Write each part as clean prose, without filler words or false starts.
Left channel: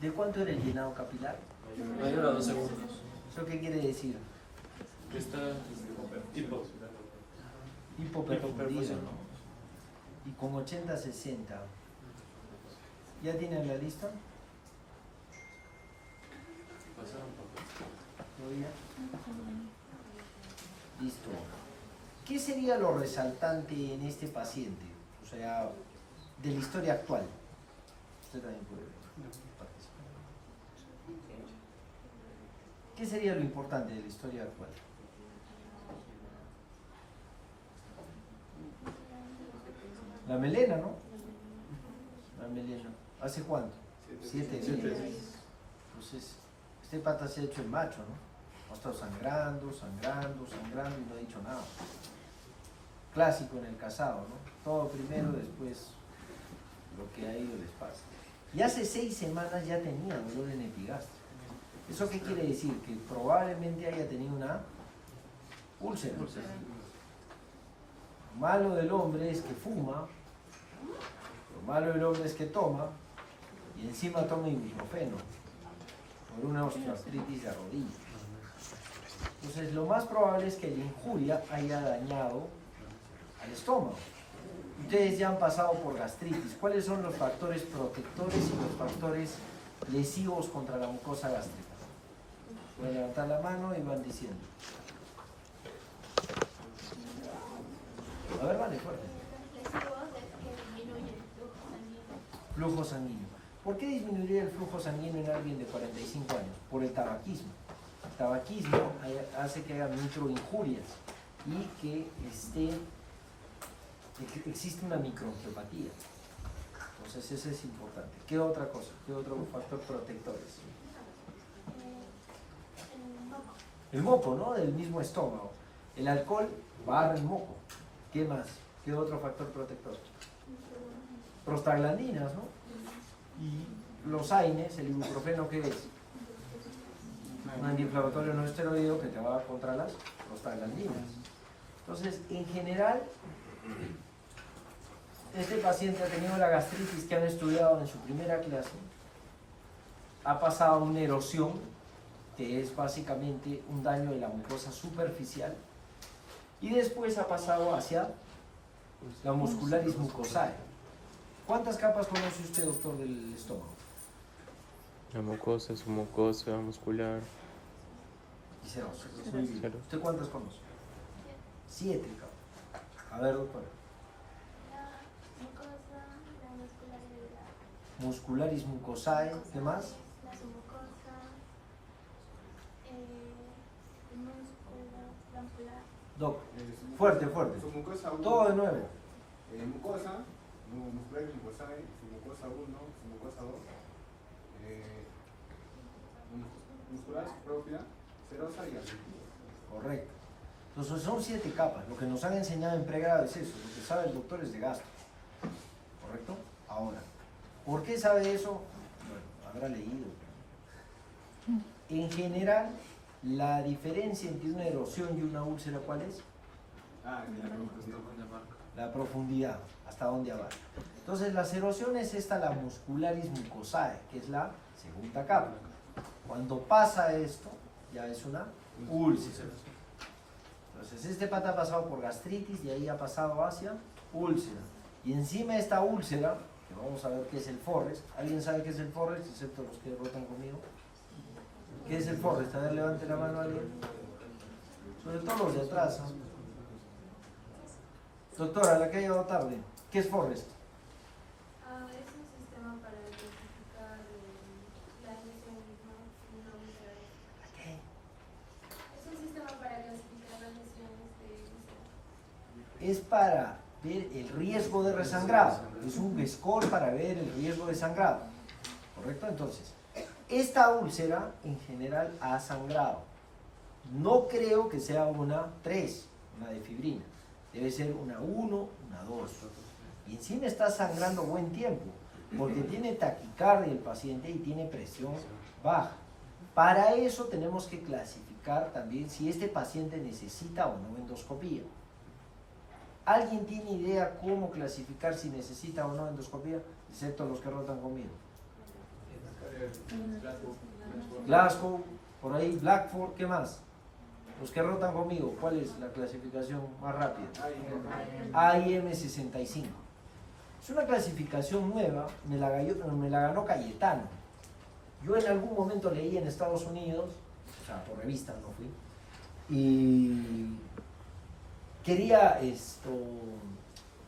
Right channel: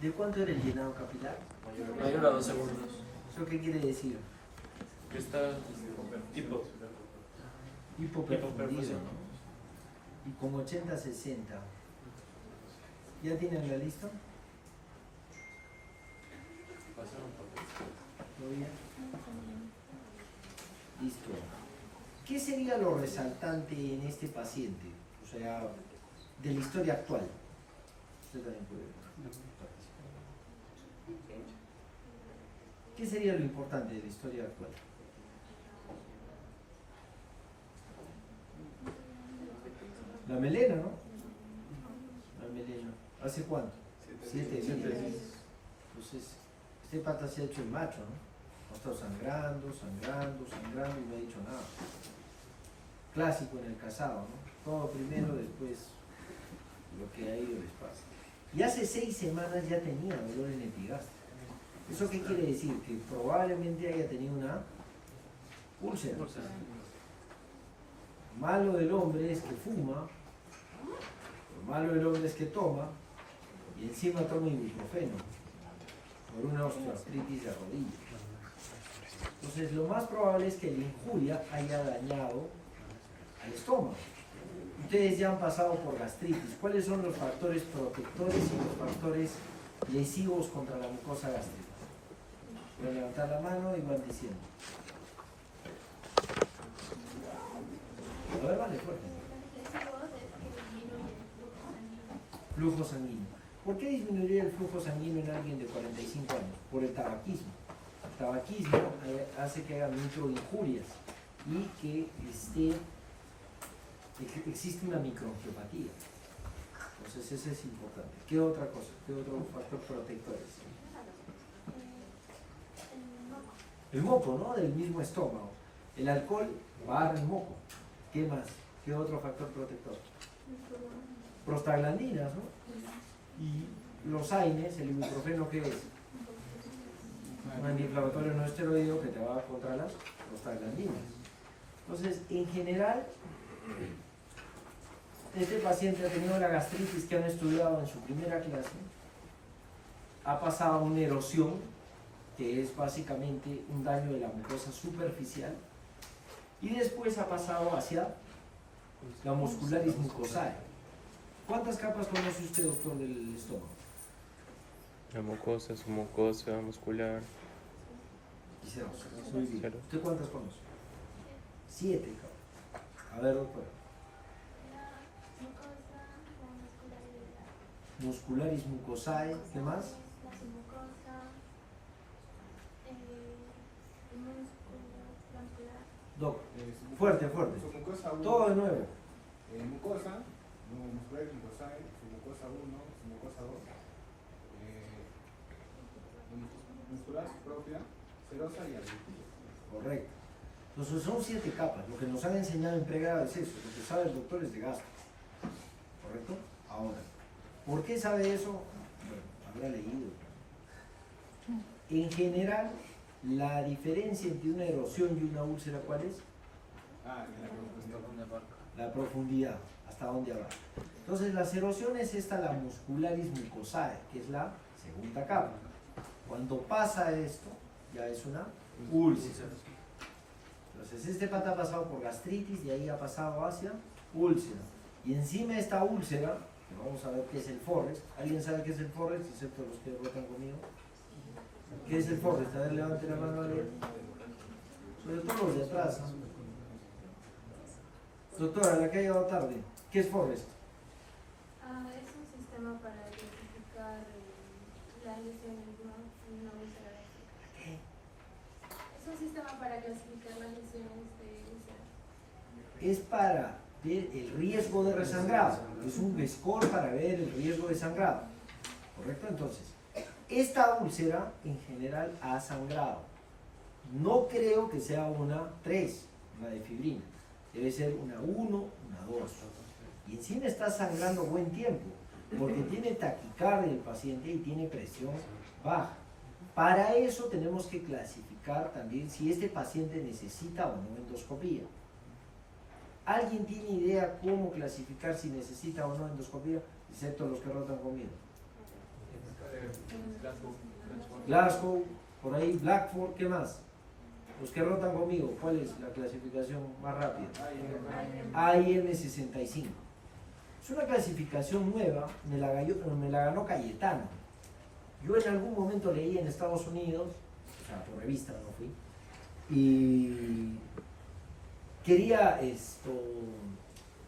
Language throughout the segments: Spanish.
¿De cuánto era el llenado capilar? Mayor a 2 segundos. ¿Eso qué quiere decir? Está Hipoperfundido, ¿no? Y con 80-60. ¿Ya tienen la lista? ¿Todo bien? Listo. ¿Qué sería lo resaltante en este paciente? O sea, de la historia actual. Usted también puede participar. ¿Qué sería lo importante de la historia actual? La melena, ¿no? La melena. ¿Hace cuánto? 7 días. Entonces, este pata se ha hecho el macho, ¿no? Ha estado sangrando y no ha dicho nada. Clásico en el casado, ¿no? Todo primero, después lo que a ellos les pasa. Y hace 6 semanas ya tenía dolor en epigastrio. ¿Eso qué quiere decir? Que probablemente haya tenido una úlcera. Lo malo del hombre es que fuma, lo malo del hombre es que toma, y encima toma ibuprofeno por una osteoartritis de rodilla. Entonces lo más probable es que la injuria haya dañado al estómago. Ustedes ya han pasado por gastritis. ¿Cuáles son los factores protectores y los factores lesivos contra la mucosa gástrica? Voy a levantar la mano y van diciendo. A ver, vale, fuerte. Flujo sanguíneo. ¿Por qué disminuiría el flujo sanguíneo en alguien de 45 años? Por el tabaquismo. El tabaquismo hace que haya microinjurias y que existe una microangiopatía. Entonces ese es importante. ¿Qué otra cosa? ¿Qué otro factor protector es? El moco, ¿no? Del mismo estómago. El alcohol barra el moco. ¿Qué más? ¿Qué otro factor protector? Prostaglandinas, ¿no? Y los AINES, el ibuprofeno, ¿qué es? Un antiinflamatorio no esteroideo que te va contra las prostaglandinas. Entonces, en general, este paciente ha tenido la gastritis que han estudiado en su primera clase, ha pasado una erosión, que es básicamente un daño de la mucosa superficial, y después ha pasado hacia la muscularis mucosae. ¿Cuántas capas conoce usted, doctor, del estómago? La mucosa, su mucosa muscular. Y cero. Cero. ¿Usted cuántas conoce? 7 capas. A ver, doctor. La mucosa, la muscularidad. Muscularis mucosae, ¿qué más? La submucosa, el músculo bronquial. Doc, fuerte. Submucosa 1. Todo de nuevo. Mucosa, muscular mucosae, submucosa 1, submucosa 2. Muscular propia, serosa y adhesiva. Correcto. Entonces son 7 capas. Lo que nos han enseñado en pregrado es eso. Lo que sabe el doctor es de gastro. ¿Correcto? Ahora, ¿por qué sabe eso? Bueno, habrá leído. En general, la diferencia entre una erosión y una úlcera, ¿cuál es? La profundidad, hasta dónde abarca. Entonces, las erosiones, la muscularis mucosae, que es la segunda capa. Cuando pasa esto, ya es una úlcera. Entonces, este pata ha pasado por gastritis, de ahí ha pasado hacia úlcera. Y encima de esta úlcera, que vamos a ver qué es el Forrest. ¿Alguien sabe qué es el Forrest, excepto los que votan conmigo? ¿Qué es el Forrest? A ver, levante la mano. Sobre todo los de atrás. Doctora, la que ha llegado tarde. ¿Qué es Forrest? Es un sistema para clasificar las lesiones, no úlcera. ¿Qué? Es un sistema para clasificar las lesiones de úlcera. Es para ver el riesgo de resangrado. Es un score para ver el riesgo de sangrado. ¿Correcto? Entonces, esta úlcera en general ha sangrado. No creo que sea una 3, una de fibrina. Debe ser una 1, una 2. Y encima está sangrando buen tiempo, porque tiene taquicardia el paciente y tiene presión baja. Para eso tenemos que clasificar también si este paciente necesita o no endoscopía. ¿Alguien tiene idea cómo clasificar si necesita o no endoscopía? Excepto los que rotan conmigo. Glasgow, por ahí, Blackford, ¿qué más? Los que rotan conmigo, ¿cuál es la clasificación más rápida? AIM 65. Es una clasificación nueva, me la ganó Cayetano. Yo en algún momento leí en Estados Unidos, o sea, por revista no fui, y quería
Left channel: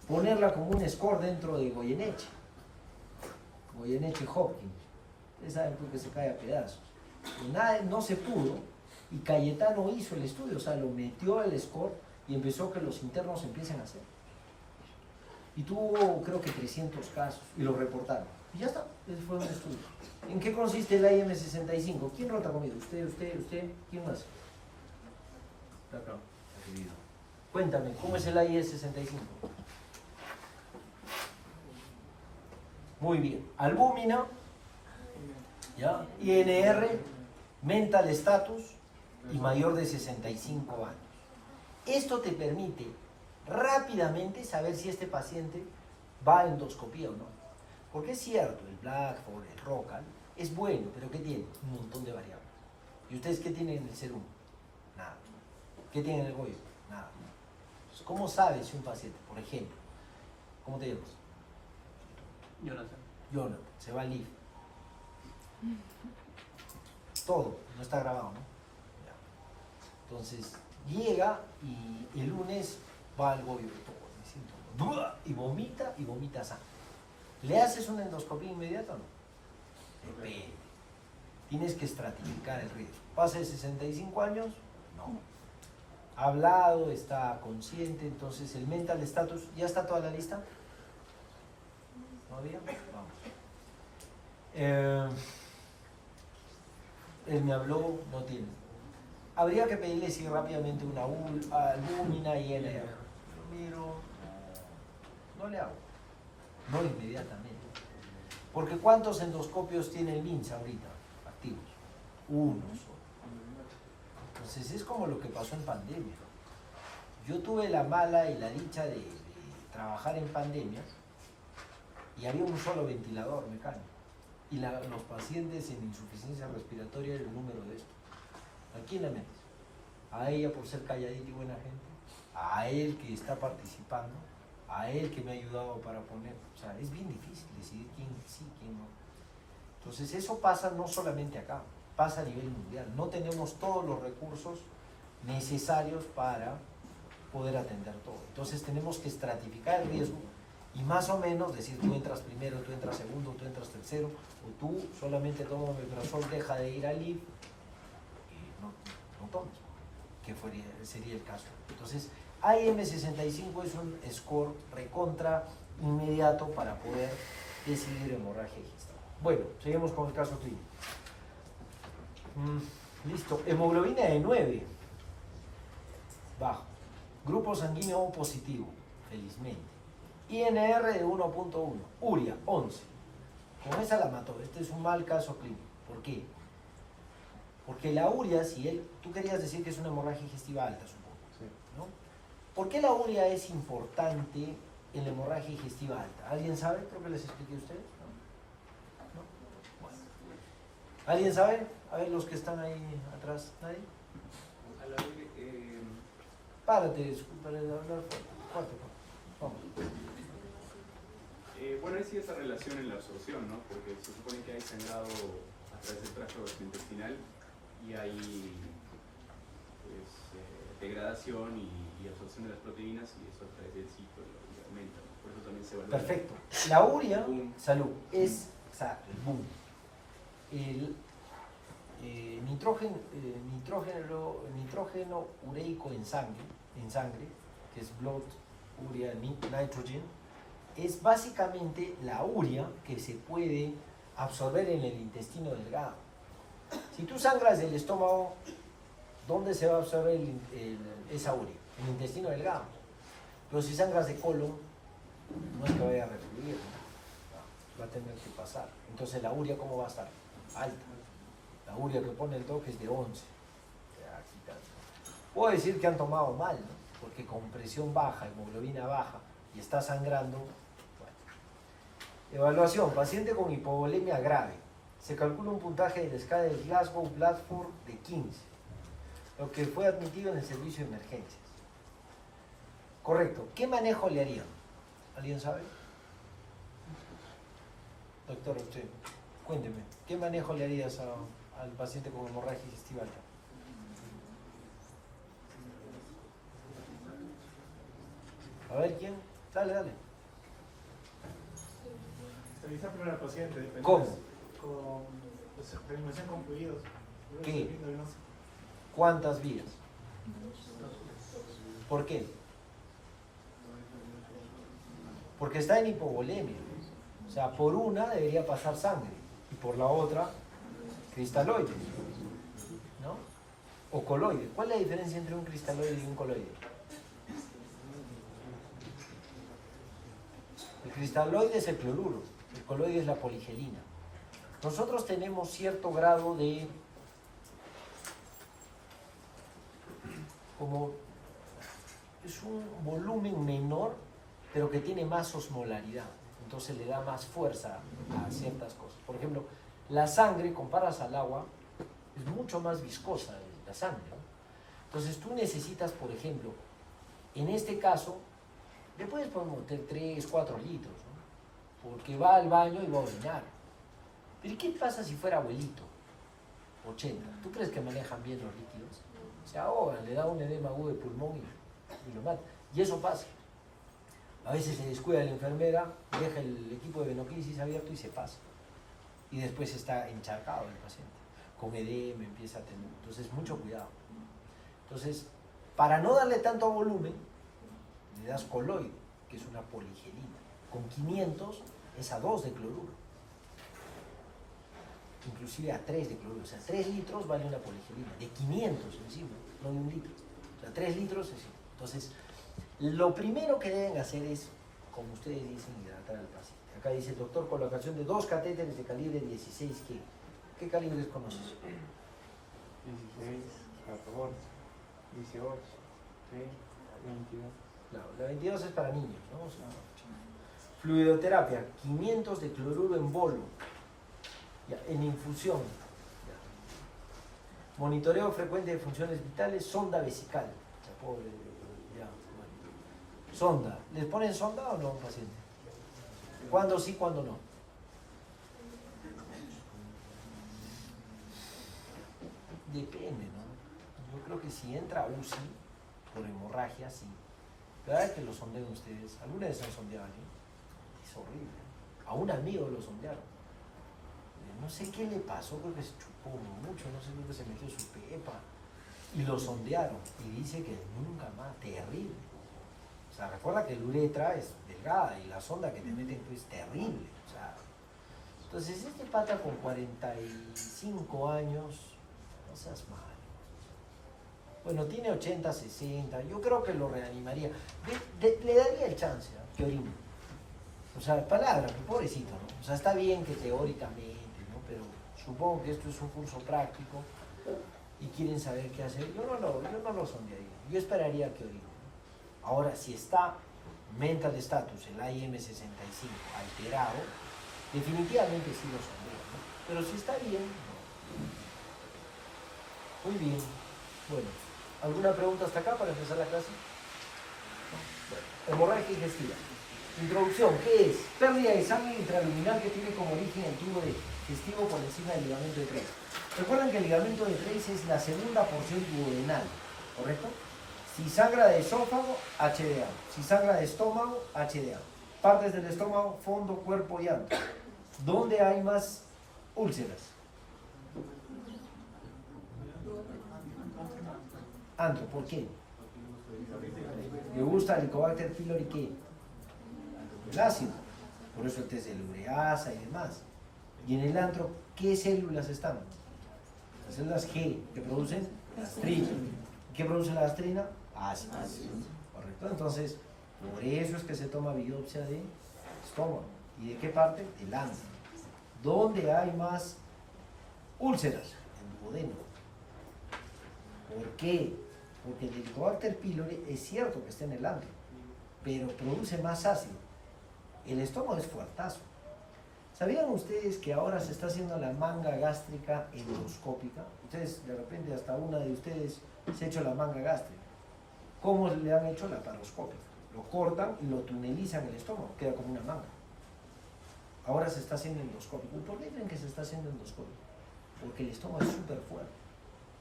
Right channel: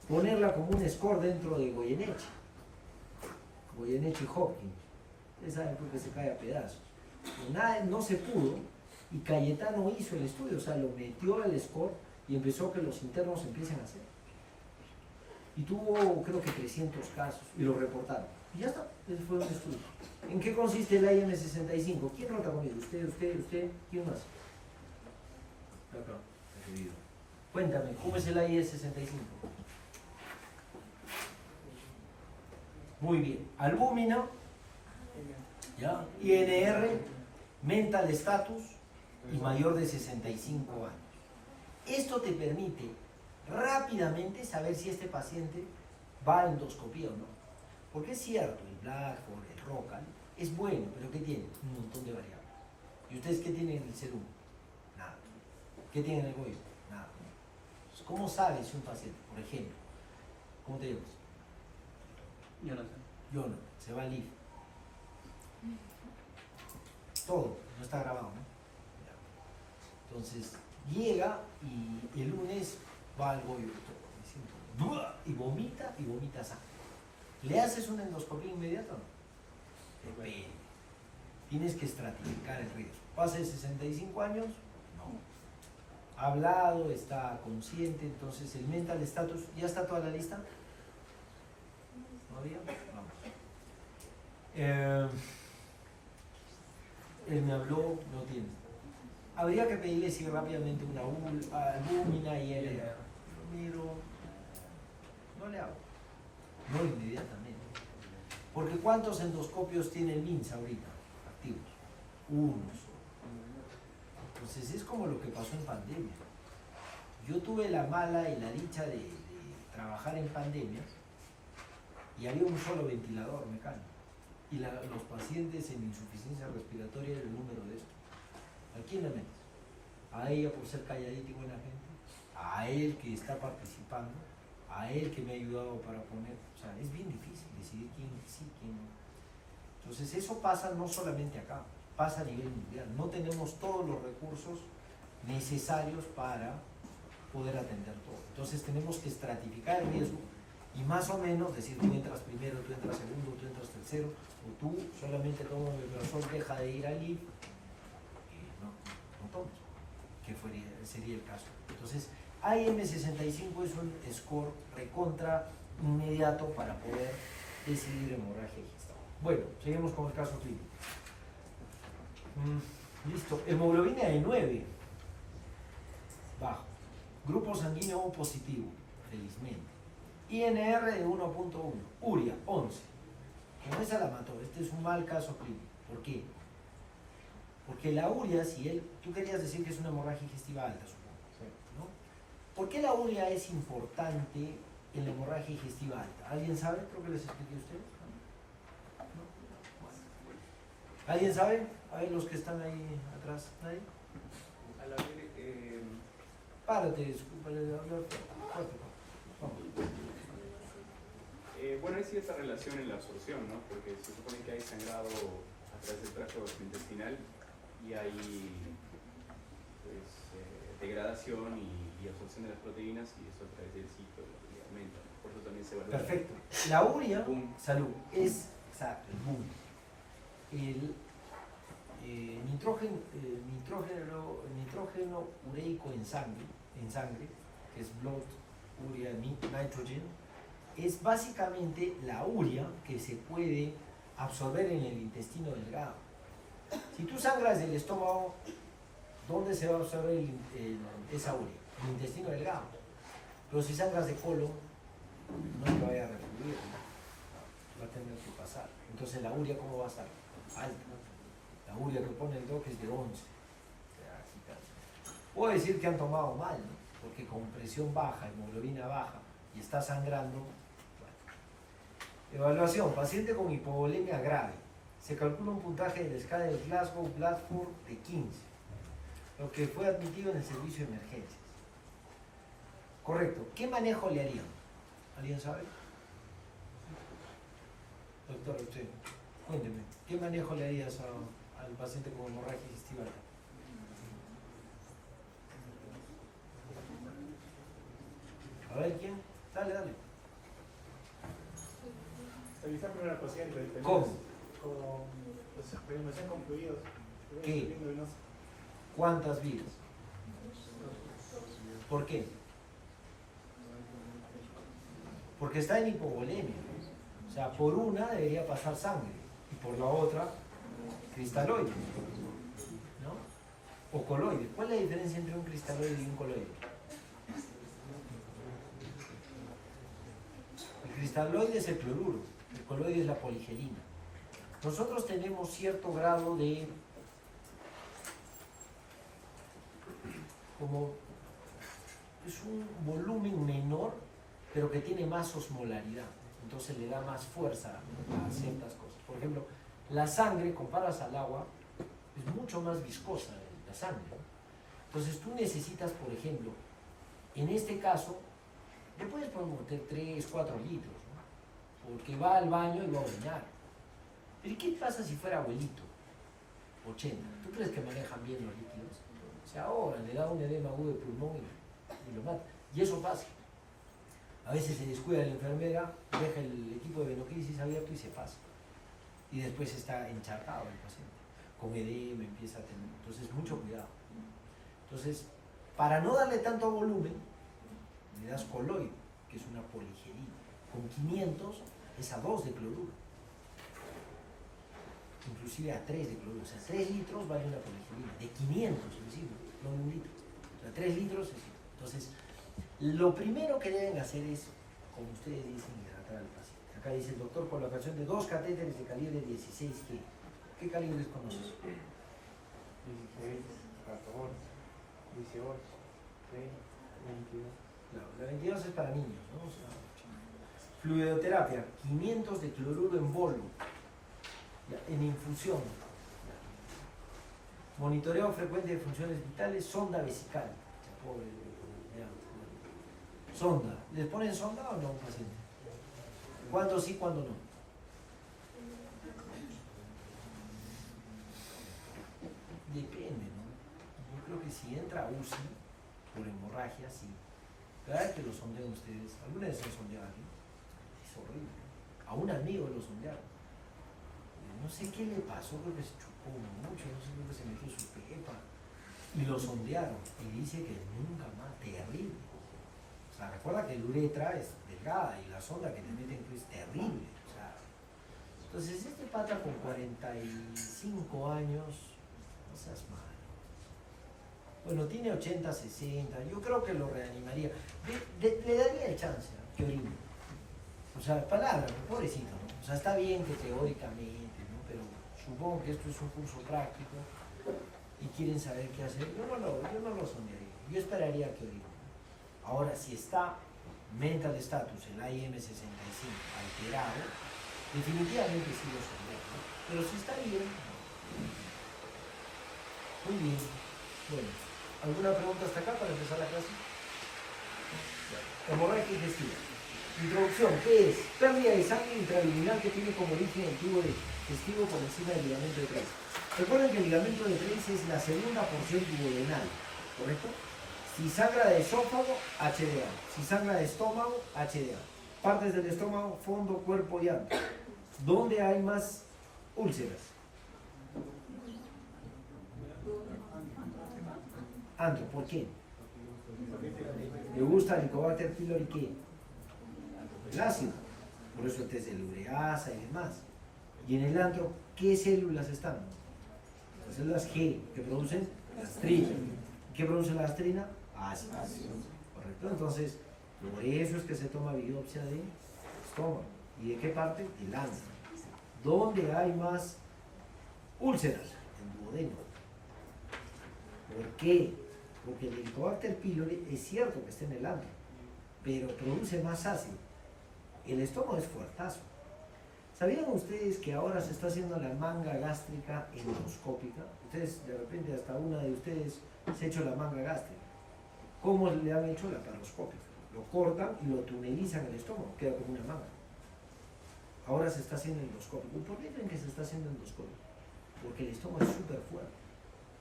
ponerla como un score dentro de Goyeneche Hopkins. Ustedes saben porque se cae a pedazos. Y nada, no se pudo, y Cayetano hizo el estudio, o sea, lo metió al score y empezó que los internos empiecen a hacer. Y tuvo, creo que 300 casos, y lo reportaron. Y ya está, ese fue un estudio. ¿En qué consiste el IM65? ¿Quién rota conmigo? ¿Usted? ¿Quién más? Acá. Cuéntame, ¿cómo es el IM65? Muy bien. Albúmina, ¿ya? INR, mental status y mayor de 65 años. Esto te permite rápidamente saber si este paciente va a endoscopía o no. Porque es cierto, el Blackford, el Rocal, es bueno, pero ¿qué tiene? Un montón de variables. ¿Y ustedes qué tienen en el serum? Nada. ¿Qué tienen en el Goyo? Nada. Entonces, ¿cómo sabes si un paciente, por ejemplo, ¿cómo te llamas? Jonathan, se va al LIF. Todo, no está grabado, ¿no? Ya. Entonces, llega y el lunes va al Goyo y vomita sangre. ¿Le haces una endoscopía inmediata o no? Depende. Tienes que estratificar el riesgo. ¿Pasa de 65 años? No. Ha hablado, está consciente, entonces el mental status, ¿ya está toda la lista? ¿Todavía? Vamos. Él me habló, no tiene. Habría que pedirle si rápidamente una albúmina y él miro, no le hago. No inmediatamente. Porque ¿cuántos endoscopios tiene el MINSA ahorita activos? Uno solo. Entonces es como lo que pasó en pandemia. Yo tuve la mala y la dicha de trabajar en pandemia y había un solo ventilador mecánico. Y los pacientes en insuficiencia respiratoria era el número de esto. ¿A quién le metes? A ella por ser calladita y buena gente, a él que está participando, a él que me ha ayudado para poner, o sea, es bien difícil decidir quién sí, quién no. Entonces eso pasa no solamente acá, pasa a nivel mundial. No tenemos todos los recursos necesarios para poder atender todo. Entonces tenemos que estratificar el riesgo y más o menos decir, tú entras primero, tú entras segundo, tú entras tercero, o tú solamente tomas omeprazol, deja de ir al IF y no tomas, que sería el caso. Entonces, IM65 es un score recontra inmediato para poder decidir hemorragia gestal. Bueno, seguimos con el caso clínico. Listo, hemoglobina de 9, bajo. Grupo sanguíneo O positivo, felizmente. INR de 1.1, uria 11. Con esa la mató. Este es un mal caso clínico. ¿Por qué? Porque la uria, tú querías decir que es una hemorragia digestiva alta, supongo, ¿no? ¿Por qué la uria es importante en la hemorragia digestiva alta? ¿Alguien sabe? Creo que les expliqué a ustedes. ¿No? Bueno. ¿Alguien sabe? A ver, los que están ahí atrás. ¿Nadie? Párate, disculpa, fuerte. Vamos. Bueno, hay cierta relación en la absorción, ¿no? Porque se supone que hay sangrado a través del tracto gastrointestinal y hay pues, degradación y absorción de las proteínas y eso a través del ciclo aumenta, ¿no? Por eso también se evalúa. Perfecto. La uria, boom. salud, es exacto, el boom. El nitrógeno ureico en sangre, que es blood urea nitrogen, es básicamente la urea que se puede absorber en el intestino delgado. Si tú sangras del estómago, ¿dónde se va a absorber esa urea? En el intestino delgado. Pero si sangras de colon, no es que vaya a refluir, ¿no? Va a tener que pasar. Entonces la urea, ¿cómo va a estar? Alta. La urea que pone el doc es de 11. Puedo decir que han tomado mal, ¿no? Porque con presión baja, hemoglobina baja y está sangrando. Bueno. Evaluación, paciente con hipovolemia grave. se calcula un puntaje de la escala del Glasgow-Bradford de 15, lo que fue admitido en el servicio de emergencias. Correcto. ¿Qué manejo le harían? ¿Alguien sabe? Doctor, usted, cuénteme, ¿qué manejo le harías al paciente con hemorragia digestiva alta? A ver, ¿quién? Dale, dale. Revisar primero al paciente. ¿Cómo? Con reanimación con fluidos. ¿Qué? ¿Cuántas vías? ¿Por qué? Porque está en hipovolemia. O sea, por una debería pasar sangre y por la otra cristaloide, ¿no? O coloide. ¿Cuál es la diferencia entre un cristaloide y un coloide? El cristaloide es el cloruro, el coloide es la poligelina. Nosotros tenemos cierto grado de, como es un volumen menor, pero que tiene más osmolaridad, entonces le da más fuerza a ciertas cosas. Por ejemplo, la sangre, comparas al agua, es mucho más viscosa la sangre, ¿no? Entonces tú necesitas, por ejemplo, en este caso, le puedes meter 3, 4 litros, ¿no? Porque va al baño y va a orinar. Pero ¿qué pasa si fuera abuelito? 80. ¿Tú crees que manejan bien los líquidos? Se ahogan, le da un edema agudo de pulmón y lo mata. Y eso pasa. A veces se descuida la enfermera, deja el equipo de venocrisis abierto y se pasa. Y después está encharcado el paciente. Con edema, empieza a tener. Entonces, mucho cuidado. Entonces, para no darle tanto volumen, le das coloide, que es una poligelina. Con 500 es a 2 de cloruro. Inclusive a 3 de cloruro. O sea, 3 litros vale una poligelina. De 500 encima, no de 1 litro. O sea, 3 litros es. Entonces, lo primero que deben hacer es, como ustedes dicen, hidratar al paciente. Acá dice el doctor, colocación de 2 catéteres de calibre 16. ¿Qué calibres conoces? 16, 14, 18, 22. Claro, la 22 es para niños, ¿no? O sea, fluidoterapia, 500 de cloruro en bolo, ya, en infusión. Ya. Monitoreo frecuente de funciones vitales, sonda vesical. Ya, pobre, ya, bueno. Sonda. ¿Les ponen sonda o no, paciente? ¿Cuándo sí, cuándo no? Depende, ¿no? Yo creo que si entra UCI por hemorragia, sí. Cada vez que lo sondean ustedes, alguna vez han sondeado a alguien, es horrible. A un amigo lo sondearon. No sé qué le pasó, creo que se chupó mucho, no sé, creo que se metió su pepa. Y lo sondearon. Y dice que nunca más, terrible. O sea, recuerda que el uretra es delgada y la sonda que te meten es terrible. O sea, entonces este pata con 45 años, no seas mal. Bueno, tiene 80, 60, yo creo que lo reanimaría. Le daría el chance que orine. O sea, palabra, pobrecito, ¿no? O sea, está bien que teóricamente, ¿no? Pero supongo que esto es un curso práctico y quieren saber qué hacer. Yo no lo sondearía, yo esperaría que orine. Ahora, si está mental status, el IM65 alterado, definitivamente sí lo sondeo, ¿no? Pero si está bien, no. Muy bien. Bueno, ¿alguna pregunta hasta acá para empezar la clase? Bueno, hemorragia digestiva. Introducción, ¿qué es? Pérdida de sangre intraluminal que tiene como origen el tubo digestivo por encima del ligamento de Treis. Recuerden que el ligamento de Treis es la segunda porción duodenal, ¿correcto? Si sangra de esófago, HDA. Si sangra de estómago, HDA. Partes del estómago, fondo, cuerpo y antro. ¿Dónde hay más úlceras? Antro, ¿por qué? Le gusta el Helicobacter pylori, ¿qué? El ácido, por eso el test de la ureasa y demás. Y en el antro, ¿qué células están? Las células G, que producen gastrina. ¿Qué produce la gastrina? Ácido. ¿Correcto? Entonces, por eso es que se toma biopsia de estómago. ¿Y de qué parte? Del antro. ¿Dónde hay más úlceras? En duodeno. ¿Por qué? Porque el Helicobacter pylori es cierto que está en el antro, pero produce más ácido. El estómago es fuertazo. ¿Sabían ustedes que ahora se está haciendo la manga gástrica endoscópica? Ustedes, de repente, hasta una de ustedes se ha hecho la manga gástrica. ¿Cómo le han hecho? La paroscópica. Lo cortan y lo tunelizan en el estómago, queda como una manga. Ahora se está haciendo endoscópico. ¿Y por qué creen que se está haciendo endoscópico? Porque el estómago es súper fuerte.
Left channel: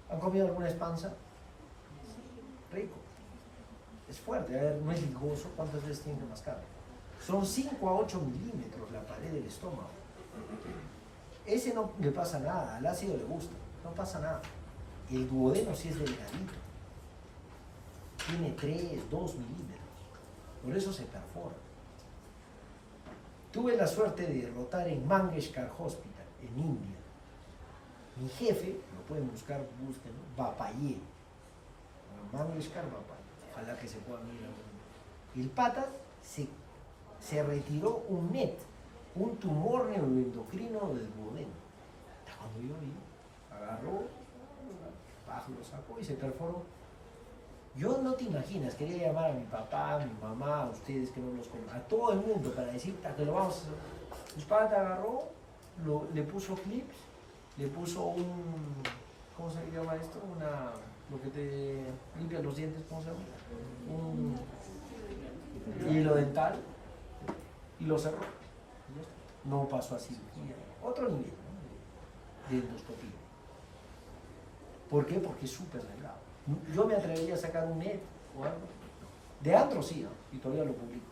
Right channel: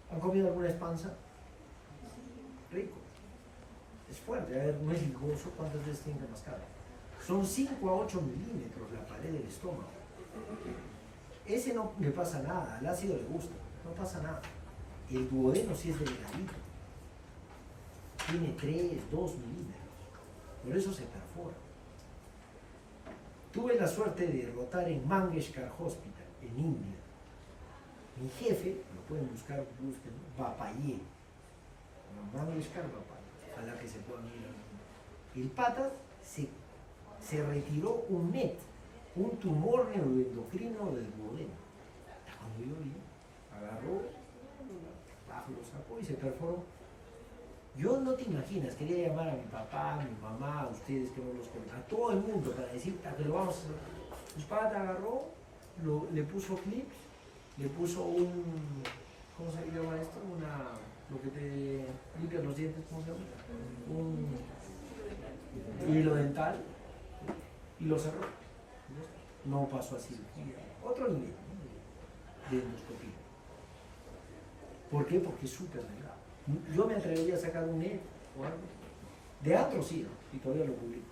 ¿Han comido alguna panza? Rico. Es fuerte, a ver, no es ligoso. ¿Cuántas veces tienen que mascar? Son 5 a 8 milímetros la pared del estómago. Ese no le pasa nada, al ácido le gusta, no pasa nada. El duodeno sí es delgadito. Tiene 3, 2 milímetros. Por eso se perfora. Tuve la suerte de rotar en Mangeshkar Hospital, en India. Mi jefe, lo pueden buscar, busquen, Bapaye. Mangeshkar Bapaye. Ojalá que se pueda mirar. El pata se retiró un NET, un tumor neuroendocrino del duodeno. Cuando yo vi, agarró, lo sacó y se perforó. Yo no te imaginas, quería llamar a mi papá, a mi mamá, a ustedes que no los conocen, a todo el mundo para decir que lo vamos a hacer. Mi padre agarró, le puso clips, le puso un, ¿cómo se llama esto? Lo que te limpia los dientes, ¿cómo se llama? Un hilo dental y lo cerró. No pasó así. Otro nivel, ¿no? De endoscopía. ¿Por qué? Porque es súper delgado. Yo me atrevería a sacar un NET o algo. De antro sí, ¿no? Y todavía lo publico.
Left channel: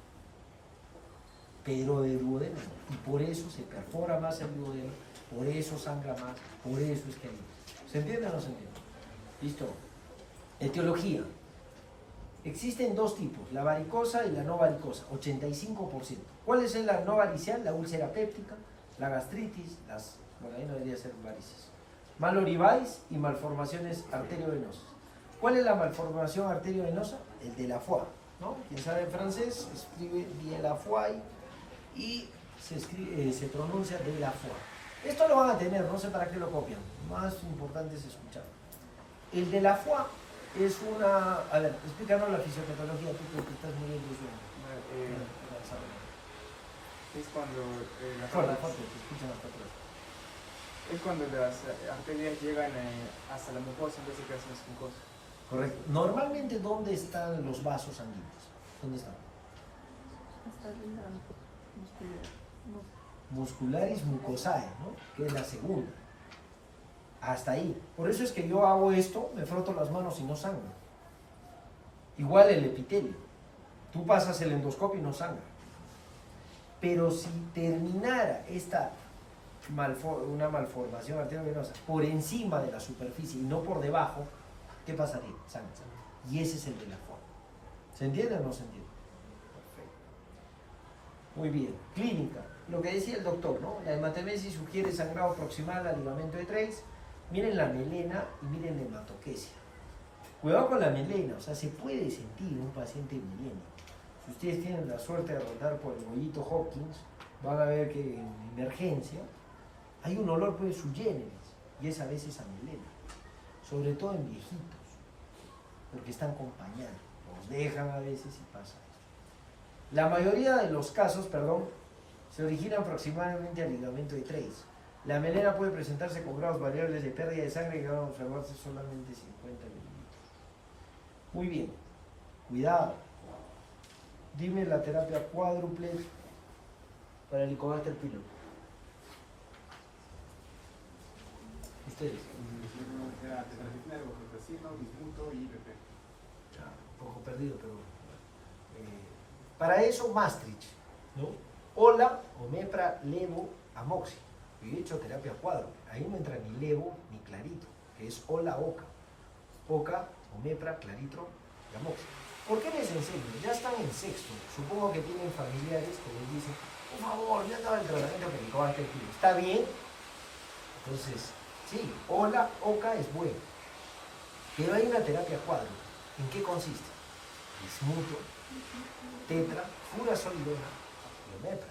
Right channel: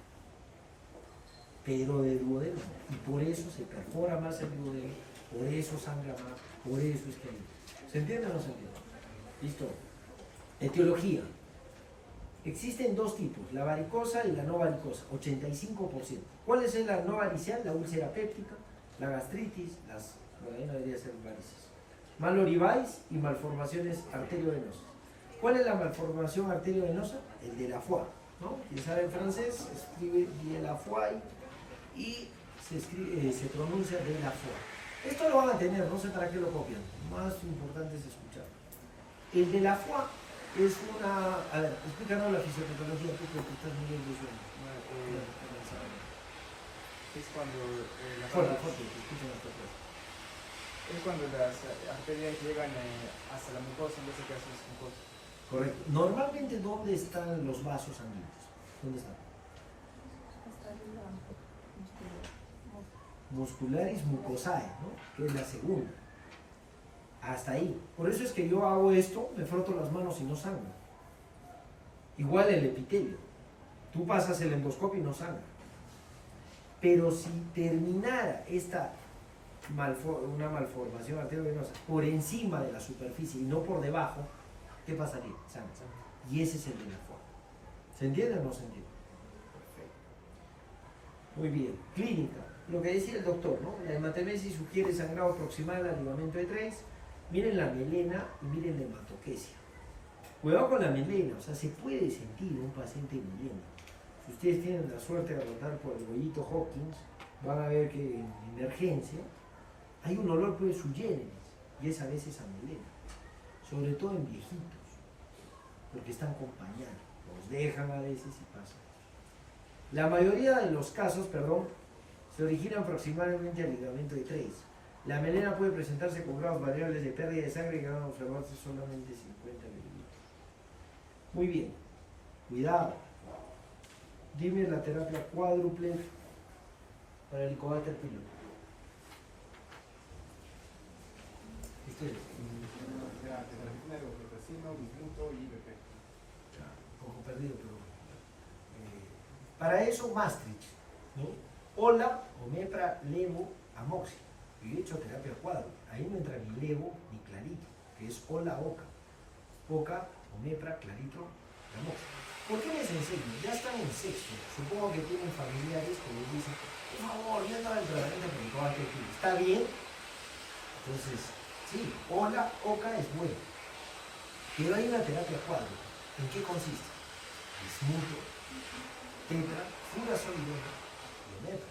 Pero de duodeno no. Y por eso se perfora más el duodeno, por eso sangra más, por eso es que hay. ¿Se entiende o no se entiende? Listo. Etiología. Existen dos tipos, la varicosa y la no varicosa, 85%. ¿Cuál es la no varicial? La úlcera péptica, la gastritis, bueno, ahí no debería ser varices. Malorivaes y malformaciones arteriovenosas. ¿Cuál es la malformación arteriovenosa? El de la foie, ¿no? Quien sabe en francés, escribe de la foie y se pronuncia de la foie. Esto lo van a tener, no sé para qué lo copian. Más importante es escuchar. El de la foie es una... A ver, explícanos la fisiopatología, tú que estás muy bien de sueño. Es cuando las Fuerte, arterias- fuerte, te escuchan hasta atrás. es cuando las arterias llegan hasta la mucosa en vez de que hacen las mucosas. Correcto. Normalmente, ¿dónde están los vasos sanguíneos? ¿Dónde están? Muscularis mucosae, ¿no? Que es la segunda. Hasta ahí. Por eso es que yo hago esto, me froto las manos y no sangra. Igual el epitelio. Tú pasas el endoscopio y no sangra. Pero si terminara una malformación arteriovenosa por encima de la superficie y no por debajo, ¿qué pasaría? Sangra. Y ese es el de la forma. ¿Se entiende o no se entiende? Perfecto. Muy bien. Clínica. Lo que decía el doctor, ¿no? La hematemesis sugiere sangrado proximal al ligamento de Treis. Miren la melena y miren la hematoquesia. Cuidado con la melena, o sea, se puede sentir un paciente melena. Si ustedes tienen la suerte de rodar por el bollito Hopkins, van a ver que en emergencia hay un olor pues sui generis, y es a veces a melena, sobre todo en viejitos, porque están acompañados, los dejan a veces y pasa esto. La mayoría de los casos, se originan aproximadamente al ligamento de Treis. La melena puede presentarse con grados variables de pérdida de sangre que van a observarse solamente 50 mililitros. Muy bien, cuidado. Dime la terapia cuádruple para el Helicobacter pylori. Ustedes. Bismuto y IPP. Un poco perdido, pero... para eso, Maastricht, ¿no? Ola, omepra, levo, amoxia. Yo he hecho terapia cuádruple. Ahí no entra ni levo ni clarito, que es ola, oca. Oca, omepra, claritro y amoxia. ¿Por qué les enseño? Ya están en sexto. Supongo que tienen familiares que les dicen, por favor, ya estaba el tratamiento que Helicobacter pylori. ¿Está bien? Entonces, sí, ola, oca es bueno. Pero hay una terapia cuádruple. ¿En qué consiste? Bismuto, tetra, furazolidona y omepra.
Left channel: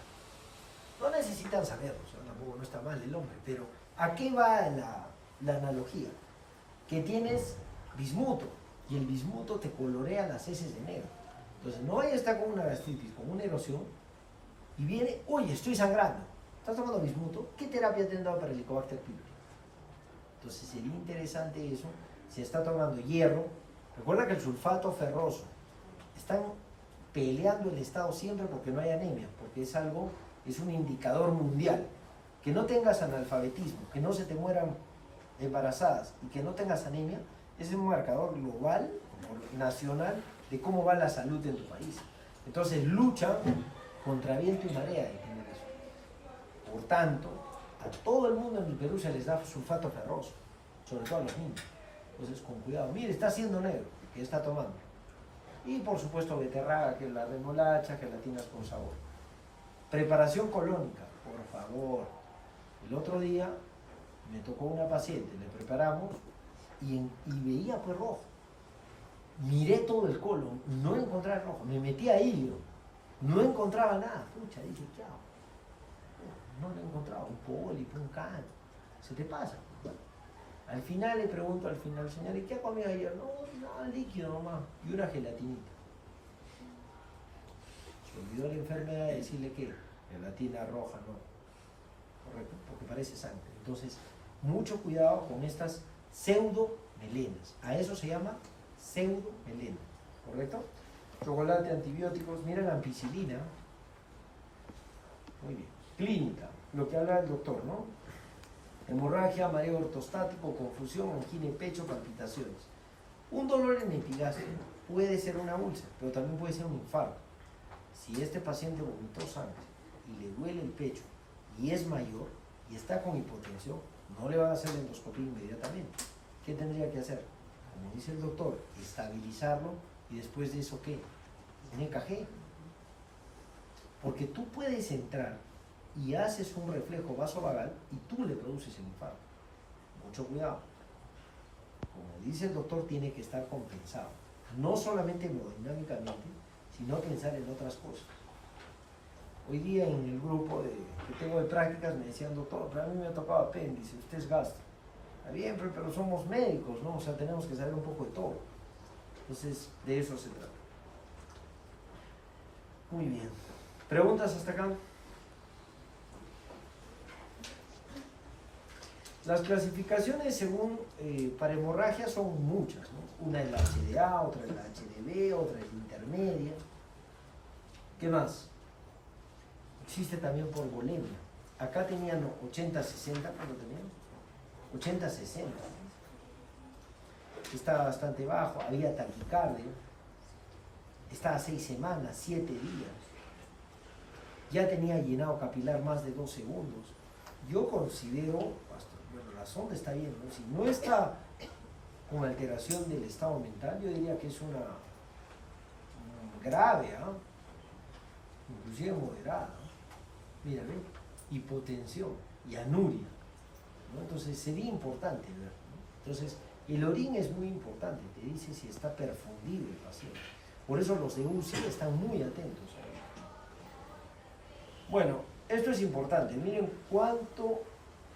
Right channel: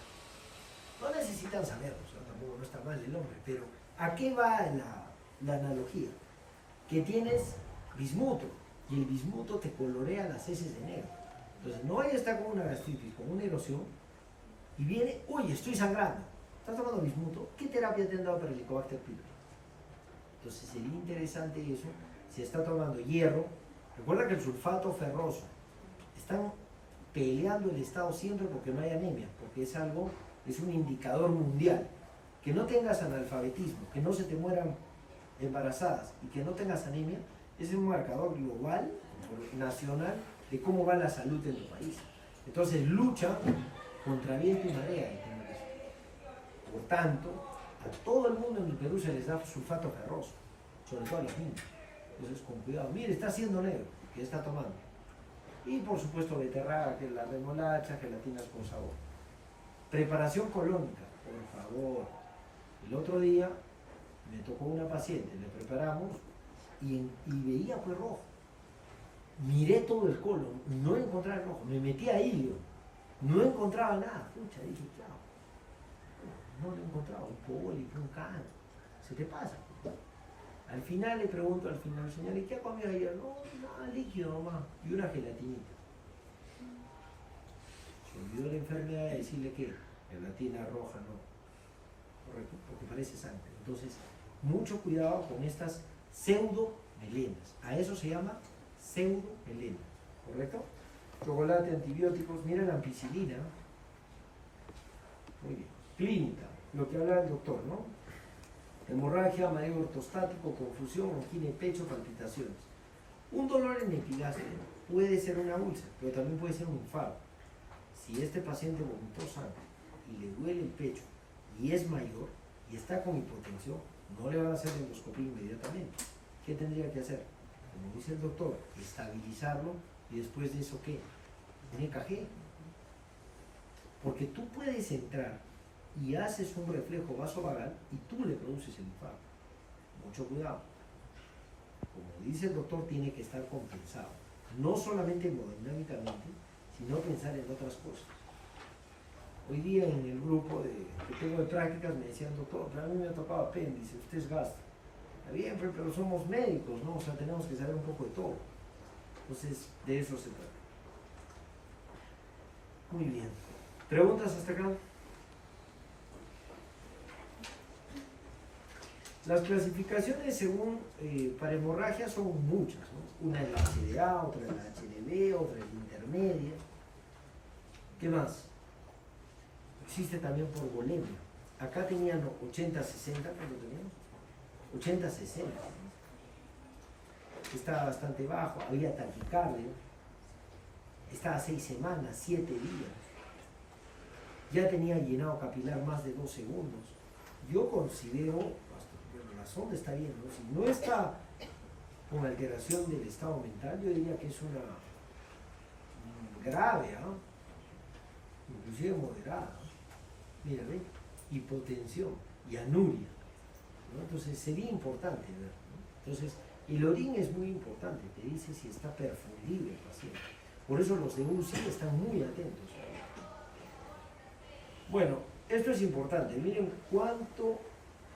No necesitan saberlo, o sea, tampoco no está mal el nombre, pero ¿a qué va la analogía? Que tienes bismuto y el bismuto te colorea las heces de negro. Entonces no vaya a estar con una gastritis, con una erosión y viene, uy, estoy sangrando. ¿Estás tomando bismuto? ¿Qué terapia te han dado para el Helicobacter pylori? Entonces sería interesante eso. Se está tomando hierro. Recuerda que el sulfato ferroso, están peleando el Estado siempre porque no hay anemia, porque es algo, es un indicador mundial. Que no tengas analfabetismo, que no se te mueran embarazadas y que no tengas anemia, es un marcador global, nacional, de cómo va la salud en tu país. Entonces luchan contra viento y marea de tener eso. Por tanto, a todo el mundo en el Perú se les da sulfato ferroso, sobre todo a los niños. Entonces, con cuidado. Mire, está haciendo negro, que está tomando. Y por supuesto, beterraga, que es la remolacha, gelatinas con sabor. Preparación colónica, por favor. El otro día me tocó una paciente, le preparamos y veía pues rojo. Miré todo el colon, no encontraba el rojo, me metí a hilio, no encontraba nada. Pucha, dije, chao. No lo encontraba, un pólipo, un cáncer. Se te pasa. Al final le pregunto señor, ¿y qué ha comido ayer? No, nada, líquido nomás, y una gelatinita. Se olvidó la enfermera de decirle que gelatina roja no, correcto, porque parece sangre. Entonces, mucho cuidado con estas pseudomelenas. A eso se llama pseudomelena, ¿correcto? Chocolate, antibióticos, mira la ampicilina. Muy bien. Clínica, lo que habla el doctor, ¿no? Hemorragia, mareo ortostático, confusión, angina de pecho, palpitaciones. Un dolor en epigastrio puede ser una úlcera, pero también puede ser un infarto. Si este paciente vomitó sangre y le duele el pecho y es mayor y está con hipotensión, no le van a hacer endoscopía inmediatamente. ¿Qué tendría que hacer? Como dice el doctor, estabilizarlo y después de eso, ¿qué? Un EKG. Porque tú puedes entrar y haces un reflejo vasovagal y tú le produces el infarto. Mucho cuidado. Como dice el doctor, tiene que estar compensado. No solamente hemodinámicamente, sino pensar en otras cosas. Hoy día en el grupo que tengo de prácticas me decían, doctor, pero a mí me ha tocado apéndice, usted es gastro. Está bien, pero somos médicos, ¿no? O sea, tenemos que saber un poco de todo. Entonces, de eso se trata. Muy bien. ¿Preguntas hasta acá? Las clasificaciones según para hemorragia son muchas, ¿no? Una es la HDA, otra es la HDB, otra es la intermedia. ¿Qué más? Existe también por volemia. Acá tenían 80-60, ¿cuánto tenían? 80-60. ¿No? Estaba bastante bajo, había taquicardia, estaba 6 semanas, 7 días. Ya tenía llenado capilar más de 2 segundos. Yo considero, la sonda está bien, ¿no? Si no está con alteración del estado mental, yo diría que es una grave, ¿eh? Inclusive moderada. Mira, ¿ven? Hipotensión y anuria, ¿no? Entonces sería importante ver, ¿no? Entonces el orín es muy importante, te dice si está perfundido el paciente. Por eso los de UCI están muy atentos. Bueno, esto es importante. Miren cuánto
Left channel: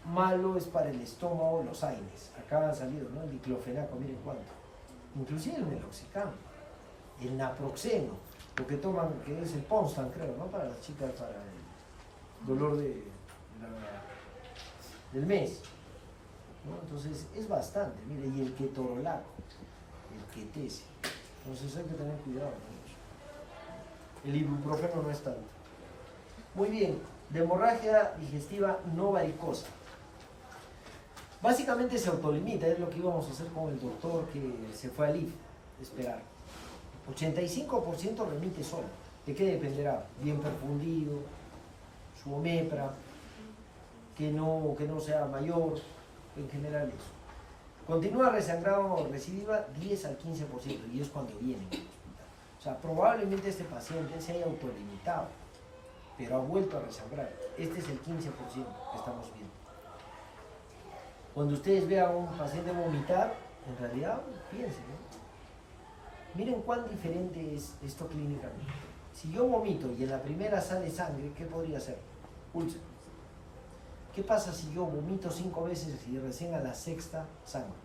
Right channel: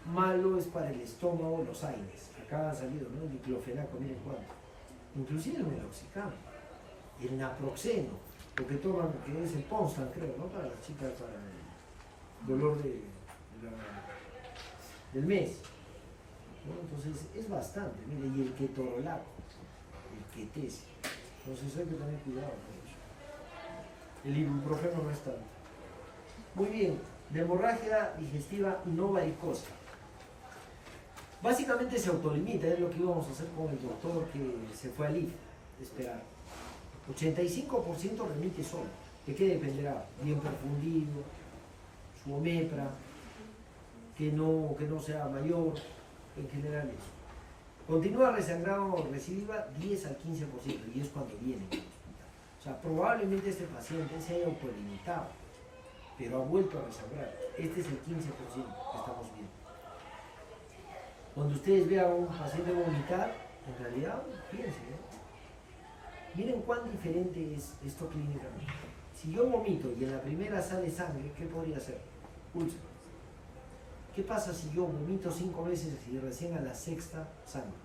malo es para el estómago los AINES. Acá han salido, ¿no? El diclofenaco, miren cuánto. Inclusive el meloxicam, el naproxeno, lo que toman, que es el Ponstan, creo, ¿no? Para las chicas, para el dolor del mes, ¿no? Entonces es bastante, mire, y el ketorolaco, el ketese. Entonces hay que tener cuidado con eso. El ibuprofeno no es tanto. Muy bien, de hemorragia digestiva no varicosa. Básicamente se autolimita, es lo que íbamos a hacer con el doctor que se fue al IF, esperar. 85% remite solo. ¿De qué dependerá? Bien perfundido, su omepra, que no sea mayor, en general eso. Continúa resangrado recidiva 10 al 15% y es cuando viene al hospital. O sea, probablemente este paciente se haya autolimitado, pero ha vuelto a resangrar. Este es el 15% que estamos viendo. Cuando ustedes vean a un paciente vomitar, en realidad, fíjense, ¿no? Miren cuán diferente es esto clínicamente. Si yo vomito y en la primera sale sangre, ¿qué podría ser? Úlcera. ¿Qué pasa si yo vomito 5 veces y recién a la 6ª sangre?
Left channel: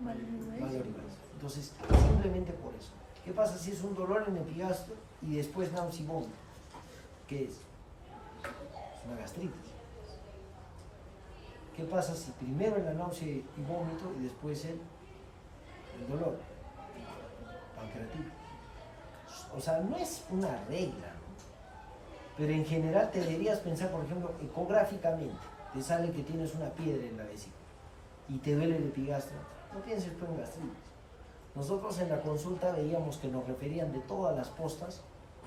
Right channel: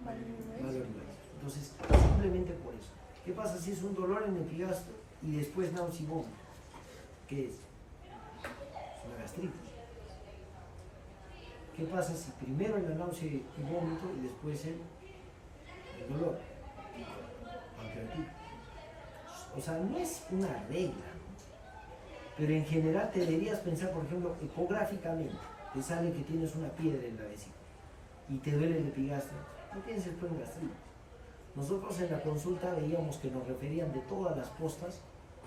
Valorización. Entonces, simplemente por eso. ¿Qué pasa si es un dolor en epigastrio y después náusea y vómito? ¿Qué es? Es una gastritis. ¿Qué pasa si primero la náusea y vómito y después el dolor? Pancreatitis. O sea, no es una regla, ¿no? Pero en general te deberías pensar, por ejemplo, ecográficamente, te sale que tienes una piedra en la vesícula y te duele el epigastrio, no pienses tú en gastritis. Nosotros en la consulta veíamos que nos referían de todas las postas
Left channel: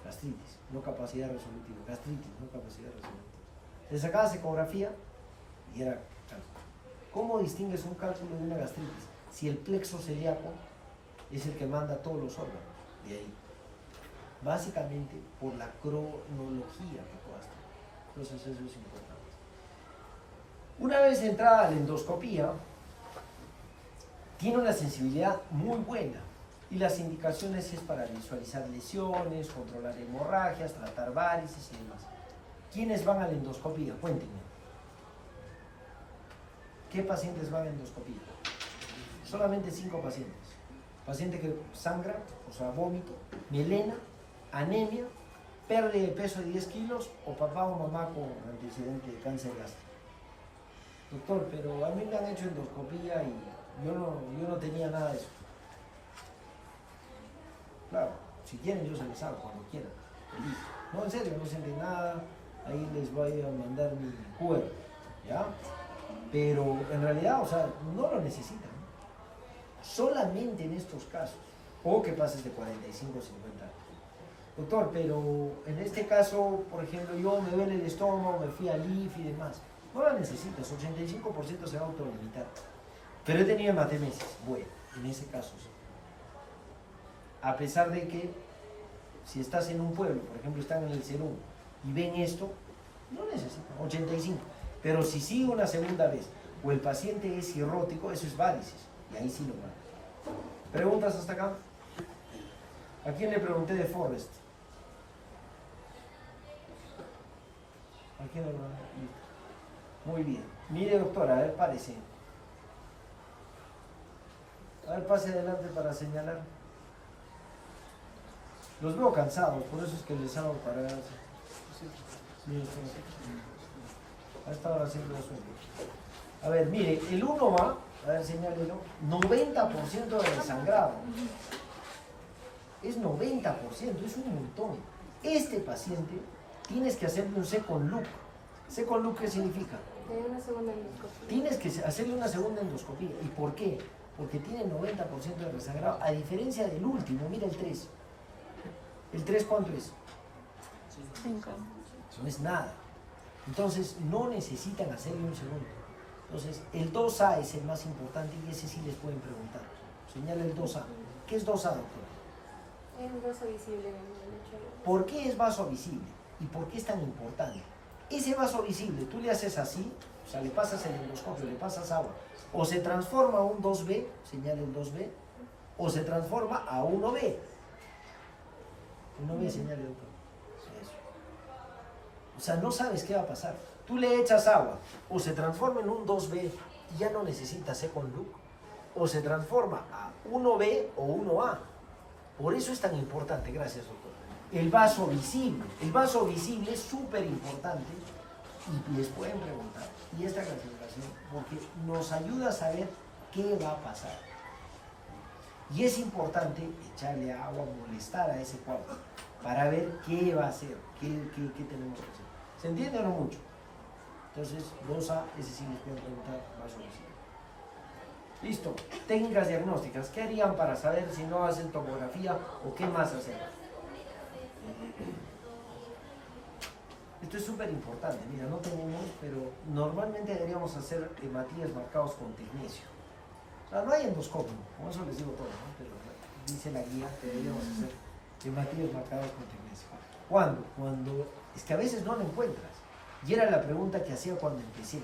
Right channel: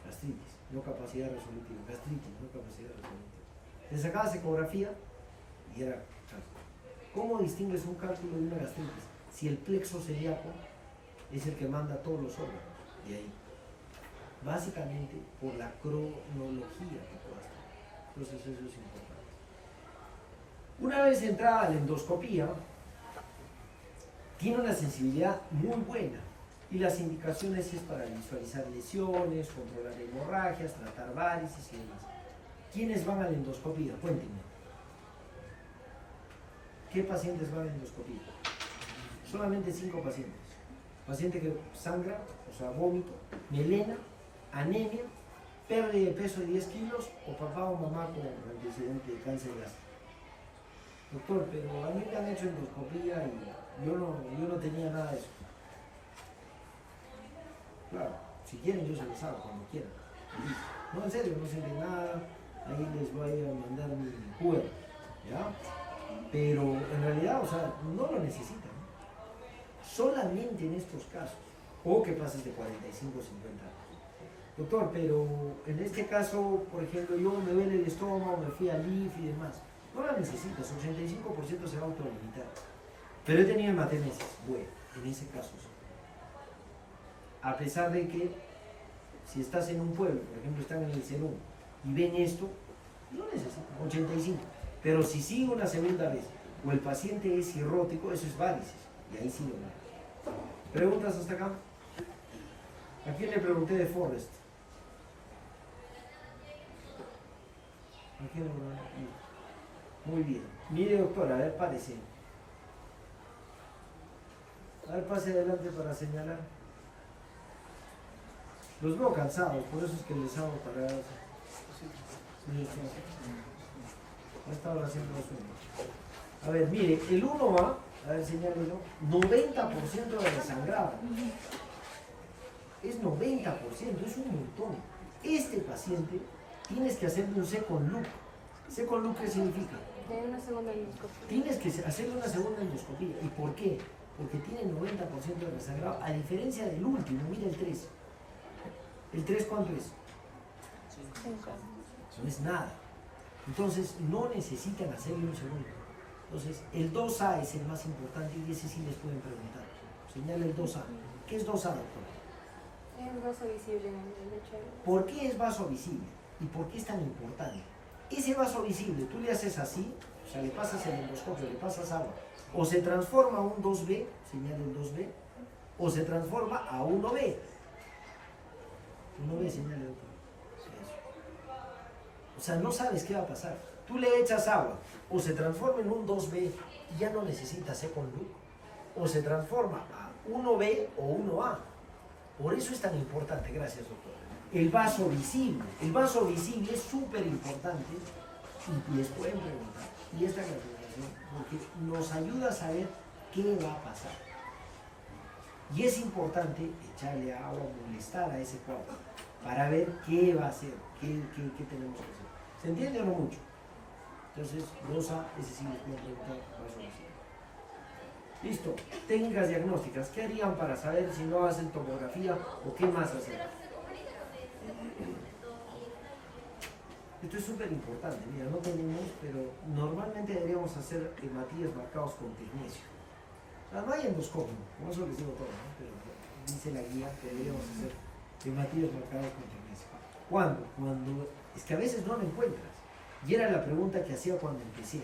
gastritis, no capacidad resolutiva, gastritis, no capacidad resolutiva. Te sacabas ecografía y era cálculo. ¿Cómo distingues un cálculo de una gastritis? Si el plexo celíaco es el que manda todos los órganos, de ahí. Básicamente por la cronología que tú haces. Entonces eso es importante. Una vez entrada la endoscopía, tiene una sensibilidad muy buena y las indicaciones es para visualizar lesiones, controlar hemorragias, tratar varices y demás. ¿Quiénes van a la endoscopía? Cuéntenme. ¿Qué pacientes van a la endoscopía? Solamente 5 pacientes. Paciente que sangra, o sea, vómito, melena, anemia, pérdida de peso de 10 kilos o papá o mamá con antecedente de cáncer gástrico. Doctor, pero a mí me han hecho endoscopía y yo no tenía nada de eso. Claro, si quieren yo se les hago cuando quieran. No, en serio, no sienten nada, ahí les voy a mandar mi QR, ¿ya? Pero en realidad, o sea, no lo necesitan. Solamente en estos casos, o que pases de 45 o 50 años. Doctor, pero en este caso, por ejemplo, yo me duele el estómago, me fui al IF y demás. No la necesitas, 85% se va a autolimitar. Pero he tenido hematemesis, bueno, en ese caso sí. A pesar de que, si estás en un pueblo, por ejemplo, están en el Cerún y ven esto, no necesitan, 85. Pero si sigue una segunda vez, o el paciente es cirrótico, eso es varices, y ahí sí lo van. ¿Preguntas hasta acá? ¿A quién le pregunté de Forrest? ¿A quién le pregunté? Muy bien. Mire, doctora, a ver, párese. A ver, pase adelante para señalar. Los veo cansados, por eso es que les hago parar así. Sí, a esta hora siempre lo suelto. A ver, mire, el 1 va, a ver, señálelo, 90% de desangrado. Es 90%, es un montón. Este paciente tienes que hacerle un second look. ¿Second look qué significa? De una segunda endoscopia. Tienes que hacerle una segunda endoscopía. ¿Y por qué? Porque tiene 90% de desangrado, a diferencia del último, mira el 3. ¿El 3 cuánto es? 5. No es nada. Entonces no necesitan hacerle un segundo. Entonces el 2A es el más importante y ese sí les pueden preguntar. Señala el 2A. ¿Qué es 2A, doctor? Es vaso visible en el lecho. ¿Por qué es vaso visible? ¿Y por qué es tan importante? Ese vaso visible, tú le haces así, o sea, le pasas el endoscopio, le pasas agua, o se transforma a un 2B, señala el 2B, o se transforma a 1B. 1B, señala el otro. Eso. O sea, no sabes qué va a pasar. Tú le echas agua, o se transforma en un 2B y ya no necesitas second look, o se transforma a 1B o 1A. Por eso es tan importante, gracias doctor. El vaso visible es súper importante y les pueden preguntar, y esta clasificación, porque nos ayuda a saber qué va a pasar. Y es importante echarle agua, molestar a ese cuadro, para ver qué va a hacer, qué tenemos que hacer. ¿Se entiende o no mucho? Entonces, 2A, ese sí les pueden preguntar, vaso visible. Listo, técnicas diagnósticas. ¿Qué harían para saber si no hacen tomografía o qué más hacer? Esto es súper importante, mira, no tenemos, pero normalmente deberíamos hacer hematíes marcados con tecnesio. No hay endoscopio, como eso les digo todo, ¿no? Pero dice la guía que deberíamos hacer hematíes marcados con tecnesio. ¿Cuándo? Cuando, es que a veces no lo encuentras. Y era la pregunta que hacía cuando empecé.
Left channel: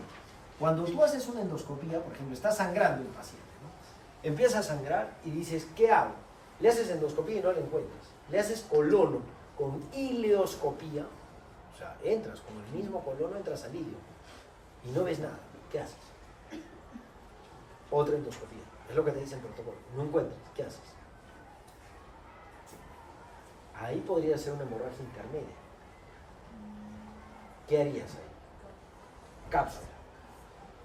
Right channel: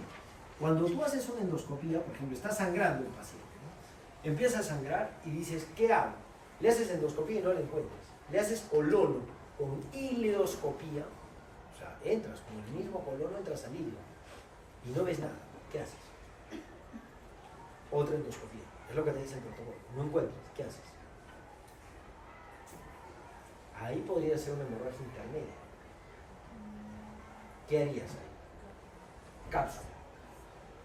Cuando tú haces una endoscopía, por ejemplo, está sangrando el paciente, ¿no? Empieza a sangrar y dices, ¿qué hago? Le haces endoscopía y no lo encuentras. Le haces colono con ileoscopía, o sea, entras con el mismo colono, entras al hilo y no ves nada. ¿Qué haces? Otra endoscopía. Es lo que te dice el protocolo. No encuentras. ¿Qué haces? Ahí podría ser una hemorragia intermedia. ¿Qué harías ahí? Cápsula.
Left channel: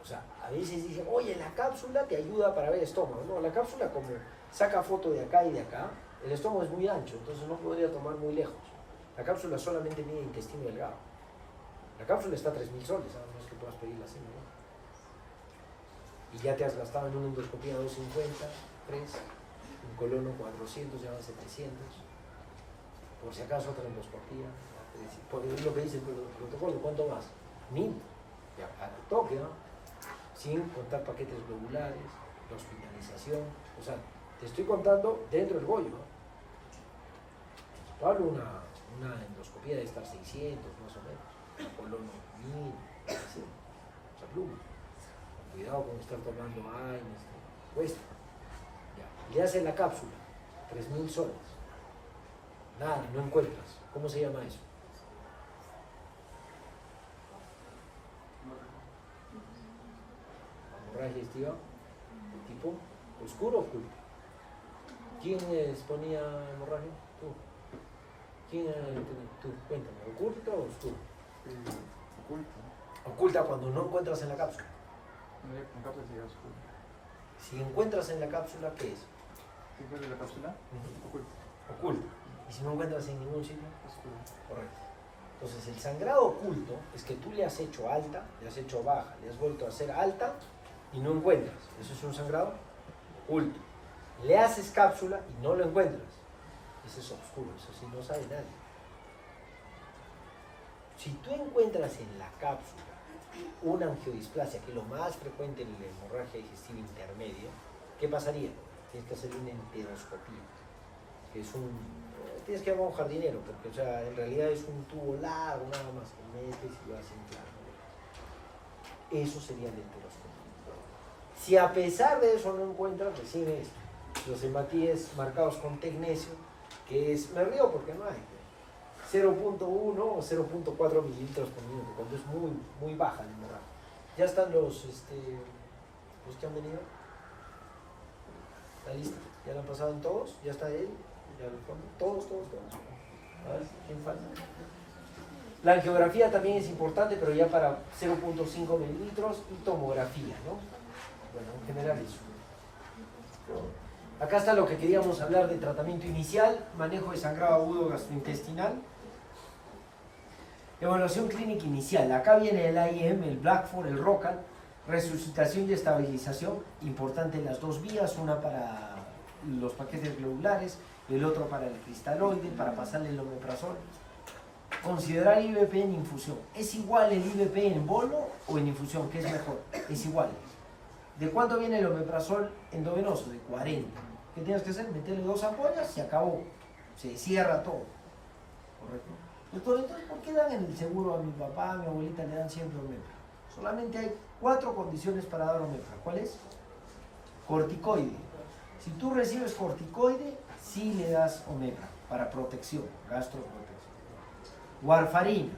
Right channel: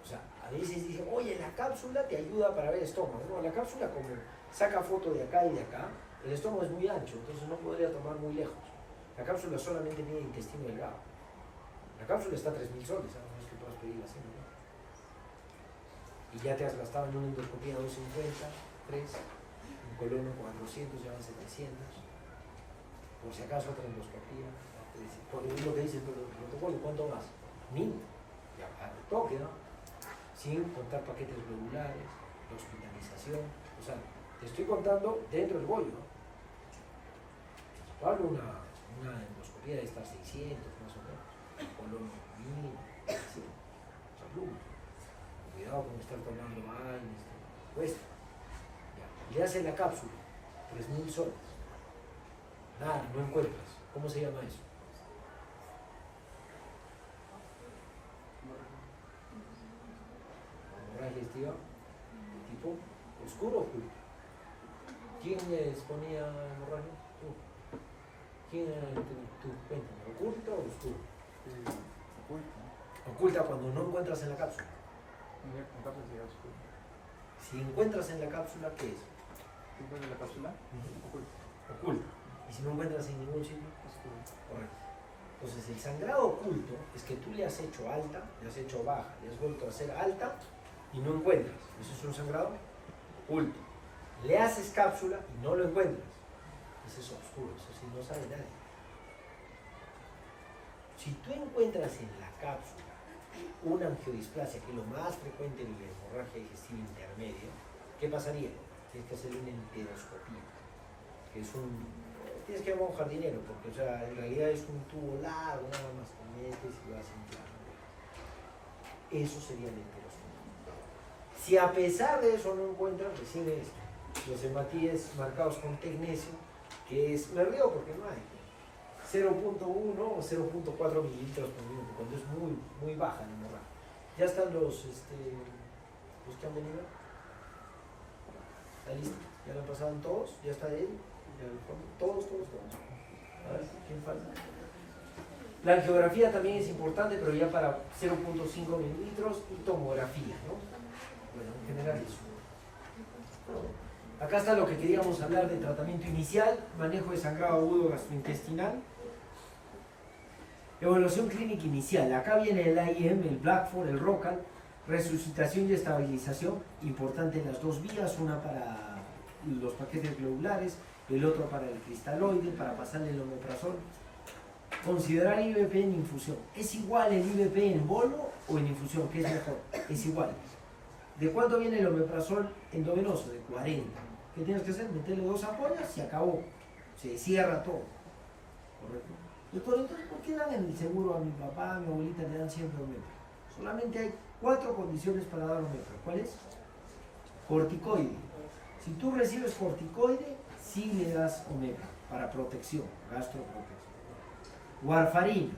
O sea, A veces dicen, oye, la cápsula te ayuda para ver el estómago. No, la cápsula como saca foto de acá y de acá, el estómago es muy ancho, entonces no podría tomar muy lejos. La cápsula solamente mide intestino delgado. La cápsula está a 3.000 soles, a menos que puedas pedirla así, ¿no? Y ya te has gastado en una endoscopía 250, 3, en colono 400, ya van 700. Por si acaso otra endoscopía, por lo que dice el protocolo, ¿cuánto más? 1.000. Ya, a tu toque, ¿no? Sin contar paquetes globulares, hospitalización, o sea, te estoy contando dentro del bollo, ¿no? Vale una endoscopía de estas 600 más o menos, colon 1.000, así, o sea, pluma. Cuidado con estar tomando aire, cuesta. Ya. Le hacen la cápsula, 3.000 soles. Nada, no encuentras. ¿Cómo se llama eso? Hemorragia digestiva, tipo oscuro o oculto. ¿Quién exponía hemorragia? Tú. ¿Quién era el que tú? Cuéntame, ¿oculta o oscuro? Oculto. Oculta cuando no encuentras en la cápsula. En cápsula sería oscuro. Si encuentras en la cápsula, ¿qué es? ¿Qué fue de la cápsula? Oculto. Oculto. Y si no encuentras en ningún sitio, Oscuro. correcto. Entonces el sangrado oculto es que tú le has hecho alta, le has hecho baja, le has vuelto a hacer alta y no encuentras. Eso es un sangrado oculto. Le haces cápsula y no lo encuentras. Ese es oscuro, eso sí no sabe nadie. Si tú encuentras en la cápsula una angiodisplasia, que es lo más frecuente en la hemorragia digestiva intermedia, ¿qué pasaría? Tienes que hacer una enteroscopía, que es tienes que llamar a un jardinero, porque o sea, en realidad es un tubo largo, nada más, que metes y lo hacen claro. Eso sería la enteroscopía. Si a pesar de eso no encuentras, recién los hematíes marcados con tecnesio, que es, me río porque no hay, 0.1 o 0.4 mililitros por minuto, cuando es muy baja la hemorragia. Ya están los que han venido. ¿Está listo? ¿Ya lo han pasado en todos? ¿Ya está él? ¿Ya lo ponen? Todos. A ver, ¿quién falta? La angiografía también es importante, pero ya para 0.5 mililitros y tomografía, ¿no? Bueno, en general eso. Acá está lo que queríamos hablar de tratamiento inicial, manejo de sangrado agudo gastrointestinal. Evaluación clínica inicial. Acá viene el AIM, el Blackford, el ROCAL. Resucitación y estabilización, importante en las dos vías, una para los paquetes globulares, el otro para el cristaloide, para pasarle el omeprazol. Considerar IVP en infusión. ¿Es igual el IVP en bolo o en infusión? ¿Qué es mejor? Es igual. ¿De cuánto viene el omeprazol endovenoso? De 40. ¿Qué tienes que hacer? Meterle 2 ampollas, se acabó. Se cierra todo. ¿Correcto? Entonces, ¿por qué dan en el seguro a mi papá, a mi abuelita, le dan siempre omeprazol? Solamente hay 4 condiciones para dar omeprazol. ¿Cuál es? Corticoide. Si tú recibes corticoide, sí le das omeprazol para protección, gastroprotección. Warfarina,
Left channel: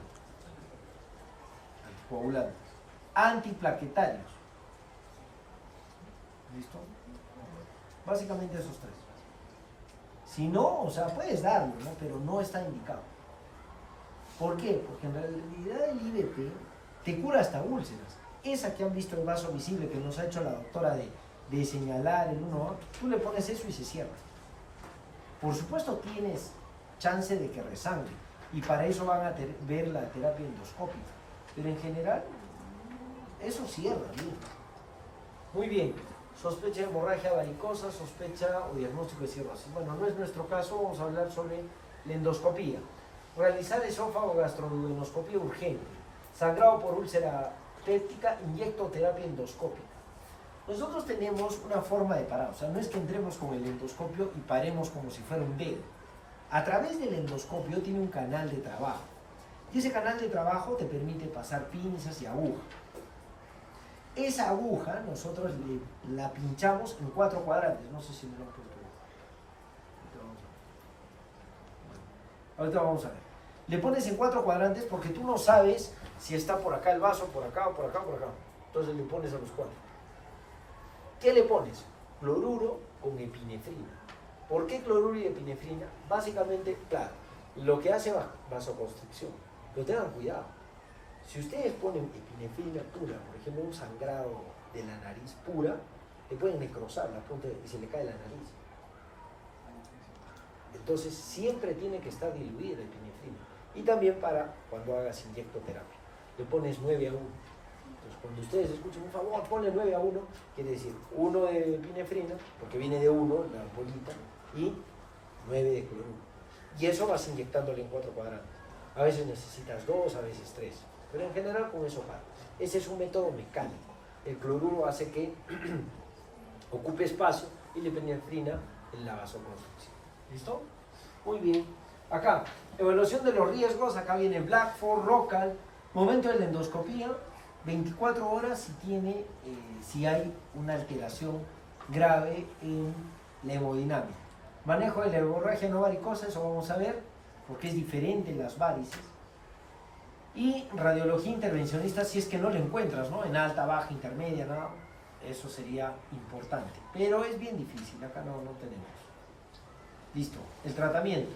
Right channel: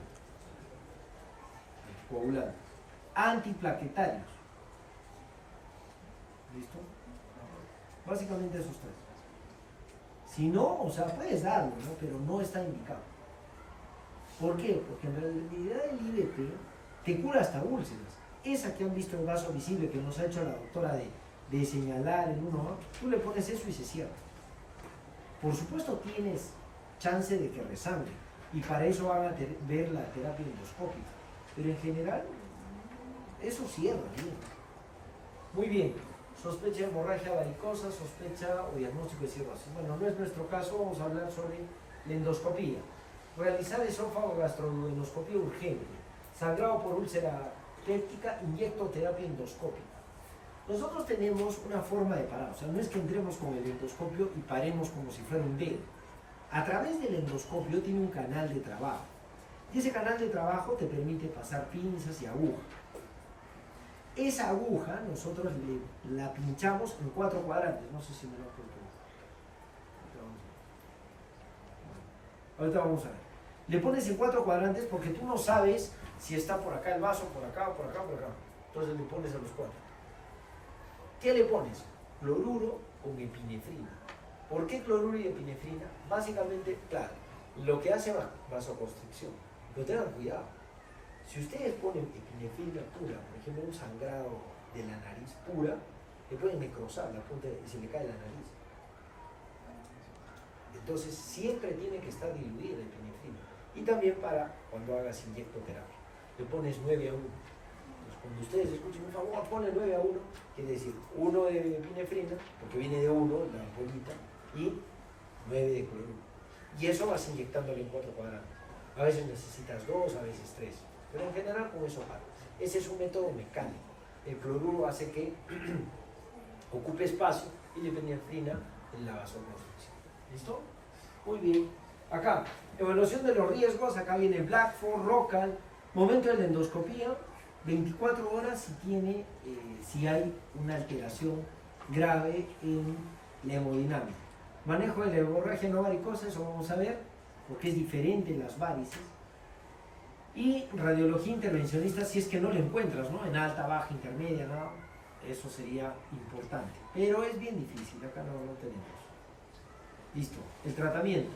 anticoagulantes. Antiplaquetarios. ¿Listo? Básicamente esos 3. Si no, o sea, puedes darlo, ¿no? Pero no está indicado. ¿Por qué? Porque en realidad el IVP te cura hasta úlceras. Esa que han visto el vaso visible que nos ha hecho la doctora de señalar en uno, tú le pones eso y se cierra. Por supuesto tienes chance de que resangre y para eso van a ver la terapia endoscópica. Pero en general, eso cierra bien. Muy bien. Sospecha de hemorragia varicosa, sospecha o diagnóstico de cirrosis. Bueno, no es nuestro caso, vamos a hablar sobre la endoscopía. Realizar esófago gastroduodenoscopía urgente. Sangrado por úlcera péptica, inyectoterapia endoscópica. Nosotros tenemos una forma de parar, o sea, no es que entremos con el endoscopio y paremos como si fuera un dedo. A través del endoscopio tiene un canal de trabajo. Y ese canal de trabajo te permite pasar pinzas y agujas. Esa aguja nosotros la pinchamos en 4 cuadrantes. No sé si me lo apunto. Ahorita vamos a ver. Le pones en 4 cuadrantes porque tú no sabes si está por acá el vaso, por acá, por acá, por acá. Entonces le pones a los 4. ¿Qué le pones? Cloruro con epinefrina. ¿Por qué cloruro y epinefrina? Básicamente, claro, lo que hace vasoconstricción. Pero tengan cuidado. Si ustedes ponen epinefrina pura, por ejemplo, un sangrado de la nariz pura, le pueden necrosar la punta y se le cae la nariz. Entonces siempre tiene que estar diluida la epinefrina. Y también para cuando hagas inyectoterapia. Le pones 9 a 1. Entonces cuando ustedes escuchen, por favor, ponle 9 a 1, quiere decir 1 de epinefrina, porque viene de 1, la bolita, y 9 de cloruro. Y eso vas inyectándole en 4 cuadrantes. A veces necesitas 2, a veces 3. Pero en general con eso para. Ese es un método mecánico. El cloruro hace que ocupe espacio y la epinefrina en la vasoconstricción. ¿Listo? Muy bien. Acá, evaluación de los riesgos. Acá viene Blackford, Rockall. Momento de la endoscopía, 24 horas si hay una alteración grave en la hemodinámica. Manejo de la hemorragia no varicosa, eso vamos a ver, porque es diferente en las varices. Y radiología intervencionista, si es que no lo encuentras, ¿no? En alta, baja, intermedia, nada, eso sería importante. Pero es bien difícil, acá no tenemos. Listo, el tratamiento.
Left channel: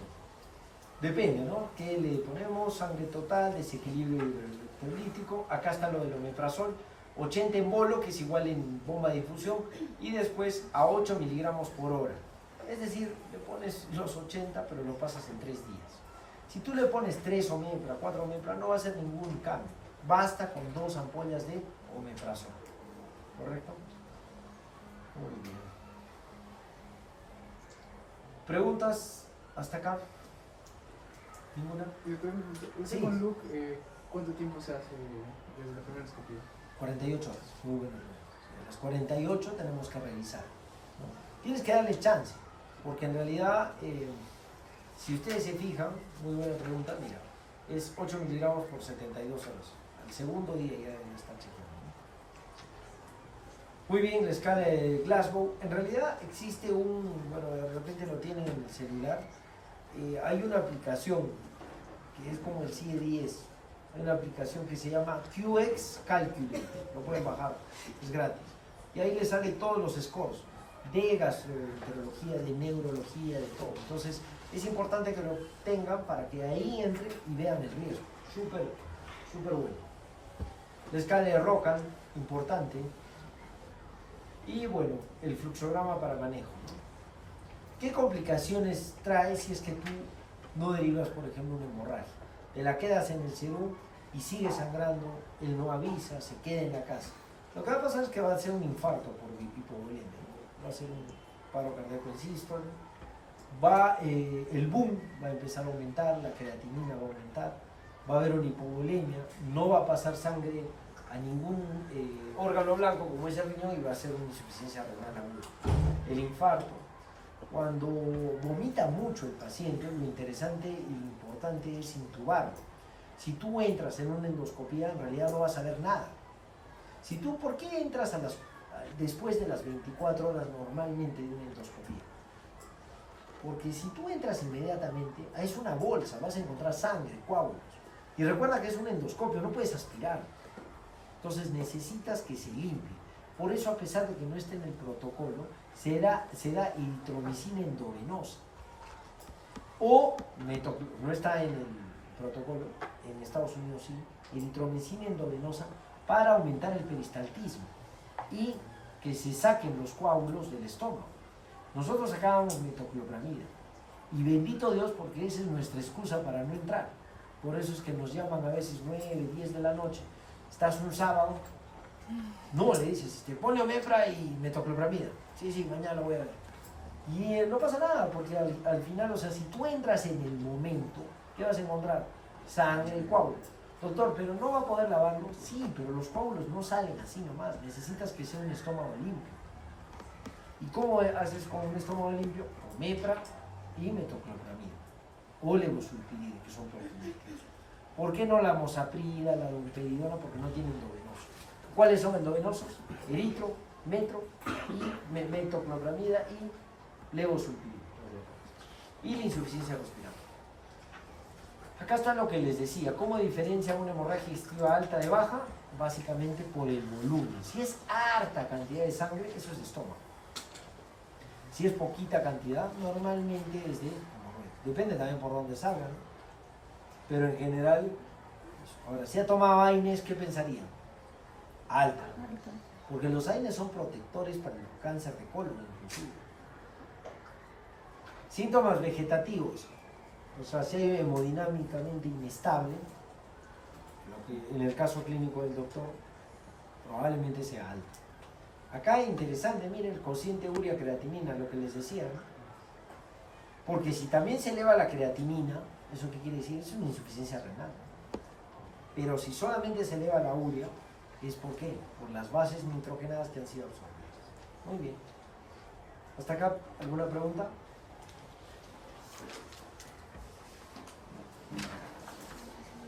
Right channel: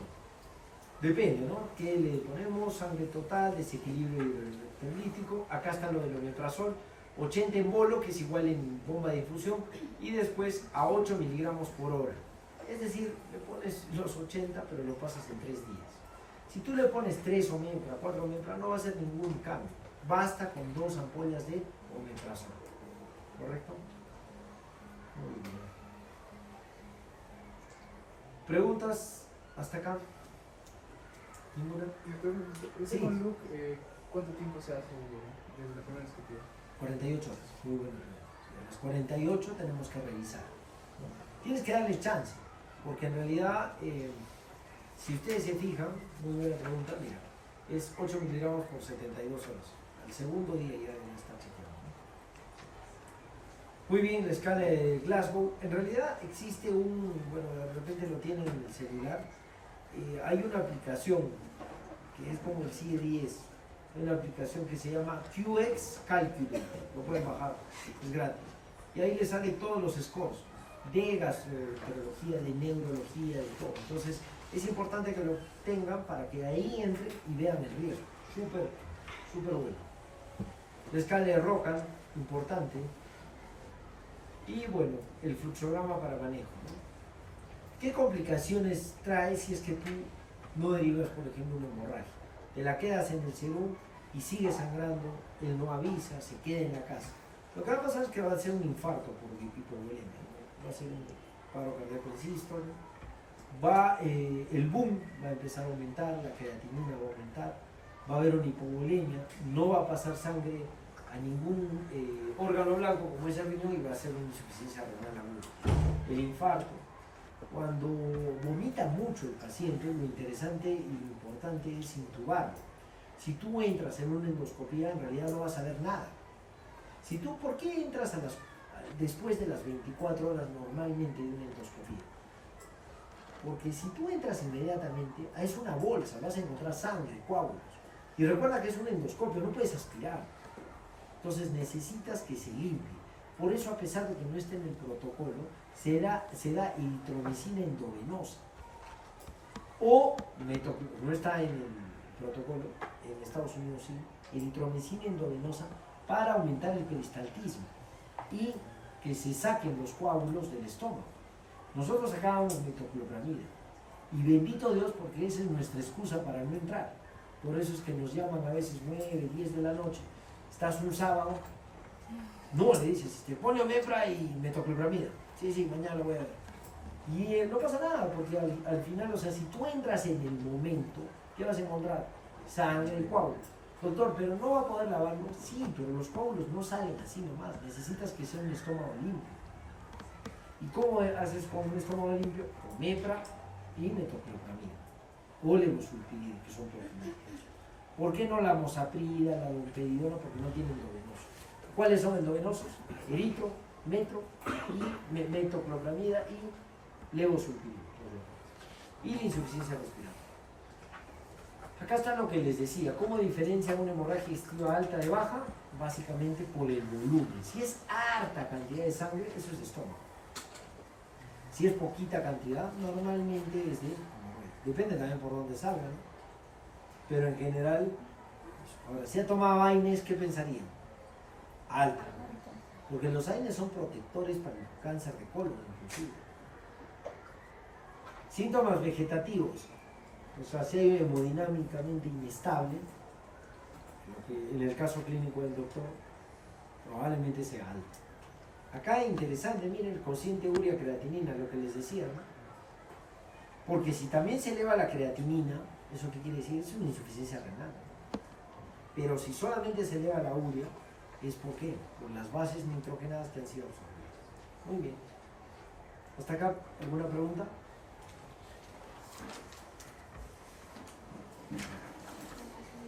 Depende, ¿no? ¿Qué le ponemos? Sangre total, desequilibrio hidroelectrolítico. Acá está lo del omeprazol, 80 en bolo, que es igual en bomba de infusión, y después a 8 miligramos por hora. Es decir, le pones los 80, pero lo pasas en 3 días. Si tú le pones 3 omepra, 4 omepra, no va a hacer ningún cambio. Basta con 2 ampollas de omeprazol. ¿Correcto? Muy bien. ¿Preguntas hasta acá? ¿Ninguna? Y usted Sí. con Luke, ¿cuánto tiempo se hace desde la primera escopía? 48 horas. Muy buena pregunta. A las 48 tenemos que revisar, ¿no? Tienes que darle chance, porque en realidad, si ustedes se fijan, muy buena pregunta, mira, es 8 miligramos por 72 horas. Al segundo día ya deben estar chequeando, ¿no? Muy bien, la escala de Glasgow. En realidad existe bueno, de repente lo tiene en el celular. Hay una aplicación que es como el CIE-10. Hay una aplicación que se llama QX Calculator. Lo pueden bajar, es gratis. Y ahí les sale todos los scores de gastroenterología, de neurología, de todo. Entonces es importante que lo tengan para que ahí entren y vean el riesgo. Súper bueno. La escala de Rockall, importante. Y bueno, el fluxograma para manejo, ¿no? ¿Qué complicaciones trae si es que tú no derivas, por ejemplo, una hemorragia? Te la quedas en el serum y sigue sangrando, él no avisa, se queda en la casa. Lo que va a pasar es que va a ser un infarto por hipovolemia, ¿no? Va a ser un paro cardíaco en sístole, el boom va a empezar a aumentar, la creatinina va a aumentar, va a haber una hipovolemia, no va a pasar sangre a ningún órgano blanco como es el riñón y va a ser una insuficiencia renal aguda. El infarto. Cuando vomita mucho el paciente, lo interesante y importante es intubarlo. Si tú entras en una endoscopía, en realidad no vas a ver nada. ¿Por qué entras después de las 24 horas normalmente de una endoscopía? Porque si tú entras inmediatamente, es una bolsa, vas a encontrar sangre, coágulos. Y recuerda que es un endoscopio, no puedes aspirar. Entonces necesitas que se limpie. Por eso, a pesar de que no esté en el protocolo, se da eritromicina endovenosa. O no está en el protocolo, en Estados Unidos sí, eritromicina endovenosa para aumentar el peristaltismo y que se saquen los coágulos del estómago. Nosotros sacábamos metoclopramida y bendito Dios porque esa es nuestra excusa para no entrar. Por eso es que nos llaman a veces 9, 10 de la noche. Estás un sábado, no le dices, ponle omepra y metoclopramida. Sí, mañana lo voy a ver. Y no pasa nada, porque al final, o sea, si tú entras en el momento, ¿qué vas a encontrar? Sangre y coágulos. Doctor, pero no va a poder lavarlo. Sí, pero los coágulos no salen así nomás. Necesitas que sea un estómago limpio. ¿Y cómo haces con un estómago limpio? Omepra y metoclopramida. O levosulpirida, que son proteínas. ¿Por qué no la mosaprida, la domperidona? Porque no tienen endovenosos. ¿Cuáles son endovenosos? Eritro, metro, y metoclopramida y levosulpirida. Y la insuficiencia respiratoria. Acá está lo que les decía. ¿Cómo diferencia una hemorragia digestiva alta de baja? Básicamente por el volumen. Si es harta cantidad de sangre, eso es de estómago. Si es poquita cantidad, normalmente es de hemorroide. Depende también por dónde salga, ¿no? Pero en general, ahora, si ha tomado AINES, ¿qué pensarían? Alta. Porque los AINES son protectores para el cáncer de colon, inclusive. Síntomas vegetativos. O sea, si hay hemodinámicamente inestable, lo que en el caso clínico del doctor probablemente sea alto. Acá interesante, miren, el cociente urea-creatinina, lo que les decía, ¿no? Porque si también se eleva la creatinina, ¿eso qué quiere decir? Es una insuficiencia renal. Pero si solamente se eleva la urea, ¿es por qué? Por las bases nitrogenadas que han sido absorbidas. Muy bien. ¿Hasta acá alguna pregunta?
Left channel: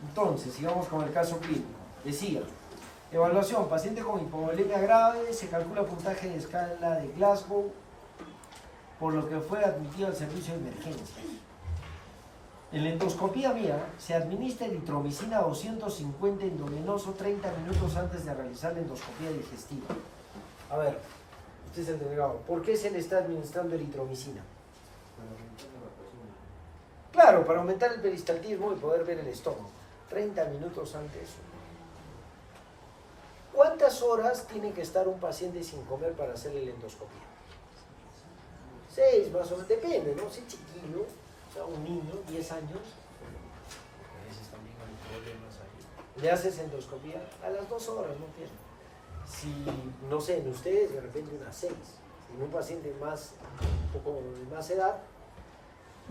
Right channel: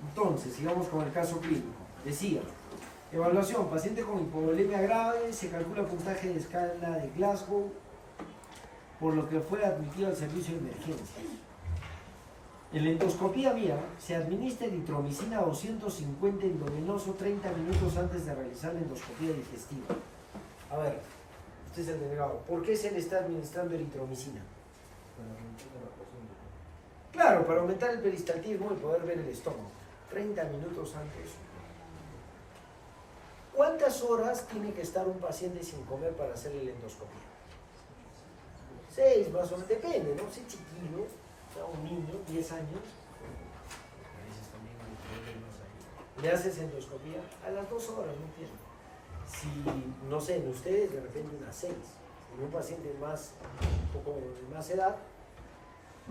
Entonces, sigamos con el caso clínico. Decía, evaluación, paciente con hipovolemia grave, se calcula puntaje de escala de Glasgow, por lo que fue admitido al servicio de emergencia. En la endoscopía mía se administra eritromicina 250 endovenoso 30 minutos antes de realizar la endoscopía digestiva. A ver, usted es el delegado, ¿por qué se le está administrando eritromicina? Claro, para aumentar el peristaltismo y poder ver el estómago. 30 minutos antes. ¿Cuántas horas tiene que estar un paciente sin comer para hacerle la endoscopía? 6 más o menos, depende, ¿no? Si chiquillo, o sea, un niño, 10 años, a veces también hay problemas ahí. Le haces endoscopía a las 2 horas, no tiene. Si, no sé, en ustedes de repente unas 6. En un paciente más, un poco de más edad,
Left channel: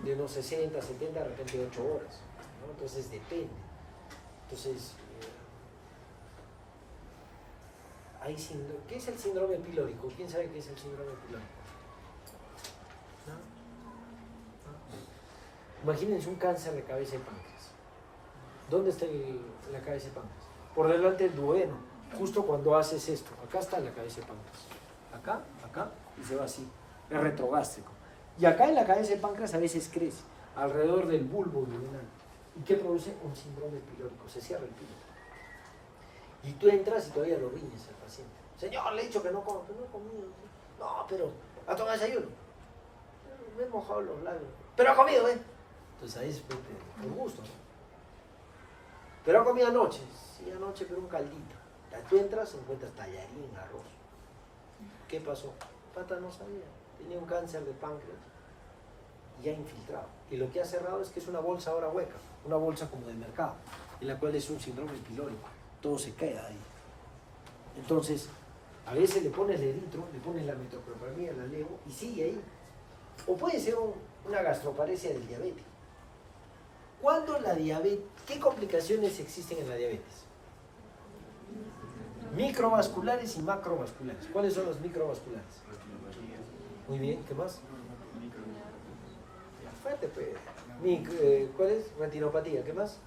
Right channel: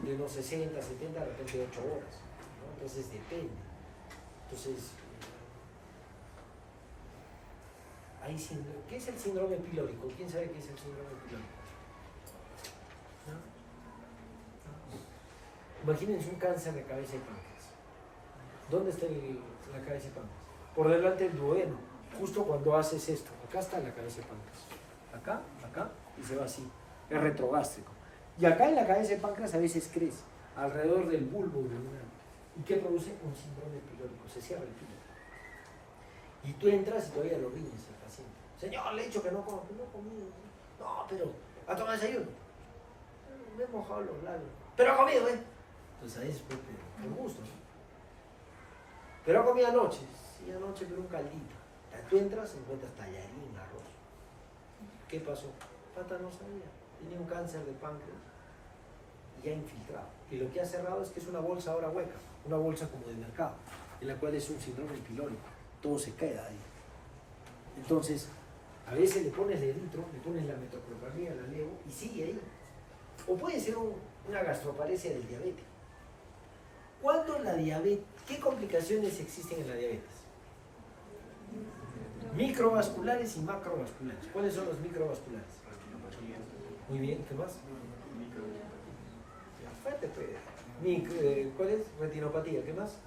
de unos 60, 70, de repente 8 horas, ¿no? Entonces depende. Entonces, hay síndrome. ¿Qué es el síndrome pilórico? ¿Quién sabe qué es el síndrome pilórico? ¿No? ¿No? Imagínense un cáncer de cabeza y páncreas. ¿Dónde está la cabeza y páncreas? Por delante del duodeno, justo cuando haces esto. Acá está la cabeza y páncreas. Acá, acá, y se va así. Es retrogástrico. Y acá en la cabeza de páncreas a veces crece, alrededor del bulbo duodenal. ¿Y qué produce? Un síndrome pilórico. Se cierra el píloro. Y tú entras y todavía lo riñes al paciente. Señor, le he dicho que no como, que no he comido. No, pero ¿ha tomado desayuno? Me he mojado los labios. Pero ha comido, ¿eh? Entonces ahí es por gusto, ¿no? Pero ha comido anoche. Sí, anoche, pero un caldito. Tú entras y encuentras tallarín, arroz. ¿Qué pasó? Pata no sabía. Tenía un cáncer de páncreas ya infiltrado. Y lo que ha cerrado es que es una bolsa ahora hueca, una bolsa como del mercado, en la cual es un síndrome pilórico. Todo se queda ahí. Entonces, a veces le pones el eritro, le pones la metoclopramida, la levo, y sigue ahí. O puede ser una gastroparesia del diabético. ¿Cuándo la diabetes? ¿Qué complicaciones existen en la diabetes? Microvasculares y macrovasculares. ¿Cuáles son las microvasculares? Muy bien, ¿qué más? Fuerte, pues. ¿Cuál es? Retinopatía, ¿qué más?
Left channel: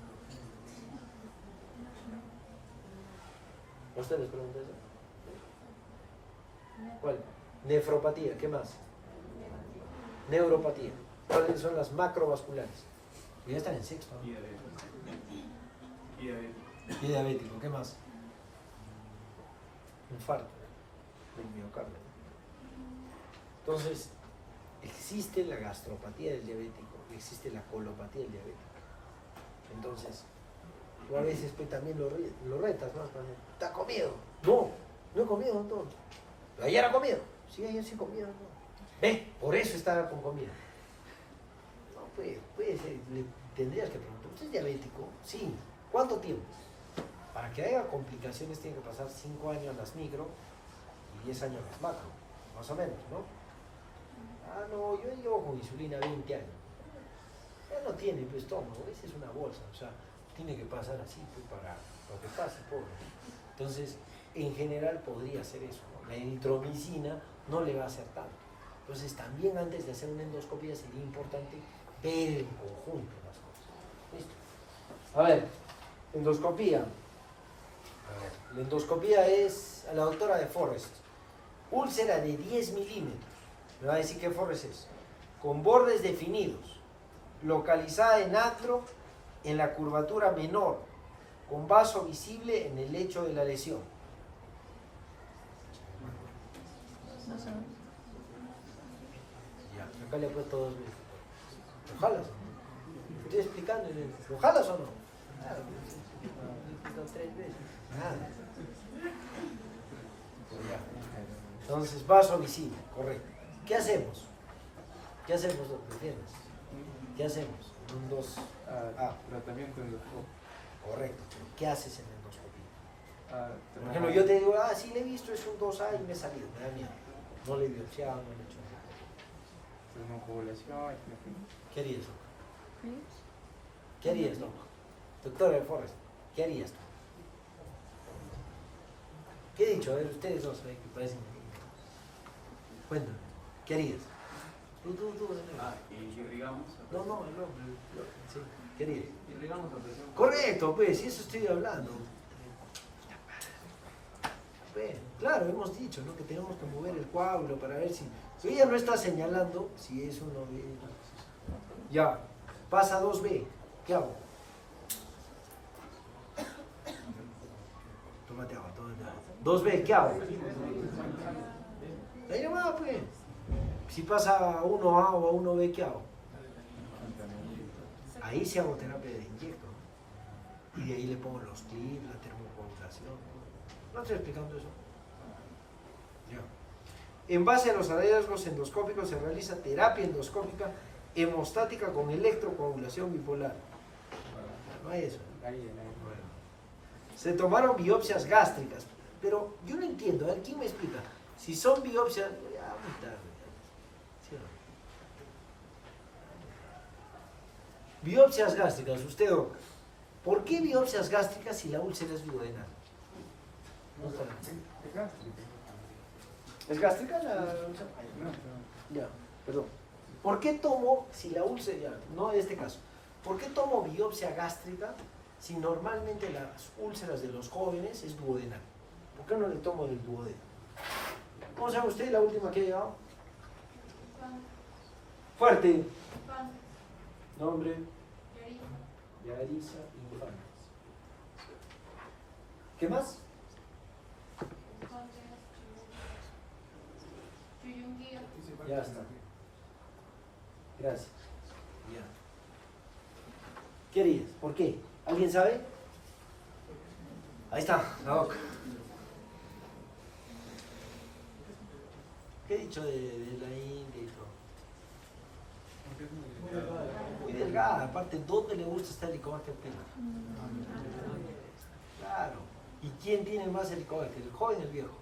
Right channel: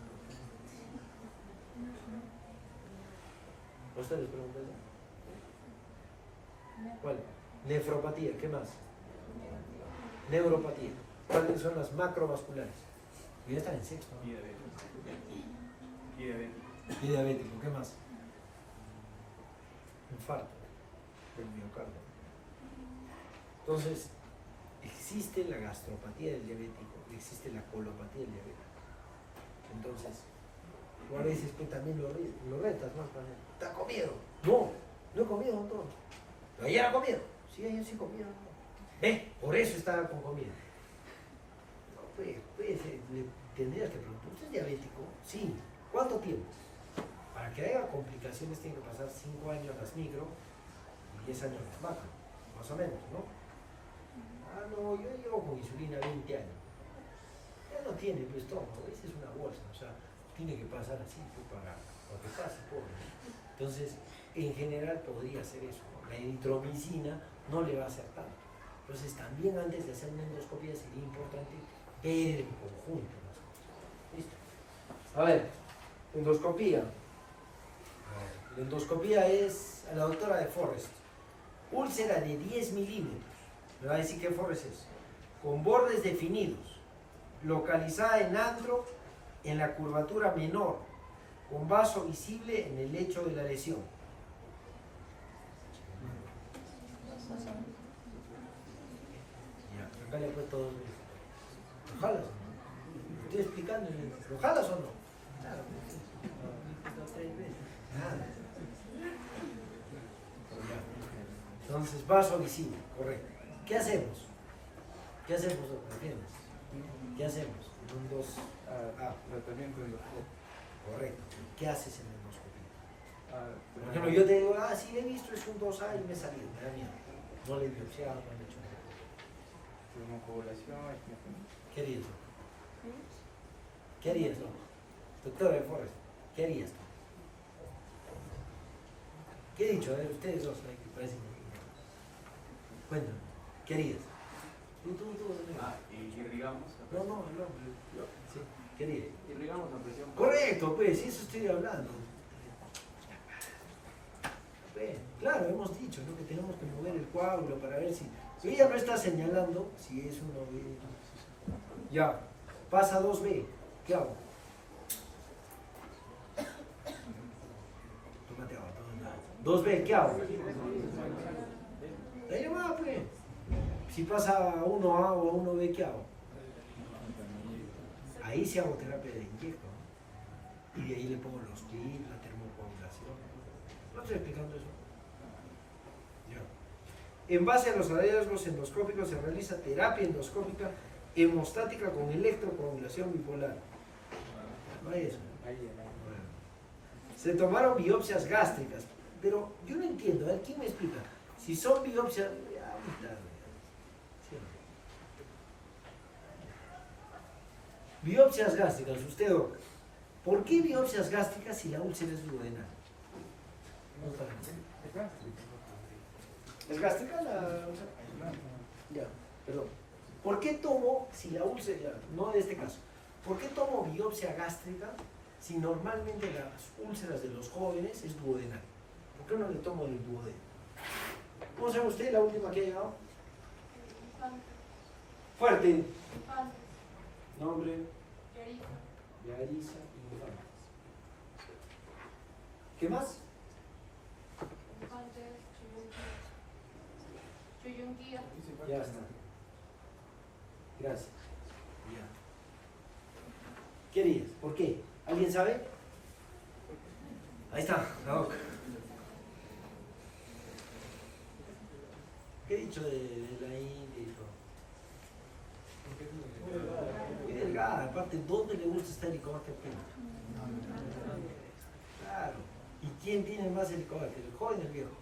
¿A ustedes les pregunto eso? ¿Cuál? Nefropatía, ¿qué más? Neuropatía. ¿Cuáles son las macrovasculares? Ya están en sexto, ¿no? Y diabético, ¿qué más? Infarto del miocardio. Entonces, existe la gastropatía del diabético, existe la colopatía del diabético. Entonces, tú a veces pues, también lo retas, ¿no? ¿Te has comido? No, no he comido, no. ¿Pero ayer ha comido? Sí, ayer sí he comido. ¿no? Por eso estaba con comida. No, pues tendrías que preguntar, ¿usted es diabético? Sí. ¿Cuánto tiempo? Para que haya complicaciones tiene que pasar 5 años las micro y 10 años las macro, más o menos, ¿no? Ah, no, yo llevo con insulina 20 años. Ya no tiene pues estómago, esa es una bolsa, o sea, tiene que pasar así pues, para lo que pasa, pobre. Entonces, en general podría ser eso, ¿no? La eritromicina no le va a hacer tanto. Entonces, también antes de hacer una endoscopia sería importante ver en conjunto las cosas. ¿Listo? A ver, endoscopía. A ver, la endoscopía es a la doctora de Forrest. Úlcera de 10 milímetros. Me va a decir qué Forrest es. Con bordes definidos. Localizada en antro, en la curvatura menor. Con vaso visible en el lecho de la lesión. Ya, acá le he puesto 2 minutos. ¿Lo jalas? Estoy explicando. ¿Lo jalas o no? Claro. 3 veces. Nada. Entonces, vaso visible, correcto. ¿Qué hacemos? ¿Qué hacemos, doctor? ¿Entiendes? ¿Qué hacemos? En un 2. Tratamiento endoscópico. Correcto. ¿Qué haces en endoscopía? Por ejemplo, Tenemos yo te digo, sí le he visto, es un 2A y me he salido, me da miedo. No le he biopsiado, no le he hecho nada. coagulación. ¿Qué harías? ¿Qué harías, no? Doctor de Forrest, ¿qué harías tú? ¿Qué he dicho? A ver, ustedes dos, que parecen. Cuéntame, ¿qué harías? Tú. Irrigamos. No, sí, ¿qué harías? Irrigamos la presión. Correcto, pues, y eso estoy hablando. Pues, claro, hemos dicho, ¿no? Que tenemos que mover el coágulo para ver si ella no está señalando si es uno B. Ya, pasa 2B, ¿qué hago? Tómate agua, tómate agua. 2B, ¿qué hago? Ahí nomás, pues. Si pasa a 1A o a 1B, ¿qué hago? Ahí sí hago terapia de inyecto. Y de ahí le pongo los clips, la termocoagulación. ¿No estoy explicando eso? Ya. En base a los hallazgos endoscópicos se realiza terapia endoscópica hemostática con electrocoagulación bipolar. No hay eso. Bueno. Se tomaron biopsias gástricas, pero yo no entiendo. A ver, ¿quién me explica? Si son biopsias... Ya, muy tarde. Sí. Biopsias gástricas, usted, doctor. ¿Por qué biopsias gástricas si la úlcera es duodenal? No está bien. ¿Es gástrica la úlcera? Ya, perdón. ¿Por qué tomo, si la úlcera, no en este caso, ¿por qué tomo biopsia gástrica si normalmente las úlceras de los jóvenes es duodenal? ¿Por qué no le tomo del duodeno? ¿Cómo se llama usted, la última que ha llegado? Fuerte. Nombre. Yarisa Infantes. ¿Qué más? Ya está. Gracias. Ya. ¿Qué harías? ¿Por qué? ¿Alguien sabe? Ahí está, la boca. ¿Qué he dicho de la India y todo? Muy delgada, aparte, ¿dónde le gusta estar Helicobacter pylori? Claro. ¿Y quién tiene más Helicobacter? ¿El joven o el viejo?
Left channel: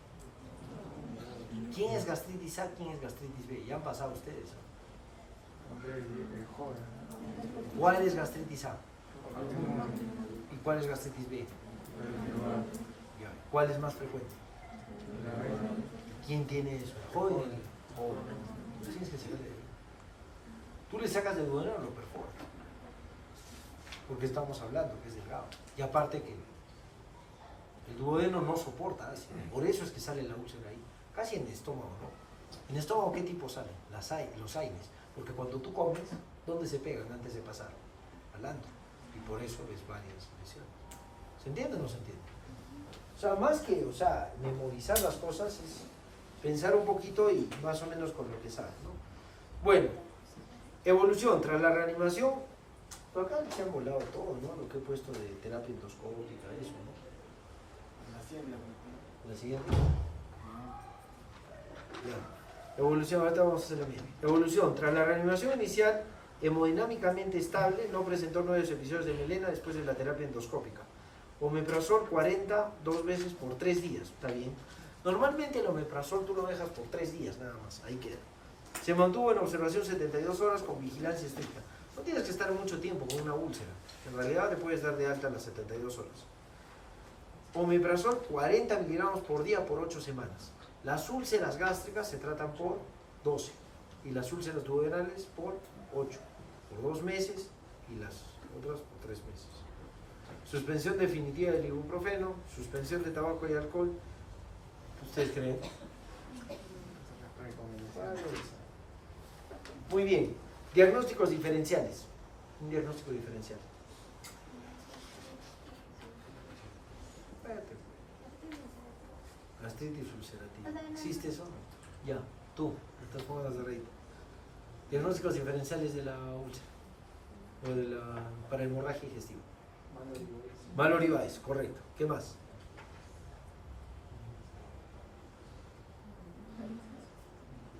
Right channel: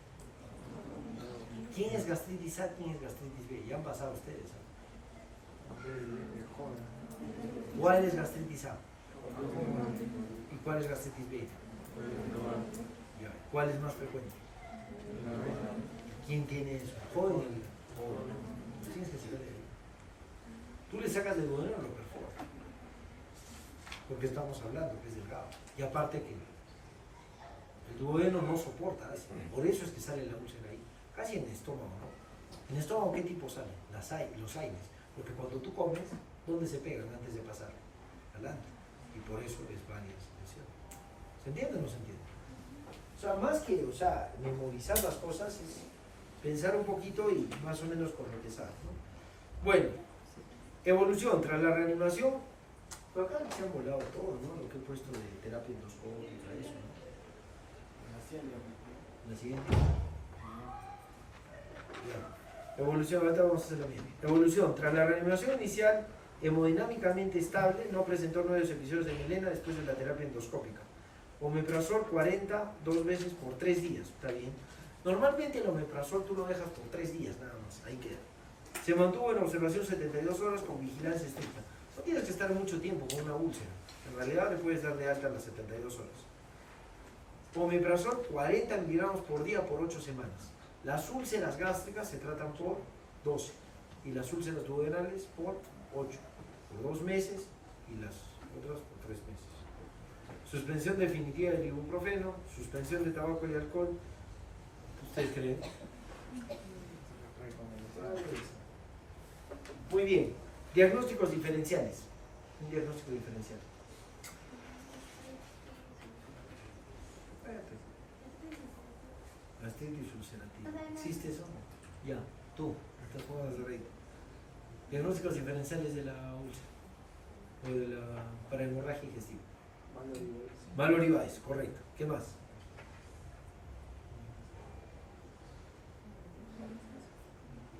¿Quién es gastritis A? ¿Quién es gastritis B? Ya han pasado ustedes, ¿no? El joven. ¿Cuál es gastritis A? ¿Y cuál es gastritis B? ¿Cuál es más frecuente? ¿Quién tiene eso? ¿El joven o el viejo? Tú tienes que saber de él. Tú le sacas del duodeno y lo perforas. Porque estamos hablando que es delgado. Y aparte que el duodeno no soporta ácido. Por eso es que sale la úlcera ahí. Casi en el estómago, ¿no? En el estómago, ¿qué tipo salen? Los aires. Porque cuando tú comes, ¿dónde se pegan antes de pasar? Al antro. Y por eso ves varias lesiones. ¿Se entiende o no se entiende? O sea, más que, memorizar las cosas es pensar un poquito y más o menos con lo que sabes, ¿no? Bueno, evolución. Tras la reanimación, por acá se han volado todo, ¿no? Lo que he puesto de terapia endoscópica, eso, ¿no? ¿La siguiente? Evolución, ahorita vamos a hacer la misma. Evolución. Tras la reanimación inicial, hemodinámicamente estable, no presentó nuevos episodios de melena después de la terapia endoscópica. Omeprazol 40, 2 veces por 3 días. Está bien. Normalmente el omeprazol tú lo dejas por 3 días nada más. Ahí queda. Se mantuvo en observación 72 horas con vigilancia estricta. No tienes que estar mucho tiempo con una úlcera. En realidad le puedes dar de alta a las 72 horas. Omeprazol 40 miligramos por día por 8 semanas. Las úlceras gástricas se tratan por 12 y las úlceras duodenales por 8, por 2 meses y las otras por 3 meses. Suspensión definitiva del ibuprofeno, suspensión de tabaco y alcohol. ¿Ustedes creen? Muy bien. Diagnósticos diferenciales. Un diagnóstico diferencial. Gastritis ulcerativa. ¿Existe eso? Ya, tú, te pongas de reír. Diagnósticos diferenciales de la úlcera. O de la para hemorragia digestiva. Maloribaes, correcto. ¿Qué más?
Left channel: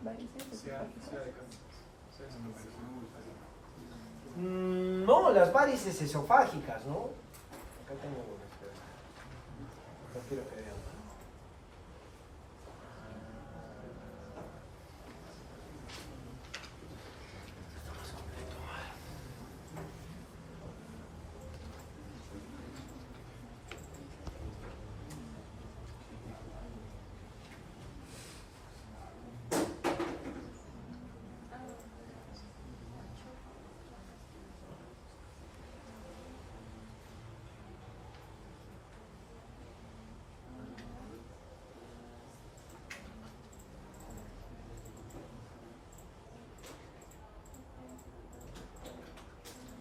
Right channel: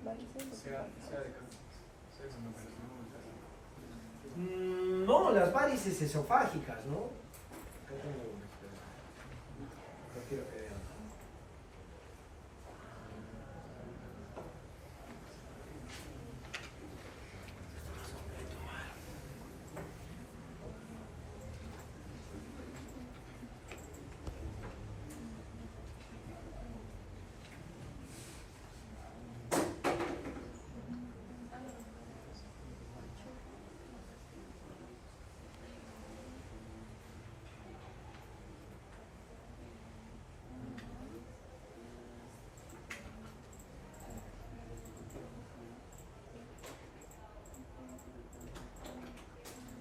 sea de cáncer. Sea de No, las varices esofágicas, ¿no? Acá tengo unas, pues. No quiero que vean.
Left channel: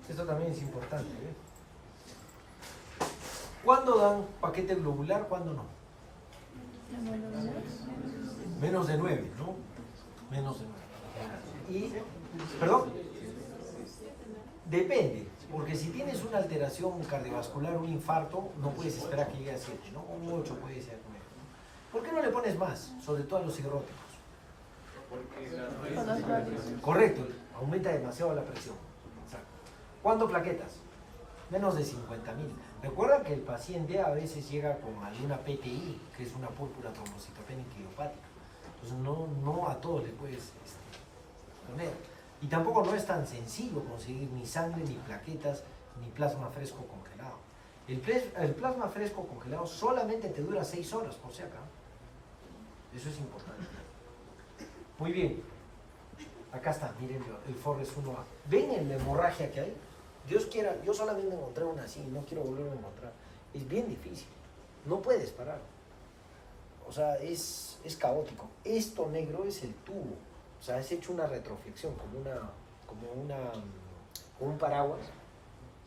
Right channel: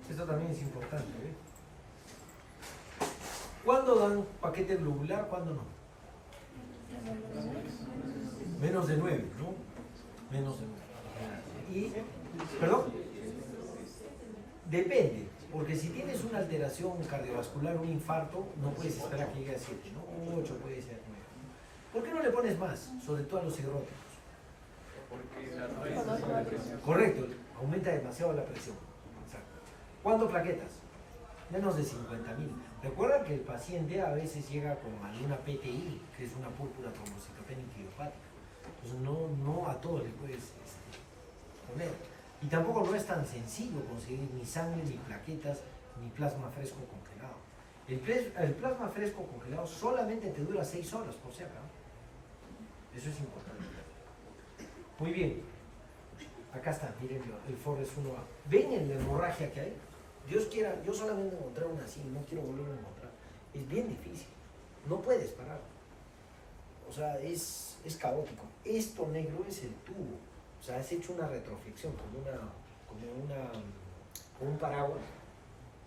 Esto también es importante, ¿eh? ¿Cuándo dan paquete globular? ¿Cuándo no? Menos de 9, ¿no? Menos de 9. Y, perdón, depende, porque si tienes una alteración cardiovascular, un infarto, no puedes esperar que llegue a 7, ¿no? Un 8 puede ser 9. ¿Por qué no le pones más? Sobre todo a los cirróticos. Correcto, aumenta demasiado la presión. Exacto. ¿Cuándo plaquetas? Menos de 50.000. Recuerda que el paciente a veces llega con alguna PTI, que es una púrpura trombocitopénica idiopática. Entonces no a todos le puedes poner. Y tampoco no es tan sencillo conseguir ni sangre, ni plaquetas, ni plasma fresco congelado. El plasma fresco congelado solamente te dura 6 horas, por si acaso. Eso es importante. Muy bien. Acá está, miren el Forrest 1A. ¿Ven la hemorragia que hay? Dios quiera, yo solamente encontré una así, no quiero volverlo a encontrar. Es bien difícil. No puedes parar. O sea, es caótico. Esto negro es el tubo. O sea, es hecho una retroflexión, como un paraguas,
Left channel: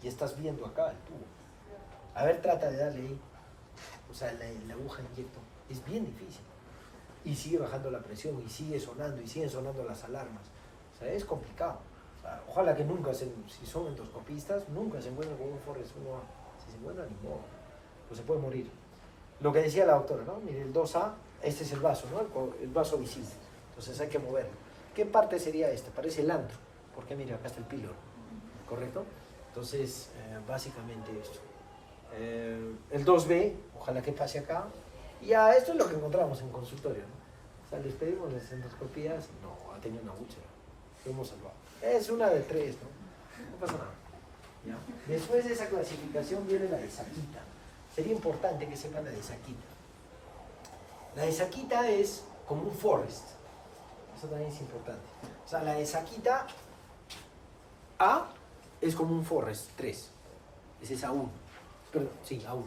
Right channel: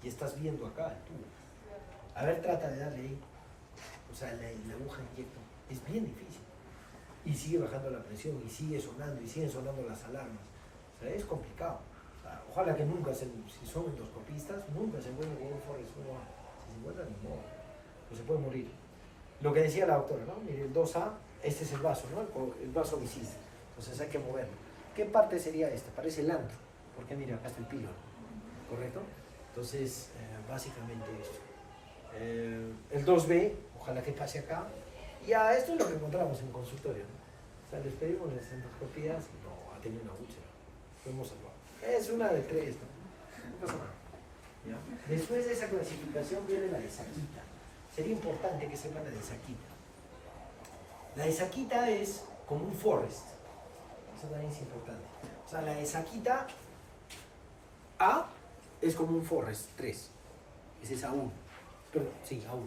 y estás viendo acá el tubo. A ver, trata de darle ahí. O sea, la aguja inyecta. Es bien difícil. Y sigue bajando la presión, y sigue sonando, y siguen sonando las alarmas. O sea, es complicado. O sea, ojalá que nunca, si son endoscopistas, nunca se encuentren con un Forrest 1A. Si se encuentran, ni modo. Pues se puede morir. Lo que decía la doctora, ¿no? Mire, el 2A, este es el vaso, ¿no? El vaso visible. Entonces hay que moverlo. ¿Qué parte sería este? Parece el antro. Porque mira, acá está el píloro. ¿Correcto? Entonces, básicamente esto. El 2B, ojalá que pase acá. Y ya, esto es lo que encontramos en consultorio, ¿no? O sea, les pedimos las endoscopías y no, ha tenido una úlcera. Lo hemos salvado. Es una de 3, ¿no? No pasa nada. ¿Ya? Después de esa clasificación viene la de Saquita. Sería importante que sepan la de Saquita. La de Saquita es como un Forrest. Eso también es importante. O sea, la de Saquita A es como un Forrest 3. Ese es A1. Perdón, sí, A1.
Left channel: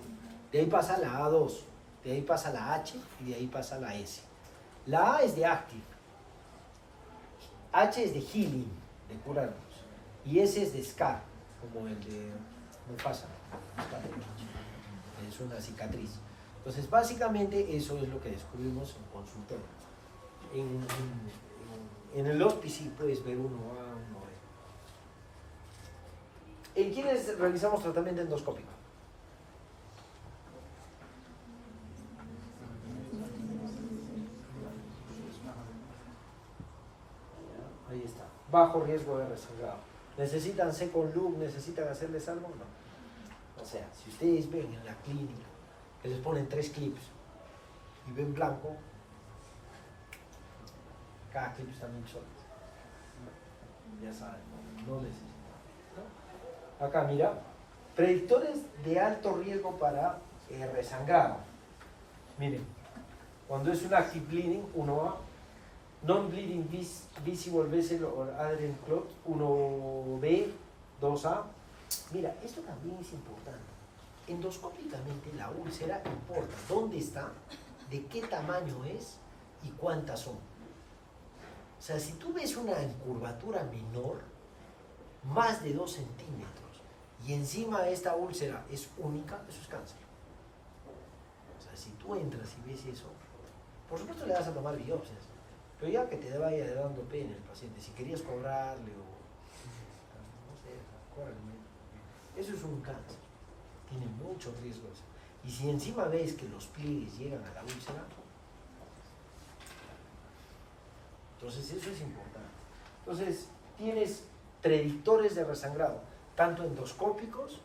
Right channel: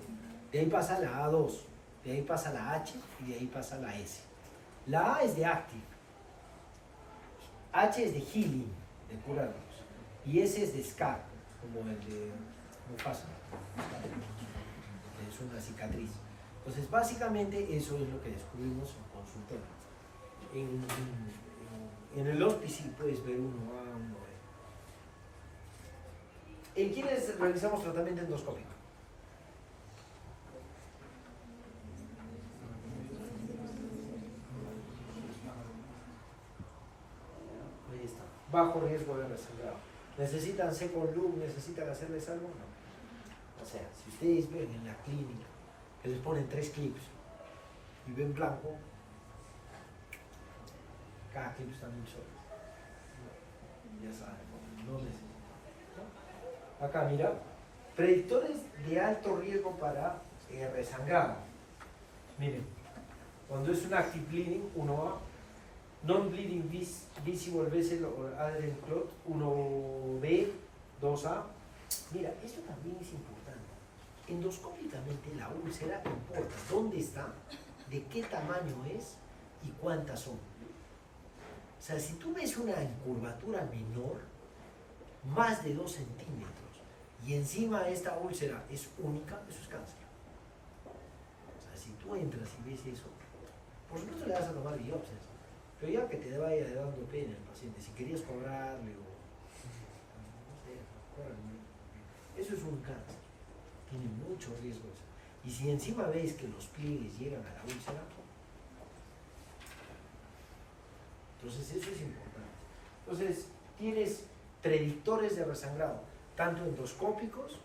De ahí pasa la A2. De ahí pasa la H y de ahí pasa la S. La A es de Active. H es de Healing, de curarnos. Y S es de Scar, como el de Mufasa. Es una cicatriz. Entonces, básicamente, eso es lo que descubrimos en consultorio. En el hospice puedes ver 1A, 1B. ¿En quiénes realizamos tratamiento endoscópico? Ahí está. Bajo riesgo de resangrado. ¿Necesitan second loop? ¿Necesitan hacerles algo? No. O sea, si ustedes ven en la clínica que les ponen 3 clips y ven blanco, cada clip está muy solo. Ya saben, no necesitan. Acá mira, predictores de alto riesgo para resangrado. Miren, cuando es un active bleeding, 1A, non-bleeding visible vessel or adherent clot, 1B, 2A. Mira, esto también es importante. Endoscópicamente la úlcera importa dónde está, de qué tamaño es y cuántas son. O sea, si tú ves una curvatura menor, más de 2 centímetros, y encima esta úlcera es única, eso es cáncer. O sea, si tú entras y ves eso, por supuesto le vas a tomar biopsias, pero ya que te vaya dando pena el paciente, si querías cobrarle o no sé, cóbrale. Eso es un cáncer, tiene muchos riesgos. Y si encima ves que los pliegues llegan a la úlcera, Entonces eso es importante. Entonces tienes predictores de resangrado, tanto endoscópicos,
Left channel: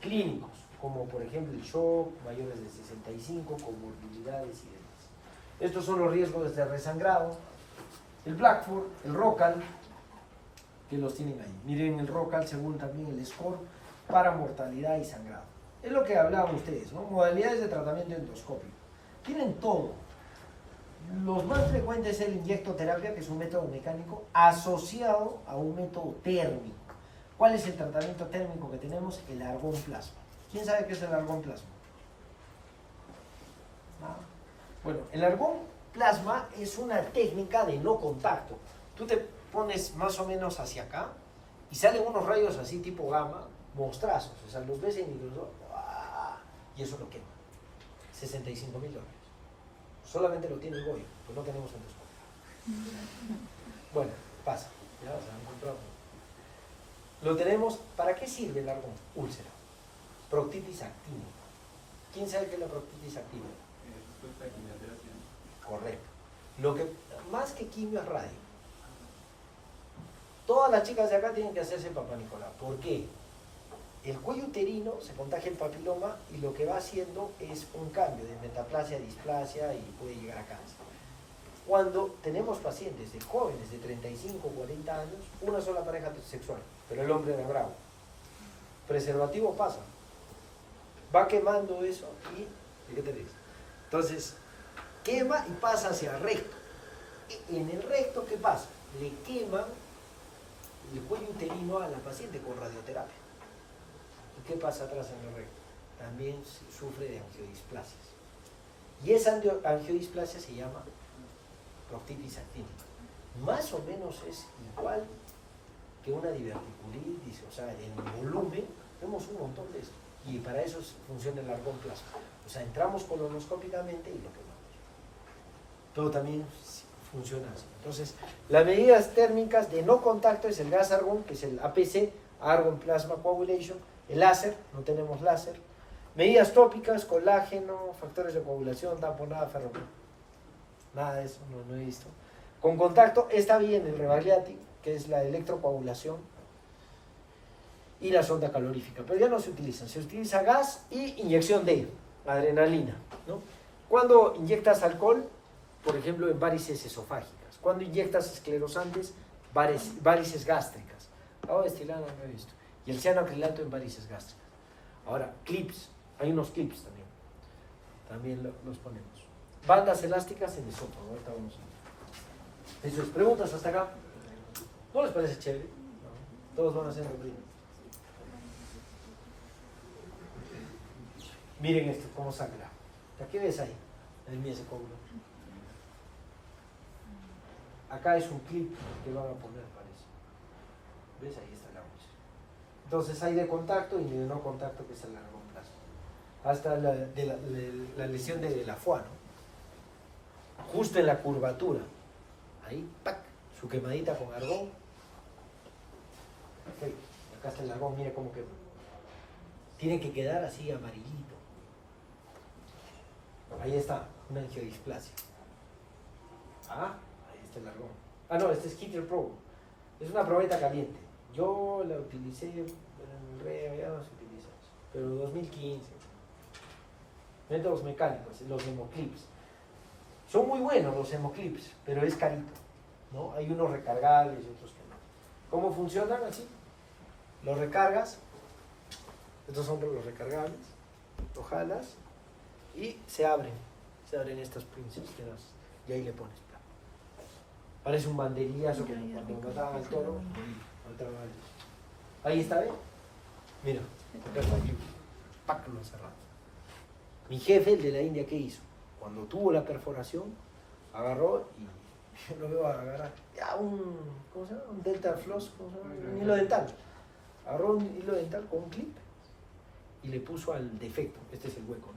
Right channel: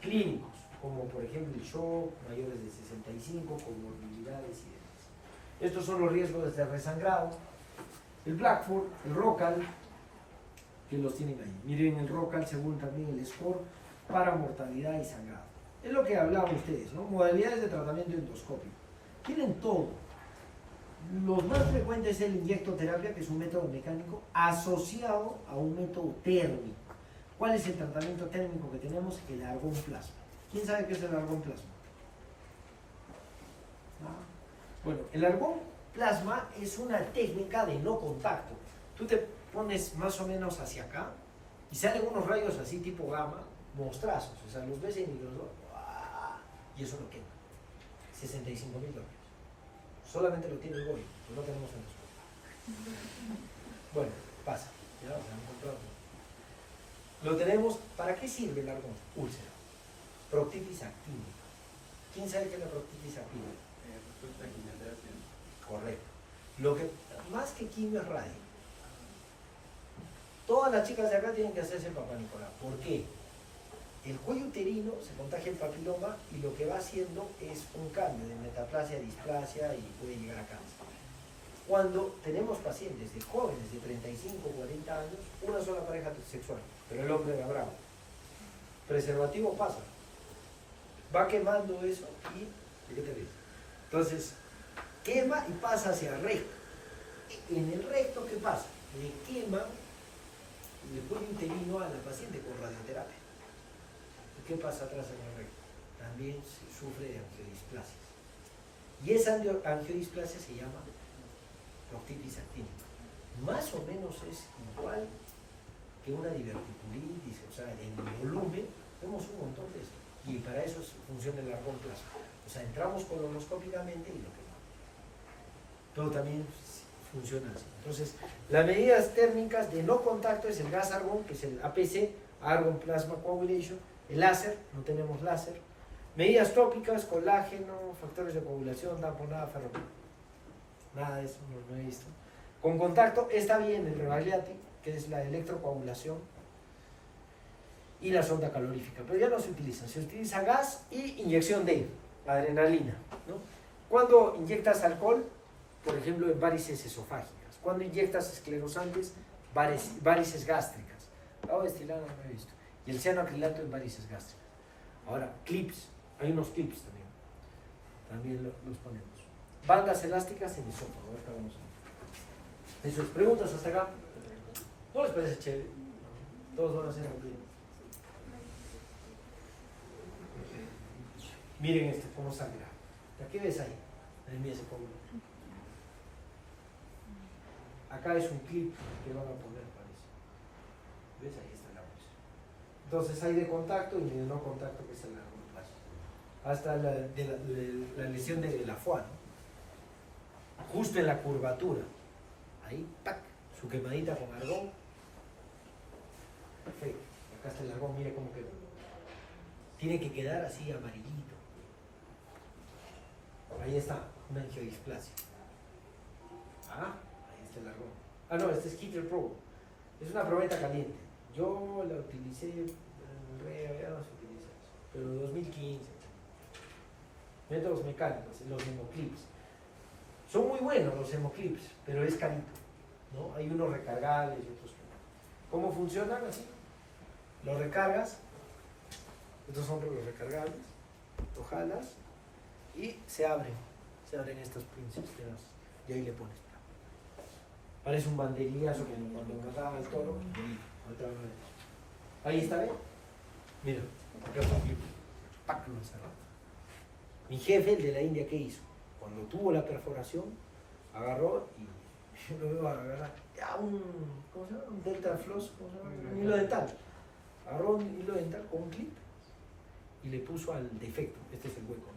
clínicos, como por ejemplo el shock, mayores de 65, comorbilidades y demás. Estos son los riesgos de resangrado. El Blackford, el ROCAL, que los tienen ahí. Miren el ROCAL según también el score para mortalidad y sangrado. Es lo que hablaban ustedes, ¿no? Modalidades de tratamiento endoscópico. Tienen todo. Los más frecuentes es el inyectoterapia, que es un método mecánico asociado a un método térmico. ¿Cuál es el tratamiento térmico que tenemos? El argón plasma. ¿Quién sabe qué es el argón plasma? ¿Ah? Bueno, el argón plasma es una técnica de no contacto. Tú te pones más o menos hacia acá y salen unos rayos así tipo gamma, monstrazos. O sea, los ves en y los y eso lo quema. $65,000. Solamente lo tiene el Goy, pues no tenemos en los. Bueno, pasa, ya se lo encontramos. Lo tenemos, ¿para qué sirve el argón? Úlcera. Proctitis activa. ¿Quién sabe qué es la proctitis activa? Respuesta de quimioterapia. Correcto. Lo que, más que quimio es radio. Todas las chicas de acá tienen que hacerse Papá Nicolás. ¿Por qué? El cuello uterino se contagia el papiloma y lo que va haciendo es un cambio de metaplasia a displasia y puede llegar a cáncer. Cuando tenemos pacientes de jóvenes de 35 o 40 años, una sola pareja sexual, pero el hombre era bravo. Preservativo pasa. Va quemando eso y ¿qué te ves? Entonces, quema y pasa hacia el recto. En el recto, ¿qué pasa? Le quema el cuello uterino a la paciente con radioterapia. ¿Qué pasa atrás en el recto? También sufre de angiodisplasias. Y esa angiodisplasia se llama proctitis actínica. Más o menos es igual que una diverticulitis, o sea, en volumen vemos un montón de eso. Y para eso funciona el argón plasma. O sea, entramos colonoscópicamente y lo quemamos. Todo también funciona así. Entonces, las medidas térmicas de no contacto es el gas argón, que es el APC, Argon Plasma Coagulation, el láser, no tenemos láser. Medidas tópicas, colágeno, factores de coagulación, tamponada, ferroquina. Nada de eso, no he visto. Con contacto está bien el Rebagliati, que es la electrocoagulación, y la sonda calorífica, pero ya no se utiliza. Se utiliza gas y inyección de adrenalina, ¿no? Cuando inyectas alcohol, por ejemplo, en varices esofágicas. Cuando inyectas esclerosantes, varices gástricas. Agua destilada no he visto. Y el cianoacrilato en varices gástricas. Ahora, clips. Hay unos clips también. También los ponemos. Bandas elásticas en isótopo. Ahorita vamos a ver. ¿Sus preguntas hasta acá? ¿No les parece chévere? No. Todos van a hacer lo mismo. Miren esto, cómo sangra. ¿Qué ves ahí? El mío se cómodo. Acá es un clip que van a poner, parece. ¿Ves? Ahí está la muestra. Entonces hay de contacto y de no contacto, que es el largo plazo. Hasta la lesión de la foie, ¿no? Justo en la curvatura. Ahí, ¡pac! Su quemadita con argón. Okay. Acá está el argón, mire cómo quedó. Tiene que quedar así amarillito. Ahí está, una angiodisplasia. Ahí está el argón. No, este es Hitler Pro. Es una probeta caliente. Yo la utilicé, en el reo ya no se utiliza eso, pero 2015. Métodos mecánicos, los hemoclips. Son muy buenos los hemoclips, pero es carito, ¿no? Hay unos recargables y otros que no. ¿Cómo funcionan así? Los recargas, estos son los recargables, lo jalas y se abren estas pinzas y ahí le pones. Parece un banderillazo como cuando mataban al toro. Ahí está, ¿eh? Mira, acá está un clip. ¡Pac! Lo cerrado. Mi jefe, el de la India, ¿qué hizo? Cuando tuvo la perforación, agarró y yo lo veo agarrar ya ¿cómo se llama? Un dental floss, ¿cómo se llama? Un hilo dental. Agarró un hilo dental con un clip y le puso al defecto. Este es el hueco,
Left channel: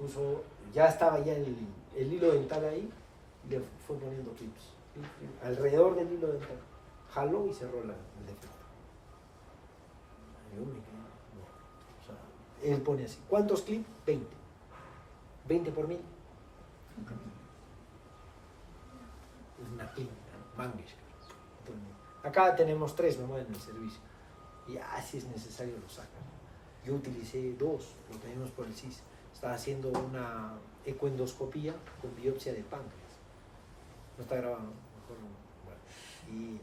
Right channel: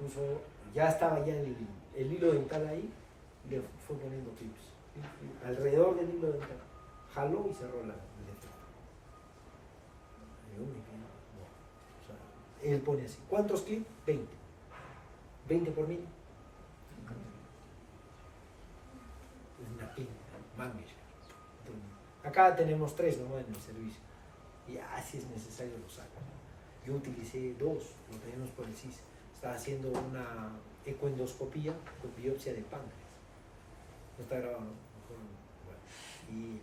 ¿no? Ya estaba ya el hilo dental ahí. Le fue poniendo clips alrededor del hilo dental, jaló y cerró el defecto. No. O sea, él pone así. ¿Cuántos clips? 20 por 1000. una clínica, Mangues. Acá tenemos 3 nomás en el servicio. Y si es necesario lo sacan. Yo utilicé 2, lo tenemos por el CIS. Estaba haciendo una ecoendoscopía con biopsia de páncreas. No está grabado, mejor no. Bueno, y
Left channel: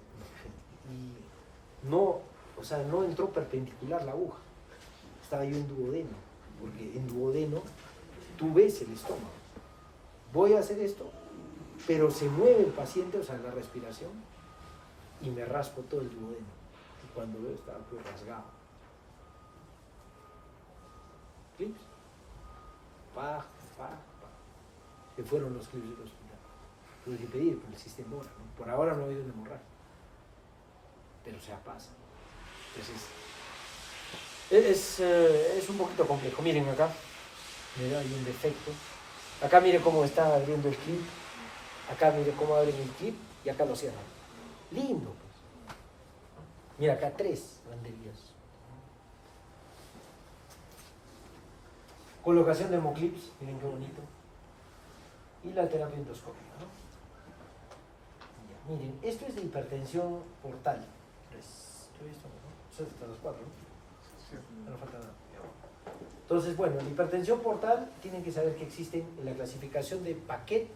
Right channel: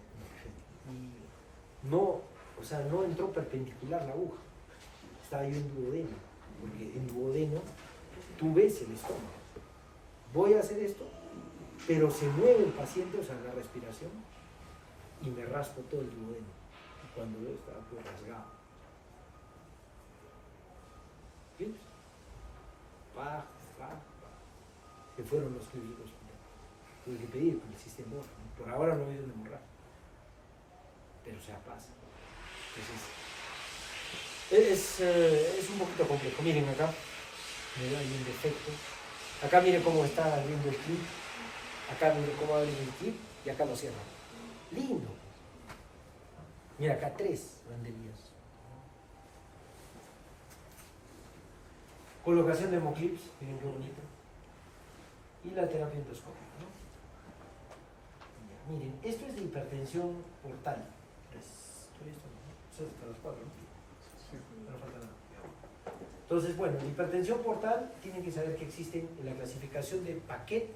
no, o sea, no entró perpendicular la aguja. Estaba yo en duodeno, porque en duodeno tú ves el estómago. Voy a hacer esto, pero se mueve el paciente, o sea, la respiración, y me raspo todo el duodeno. Y cuando veo, estaba todo rasgado. ¿Sí? Pa. Que fueron los clips del hospital. Tuve que pedir, pero el sistema hemorra, ¿no? Por ahora no hay de hemorrar. Pero se pasa. Entonces, es un poquito complejo. Miren acá, mira, hay un defecto. Acá mire cómo está abriendo el clip. Acá mire cómo abren el clip y acá lo cierran. Lindo, pues. Mira, acá 3 banderías. Colocación de hemoclips, miren qué bonito. Y la terapia endoscópica, ¿no? Ya, miren, esto es de hipertensión portal. Eso es hasta las 4, ¿no? Sí. No falta nada. Entonces, bueno, la hipertensión portal tienen que saber que existen en la clasificación de Paquet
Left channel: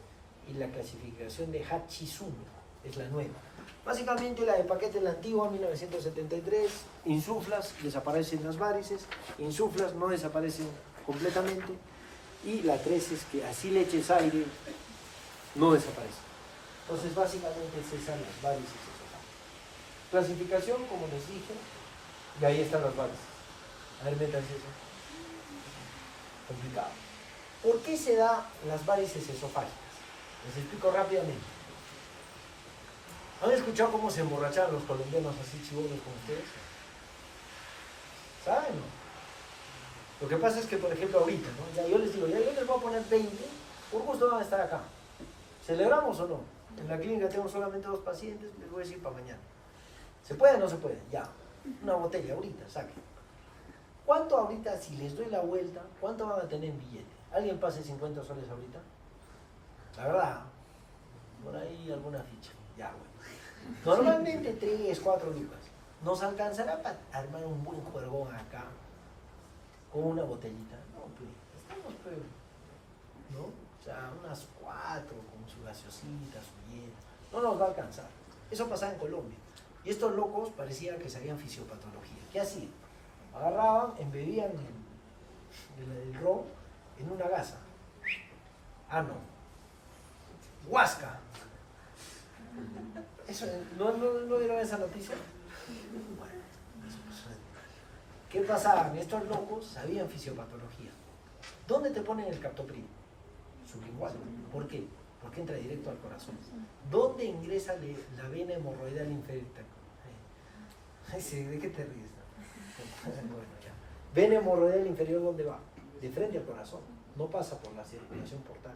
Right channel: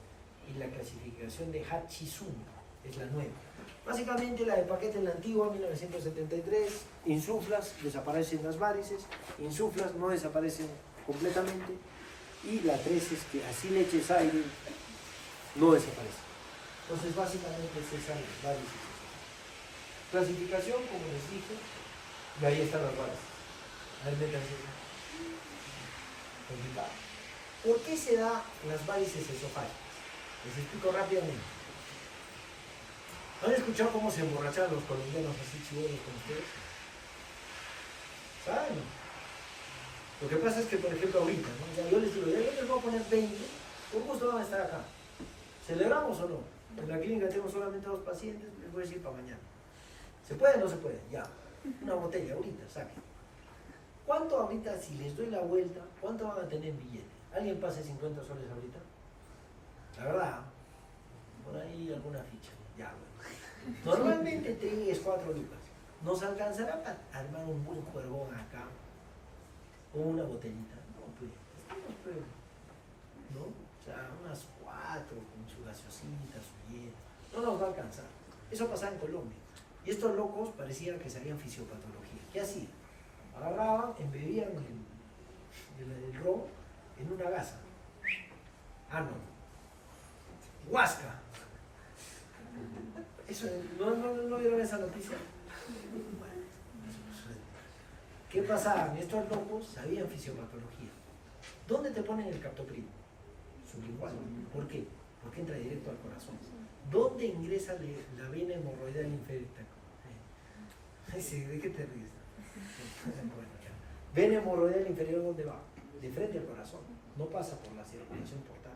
y la clasificación de Hachizumi, es la nueva. Básicamente la de Paquet es la antigua, 1973, insuflas, desaparecen las varices, insuflas, no desaparecen completamente, y la 3 es que así le eches aire, no desaparece. Entonces básicamente es esa las varices. Clasificación, como les dije, y ahí están las varices. A ver, métanse eso. Complicado. ¿Por qué se da las varices esofágicas? Les explico rápidamente. ¿Han escuchado cómo se emborrachaban los colombianos así chivolos como ustedes? ¿Saben o no? Lo que pasa es que, por ejemplo, ahorita, ¿no? Ya yo les digo, ya yo les voy a poner 20, por gusto van a estar acá. ¿Celebramos o no? En la clínica tengo solamente 2 pacientes, les voy a decir para mañana. ¿Se puede o no se puede? Ya. Una botella ahorita, saquen. ¿Cuánto ahorita, si les doy la vuelta, cuánto van a tener en billete? ¿Alguien pase 50 soles ahorita? La verdad, por ahí alguna ficha. Ya, bueno. Normalmente 3, 4 lucas. Nos alcanzará para armar un buen juergón acá. Con una botellita. No, pues, ¿no? O sea, unas 4 con su gaseosita, su hielo. No nos va a alcanzar. Eso pasaba en Colombia. Y estos locos parecían que sabían fisiopatología. ¿Qué hacían? Agarraban, embebían el ron en una gasa. Ah, no. Huasca. Eso, ¿no era esa noticia? Bueno, eso sucede. ¿Qué pasaban? Estos locos sabían fisiopatología. ¿Dónde te ponen el captopril? Sublingual. ¿Por qué? Porque entra directo al corazón. ¿Dónde ingresa la vena hemorroidal inferior? ¿De qué te ríes? Bueno, ya. Vena hemorroidal inferior, ¿dónde va? De frente al corazón. No pasa por la circulación portal.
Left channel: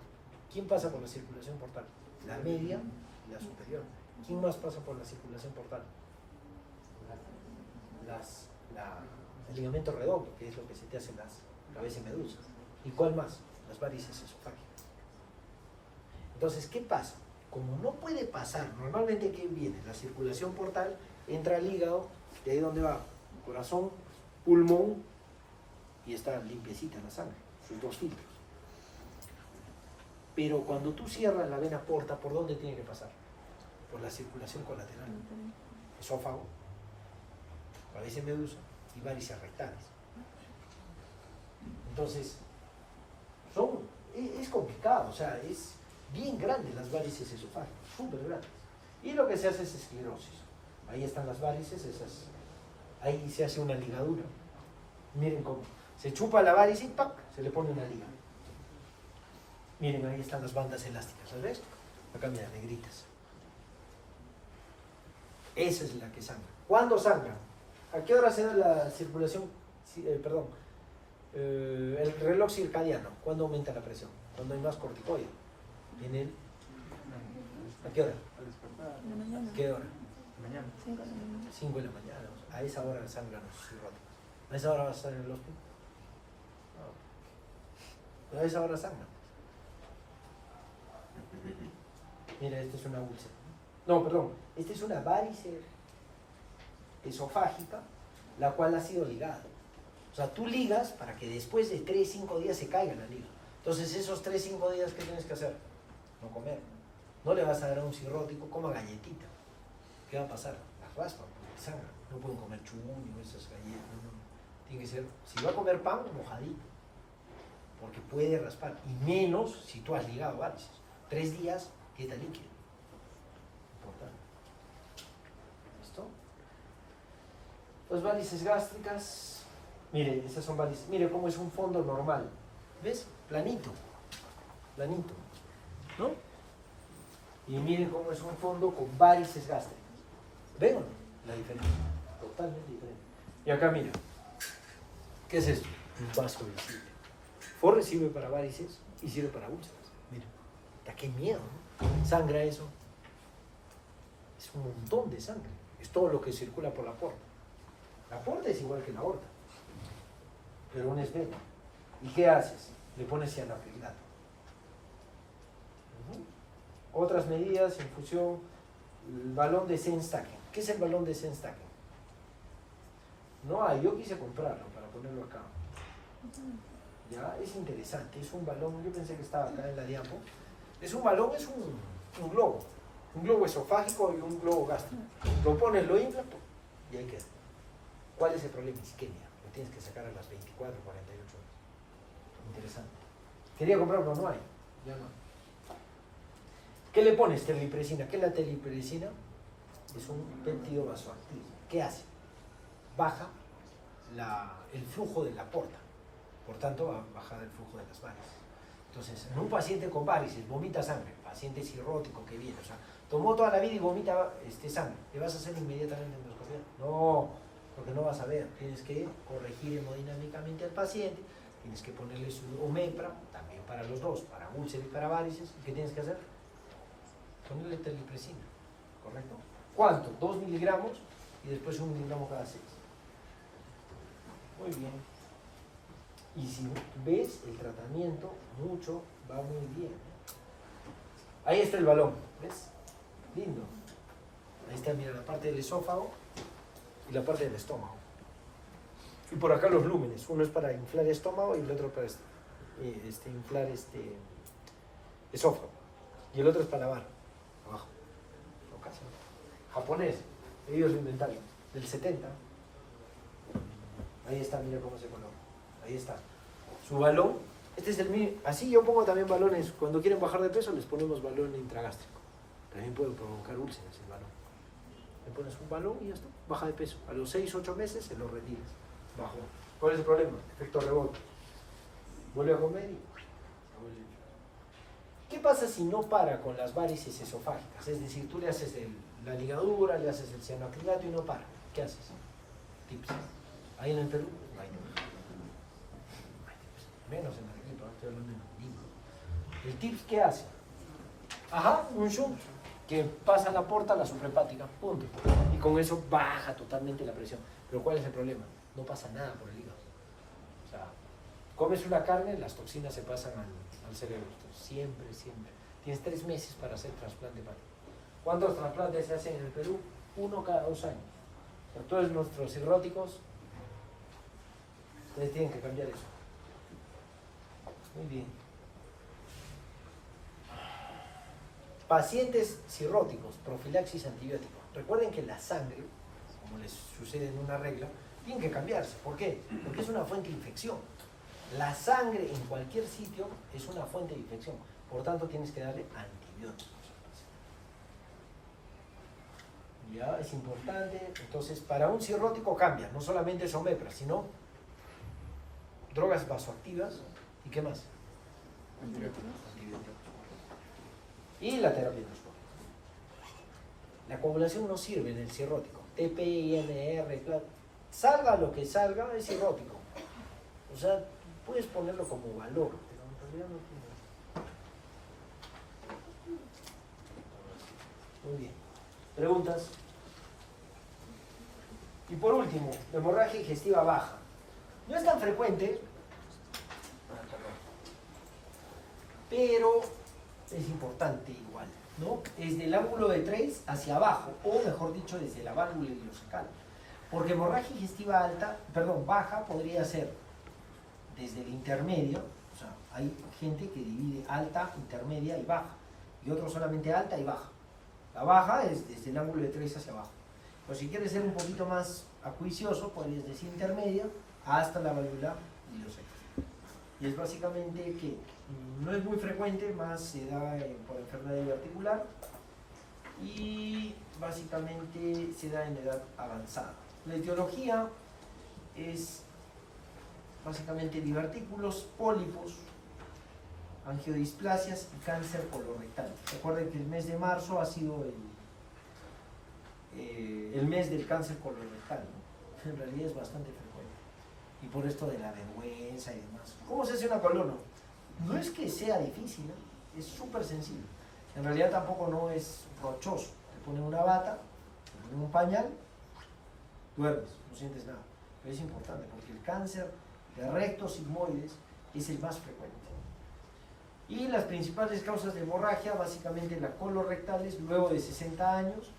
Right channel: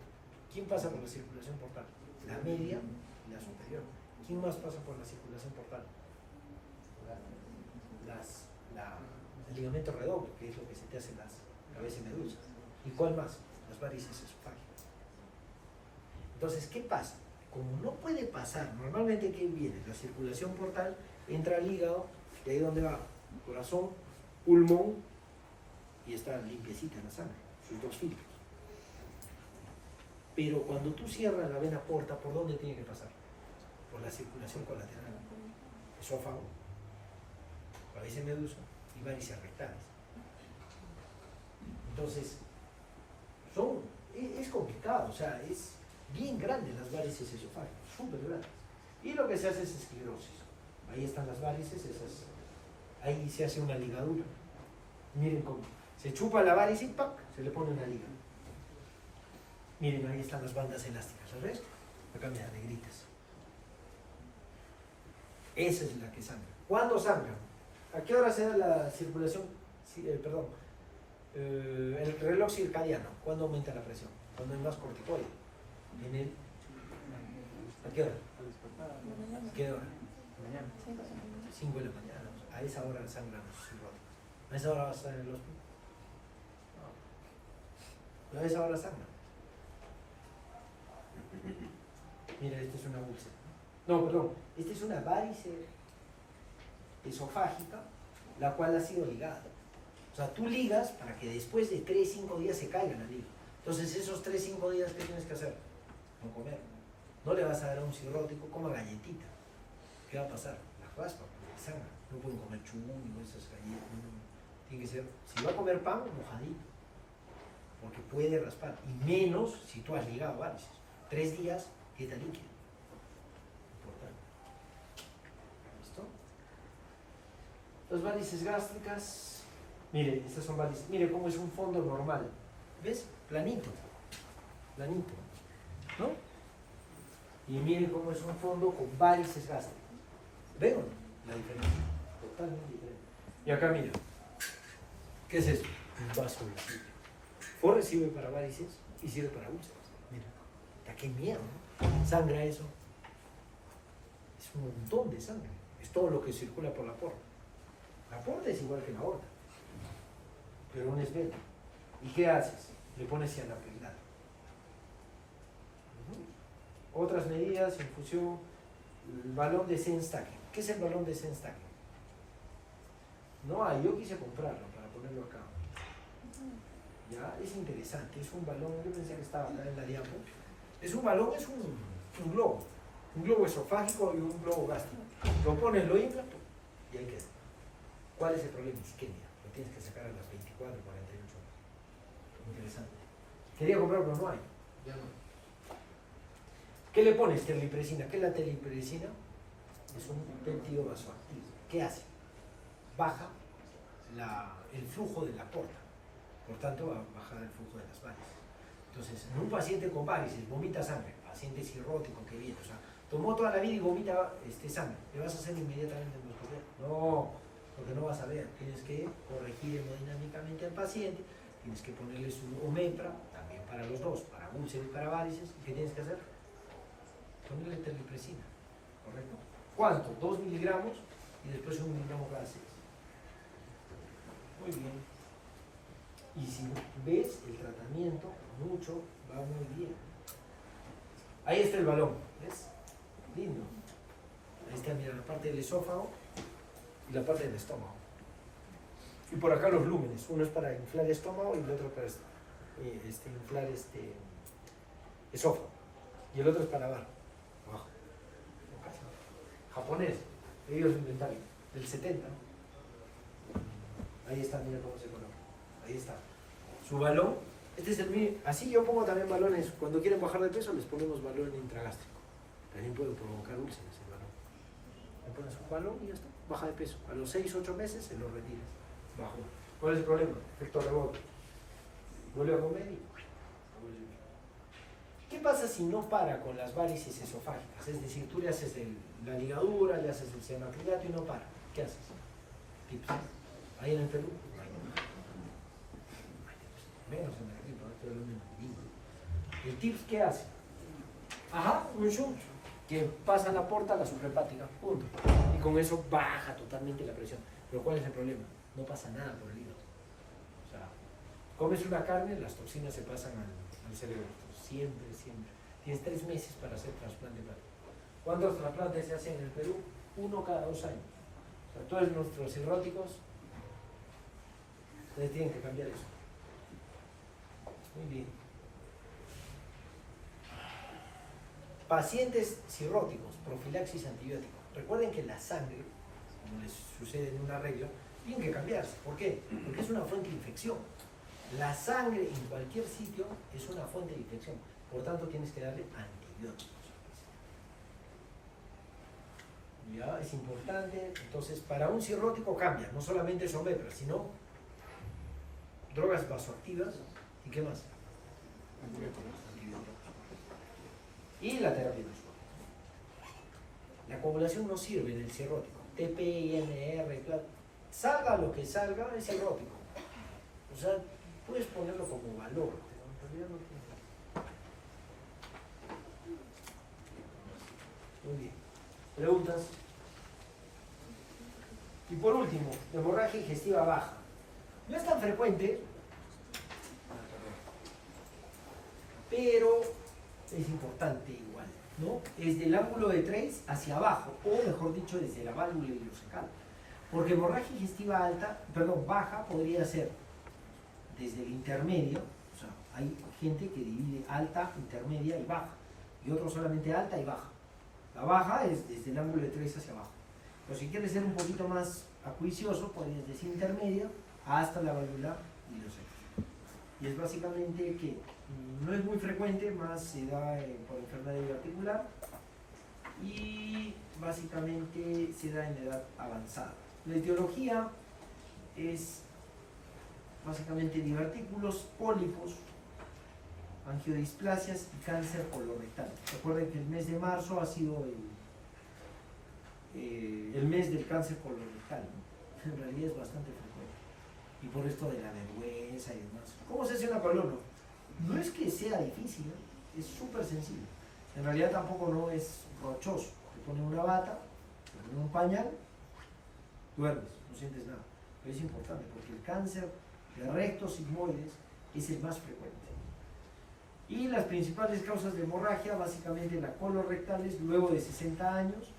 ¿Quién pasa por la circulación portal? La media y la superior. ¿Quién más pasa por la circulación portal? El ligamento redondo, que es lo que se te hace a veces medusa. ¿Y cuál más? Las varices esofágicas. Entonces, ¿qué pasa? Como no puede pasar, normalmente ¿qué viene? La circulación portal entra al hígado, y ahí donde va corazón, pulmón, y está limpiecita la sangre, sus 2 filtros. Pero cuando tú cierras la vena porta, ¿por dónde tiene que pasar? Por la circulación colateral. Esófago, varices medusa y varices rectales. Entonces, es complicado, o sea, es bien grande las varices esofágicas, súper grandes. Y lo que se hace es esclerosis. Ahí están las varices, ahí se hace una ligadura. Miren cómo se chupa la varice y ¡pac! Se le pone una liga. Miren, ahí están las bandas elásticas, ¿sabes? Acá mira, negritas. Esa es la que sangra. ¿Cuándo sangra? ¿A qué hora se da la circulación? El reloj circadiano. ¿Cuándo aumenta la presión? Cuando hay más corticoide. ¿A qué hora? ¿A qué hora? Mañana. 5 de la mañana. A esa hora sangran los cirrotas. ¿A esa hora vas a estar en el hospital? No. A esa hora sangran. Mira, esto es una úlcera. No, perdón. Esta es una varice esofágica, la cual ha sido ligada. O sea, tú ligas para que después de 3-5 días se caiga la liga. Entonces, esos 3-5 días, ¿qué tienes que hacer? No comer. No le vas a dar a un cirrótico, coma galletita. ¿Qué va a pasar? La raspa, porque sangra. No pueden comer churros, esas galletas. No. Tiene que ser, si va a comer pan, mojadito. Porque puede raspar. Y menos si tú has ligado varices. 3 días, dieta líquida. Importante. ¿Listo? Las varices gástricas. Mire, estas son varices. Mire cómo es un fondo normal. ¿Ves? Planito. Planito. ¿No? Y miren cómo es un fondo con varices gástricas. ¿Ven o no? La diferencia. Totalmente diferente. Y acá miren. ¿Qué es esto? Un vaso visible. FORRE sirve para varices y sirve para úlceras. Mira. ¡Qué miedo! ¿No? Sangra eso. Es un montón de sangre. Es todo lo que circula por la aorta. La aorta es igual que la aorta. Pero una es beta. ¿Y qué haces? Le pones cianoacrilato. Otras medidas, infusión, el balón de Senstaken. ¿Qué es el balón de Senstaken? No hay, yo quise comprarlo para ponerlo acá. Ya, es interesante, es un balón, yo pensé que estaba acá en la diapo. Es un balón, es un globo esofágico y un globo gástrico. Lo pones, lo inflas y ahí queda. ¿Cuál es el problema? Isquemia. Lo tienes que sacar a las 24, 48 horas. Interesante. Quería comprarlo, pero no hay. Ya no hay. ¿Qué le pones? Terlipresina. ¿Qué es la terlipresina? Es un péptido vasoactivo. ¿Qué hace? Baja el flujo de la porta. Por tanto, va a bajar el flujo de las varices. Entonces, en un paciente con varices, vomita sangre, paciente cirrótico que viene, o sea, tomó toda la vida y vomita sangre, ¿le vas a hacer inmediatamente endoscopia? No, porque no vas a ver. Tienes que corregir hemodinámicamente al paciente, tienes que ponerle su omepra, también para los dos, para úlceras y para varices. ¿Y qué tienes que hacer? Ponerle terlipresina, ¿correcto? ¿Cuánto? 2 miligramos y después 1 miligramo cada 6. Muy bien. Y si ves el tratamiento, mucho, va muy bien. Ahí está el balón, ¿ves? Lindo. Ahí está, mira, la parte del esófago y la parte del estómago. Y por acá los lúmenes. Uno es para inflar el estómago y el otro para inflar esófago. Y el otro es para lavar. Abajo. No, casi no. Japonés. Ellos lo inventaron. Del 70. Ahí está, mira cómo se coloca. Ahí está. Su balón, este es el mío. Así yo pongo también balones. Cuando quieren bajar de peso les ponemos balón intragástrico. También puede provocar úlceras el balón. Le pones un balón y ya está. Baja de peso. A los 6-8 meses se lo retiras. Bajó. ¿Cuál es el problema? Efecto rebote. Vuelve a comer y... ¿Qué pasa si no para con las varices esofágicas? Es decir, tú le haces la ligadura, le haces el cianoacrilato y no para. ¿Qué haces? Tips. Ahí en el Perú, no hay menos en el Perú, estoy hablando en el ¿El tips qué hace? Ajá, un shunt que pasa la porta a la suprahepática, punto. Y con eso baja totalmente la presión. Pero ¿cuál es el problema? No pasa nada por el hígado. O sea, comes una carne, las toxinas se pasan al cerebro. Siempre, siempre. Tienes 3 meses para hacer trasplante hepático. ¿Cuántos trasplantes se hacen en el Perú? 1 cada 2 años. O sea, todos nuestros cirróticos, ustedes tienen que cambiar eso. Muy bien. Pacientes cirróticos, profilaxis antibiótico. Recuerden que la sangre, como les sucede en una regla, tiene que cambiarse. ¿Por qué? Porque es una fuente de infección. La sangre en cualquier sitio es una fuente de infección. Por tanto, tienes que darle antibióticos. Ya, es importante. Entonces, para un cirrótico cambia. No solamente es omepra, sino drogas vasoactivas. ¿Y qué más? Antibióticos. Y la terapia de suero. La coagulación no sirve en el cirrótico. TP, INR, claro. Salga lo que salga, es cirrótico. O sea, puedes ponerlo como valor, pero en realidad no tiene. Muy bien. ¿Preguntas? Y por último, la hemorragia digestiva baja. No es tan frecuente, pero es importante igual, ¿no? Es del ángulo de 3 hacia abajo, o mejor dicho, desde la válvula ileocecal. Porque hemorragia digestiva alta, perdón, baja podría ser desde el intermedio, o sea, hay gente que divide alta, intermedia y baja, y otros solamente alta y baja. La baja es desde el ángulo de 3 hacia abajo. Pero si quieres ser un poquito más acuicioso, podrías decir intermedia hasta la válvula ileocecal. Y es básicamente que no es muy frecuente, más se da por enfermedad diverticular y básicamente se da en edad avanzada. La etiología es básicamente divertículos, pólipos, angiodisplasias y cáncer colorectal. Recuerden que el mes de marzo ha sido el mes del cáncer colorectal, ¿no? En realidad es bastante frecuente. Y por esto de la vergüenza y demás. ¿Cómo se hace una colon? No es que sea difícil, ¿no? Es súper sencillo. En realidad tampoco no es rochoso. Te ponen una bata, te ponen un pañal, duermes, no sientes nada. Pero es importante porque el cáncer de recto sigmoides es el más frecuente. Y las principales causas de hemorragia, básicamente las colorectales, luego de 60 años,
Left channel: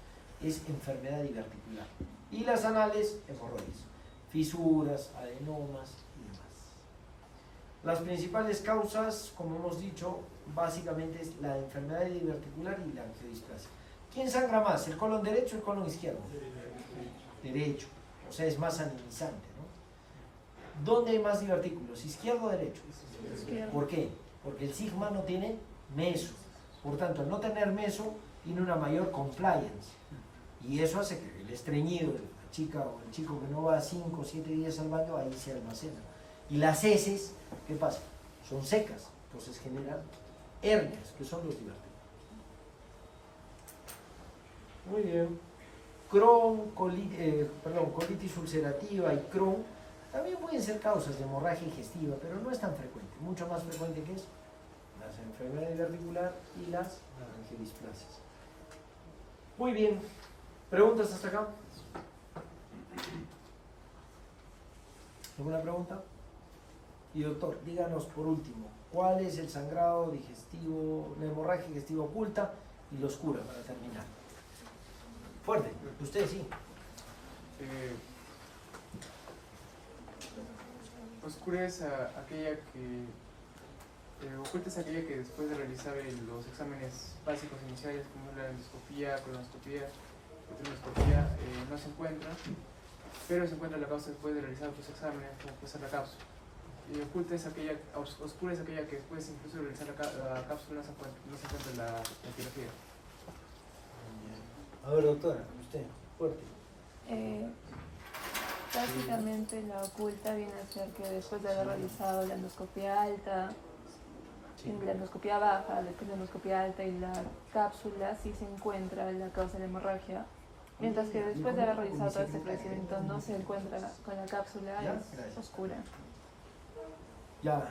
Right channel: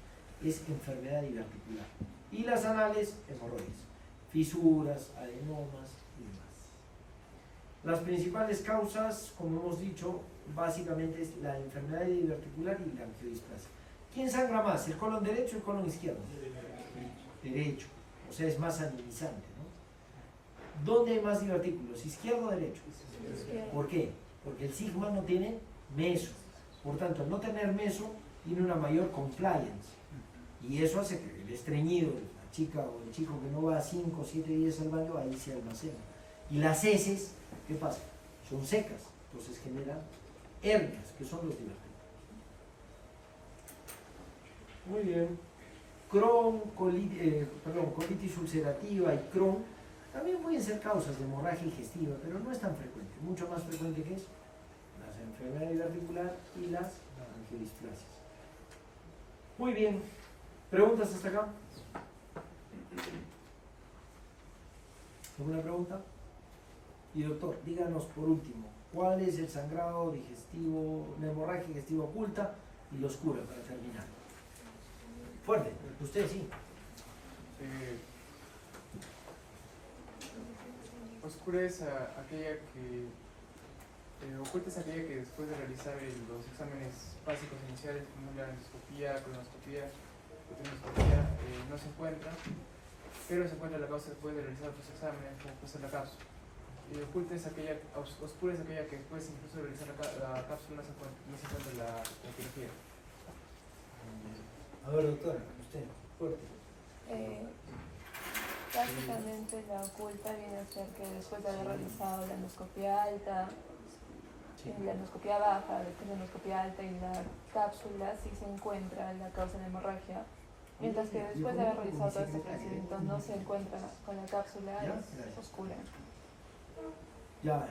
es enfermedad diverticular. Y las anales, hemorroides, fisuras, adenomas y demás. Las principales causas, como hemos dicho, básicamente es la enfermedad diverticular y la angiodisplasia. ¿Quién sangra más, el colon derecho o el colon izquierdo? Derecho, o sea, es más anemizante, ¿no? ¿Dónde hay más divertículos, izquierdo o derecho? ¿Por qué? Porque el sigma no tiene meso. Por tanto, al no tener meso, tiene una mayor compliance. Y eso hace que el estreñido, la chica o el chico que no va 5 o 7 días al baño, ahí se almacena. Y las heces, ¿qué pasa? Son secas, entonces generan hernias, que son los divertículos. Muy bien. Crohn, colitis ulcerativa y Crohn también pueden ser causas de hemorragia digestiva, pero no es tan frecuente. Mucho más frecuente que eso, las enfermedades diverticular y las angiodisplasias. Muy bien. ¿Preguntas hasta acá? ¿Alguna pregunta? Y doctor, díganos por último, ¿cuál es el sangrado digestivo, la hemorragia digestiva oculta y la oscura para terminar? Fuerte, usted sí. Oscura es aquella que oculta es aquella que después de realizar los exámenes básicos iniciales como la endoscopía, colonoscopía, colonoscopía, no se encuentra, pero se encuentra la causa después de realizar los exámenes, como puede ser la cápsula. Y oculta es aquella, oscura es aquella que después incluso de realizar la cápsula no se encuentra la etiología. A ver, doctora, usted, fuerte. Básicamente la oculta viene a ser que después de haber realizado la endoscopia alta, la endoscopia baja, después de la endoscopia alta y la cápsula, sí se encuentra la causa de la hemorragia. Mientras que después de haber realizado todo este procedimiento no se encuentra con la cápsula, es oscura. Ya,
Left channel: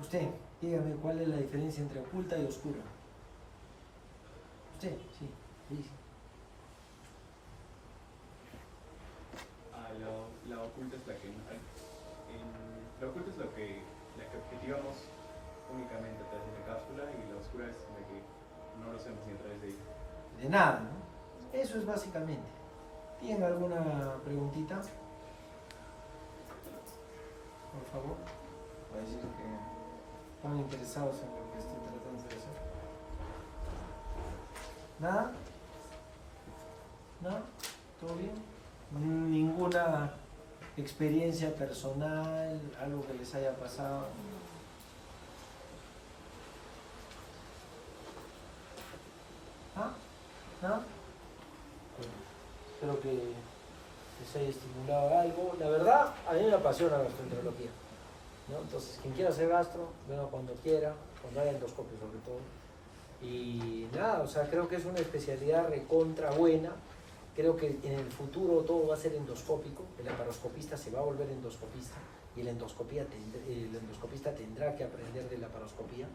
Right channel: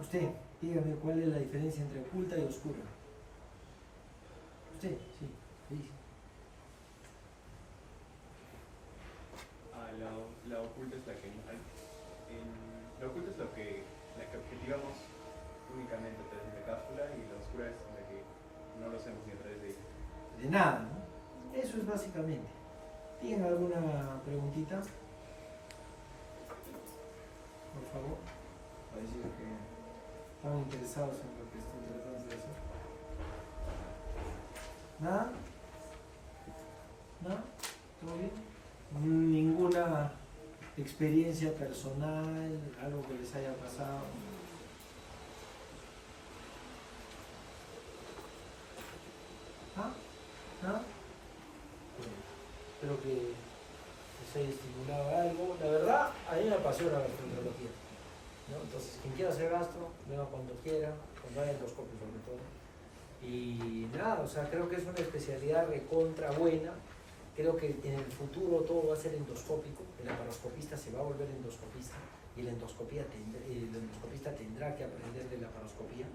usted, dígame cuál es la diferencia entre oculta y oscura. Usted, sí, sí. La oculta es la que la oculta es la que objetivamos únicamente a través de la cápsula y la oscura es la que no lo hacemos ni a través de ella. De nada, ¿no? Eso es básicamente. ¿Tienen alguna preguntita? Por favor. Para decir que están interesados en lo que estoy tratando de hacer. ¿Nada? ¿Nada? ¿Todo bien? Ninguna experiencia personal, algo que les haya pasado. ¿Ah? ¿No? Espero que les haya estimulado algo. La verdad, a mí me apasiona la gastroenterología, ¿no? Entonces, quien quiera hacer gastro, venga cuando quiera, cuando haya endoscopio sobre todo. Y nada, o sea, creo que es una especialidad recontra buena. Creo que en el futuro todo va a ser endoscópico. El laparoscopista se va a volver endoscopista y el endoscopista tendrá que aprender de laparoscopía.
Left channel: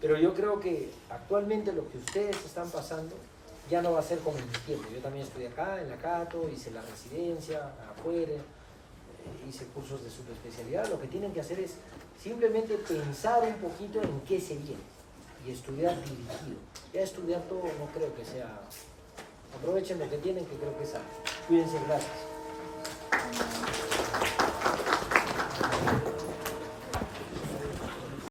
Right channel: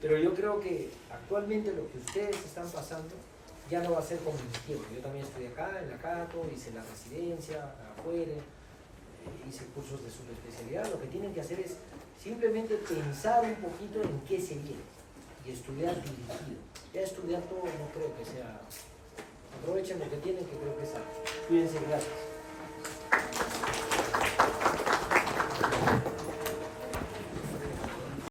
Pero yo creo que actualmente lo que ustedes están pasando ya no va a ser como en mi tiempo. Yo también estudié acá, en la Cato, hice la residencia afuera, hice cursos de subespecialidad. Lo que tienen que hacer es simplemente pensar un poquito en qué se viene. Y estudiar dirigido. Ya estudiar todo no creo que sea. Aprovechen lo que tienen, que creo que es algo. Cuídense, gracias.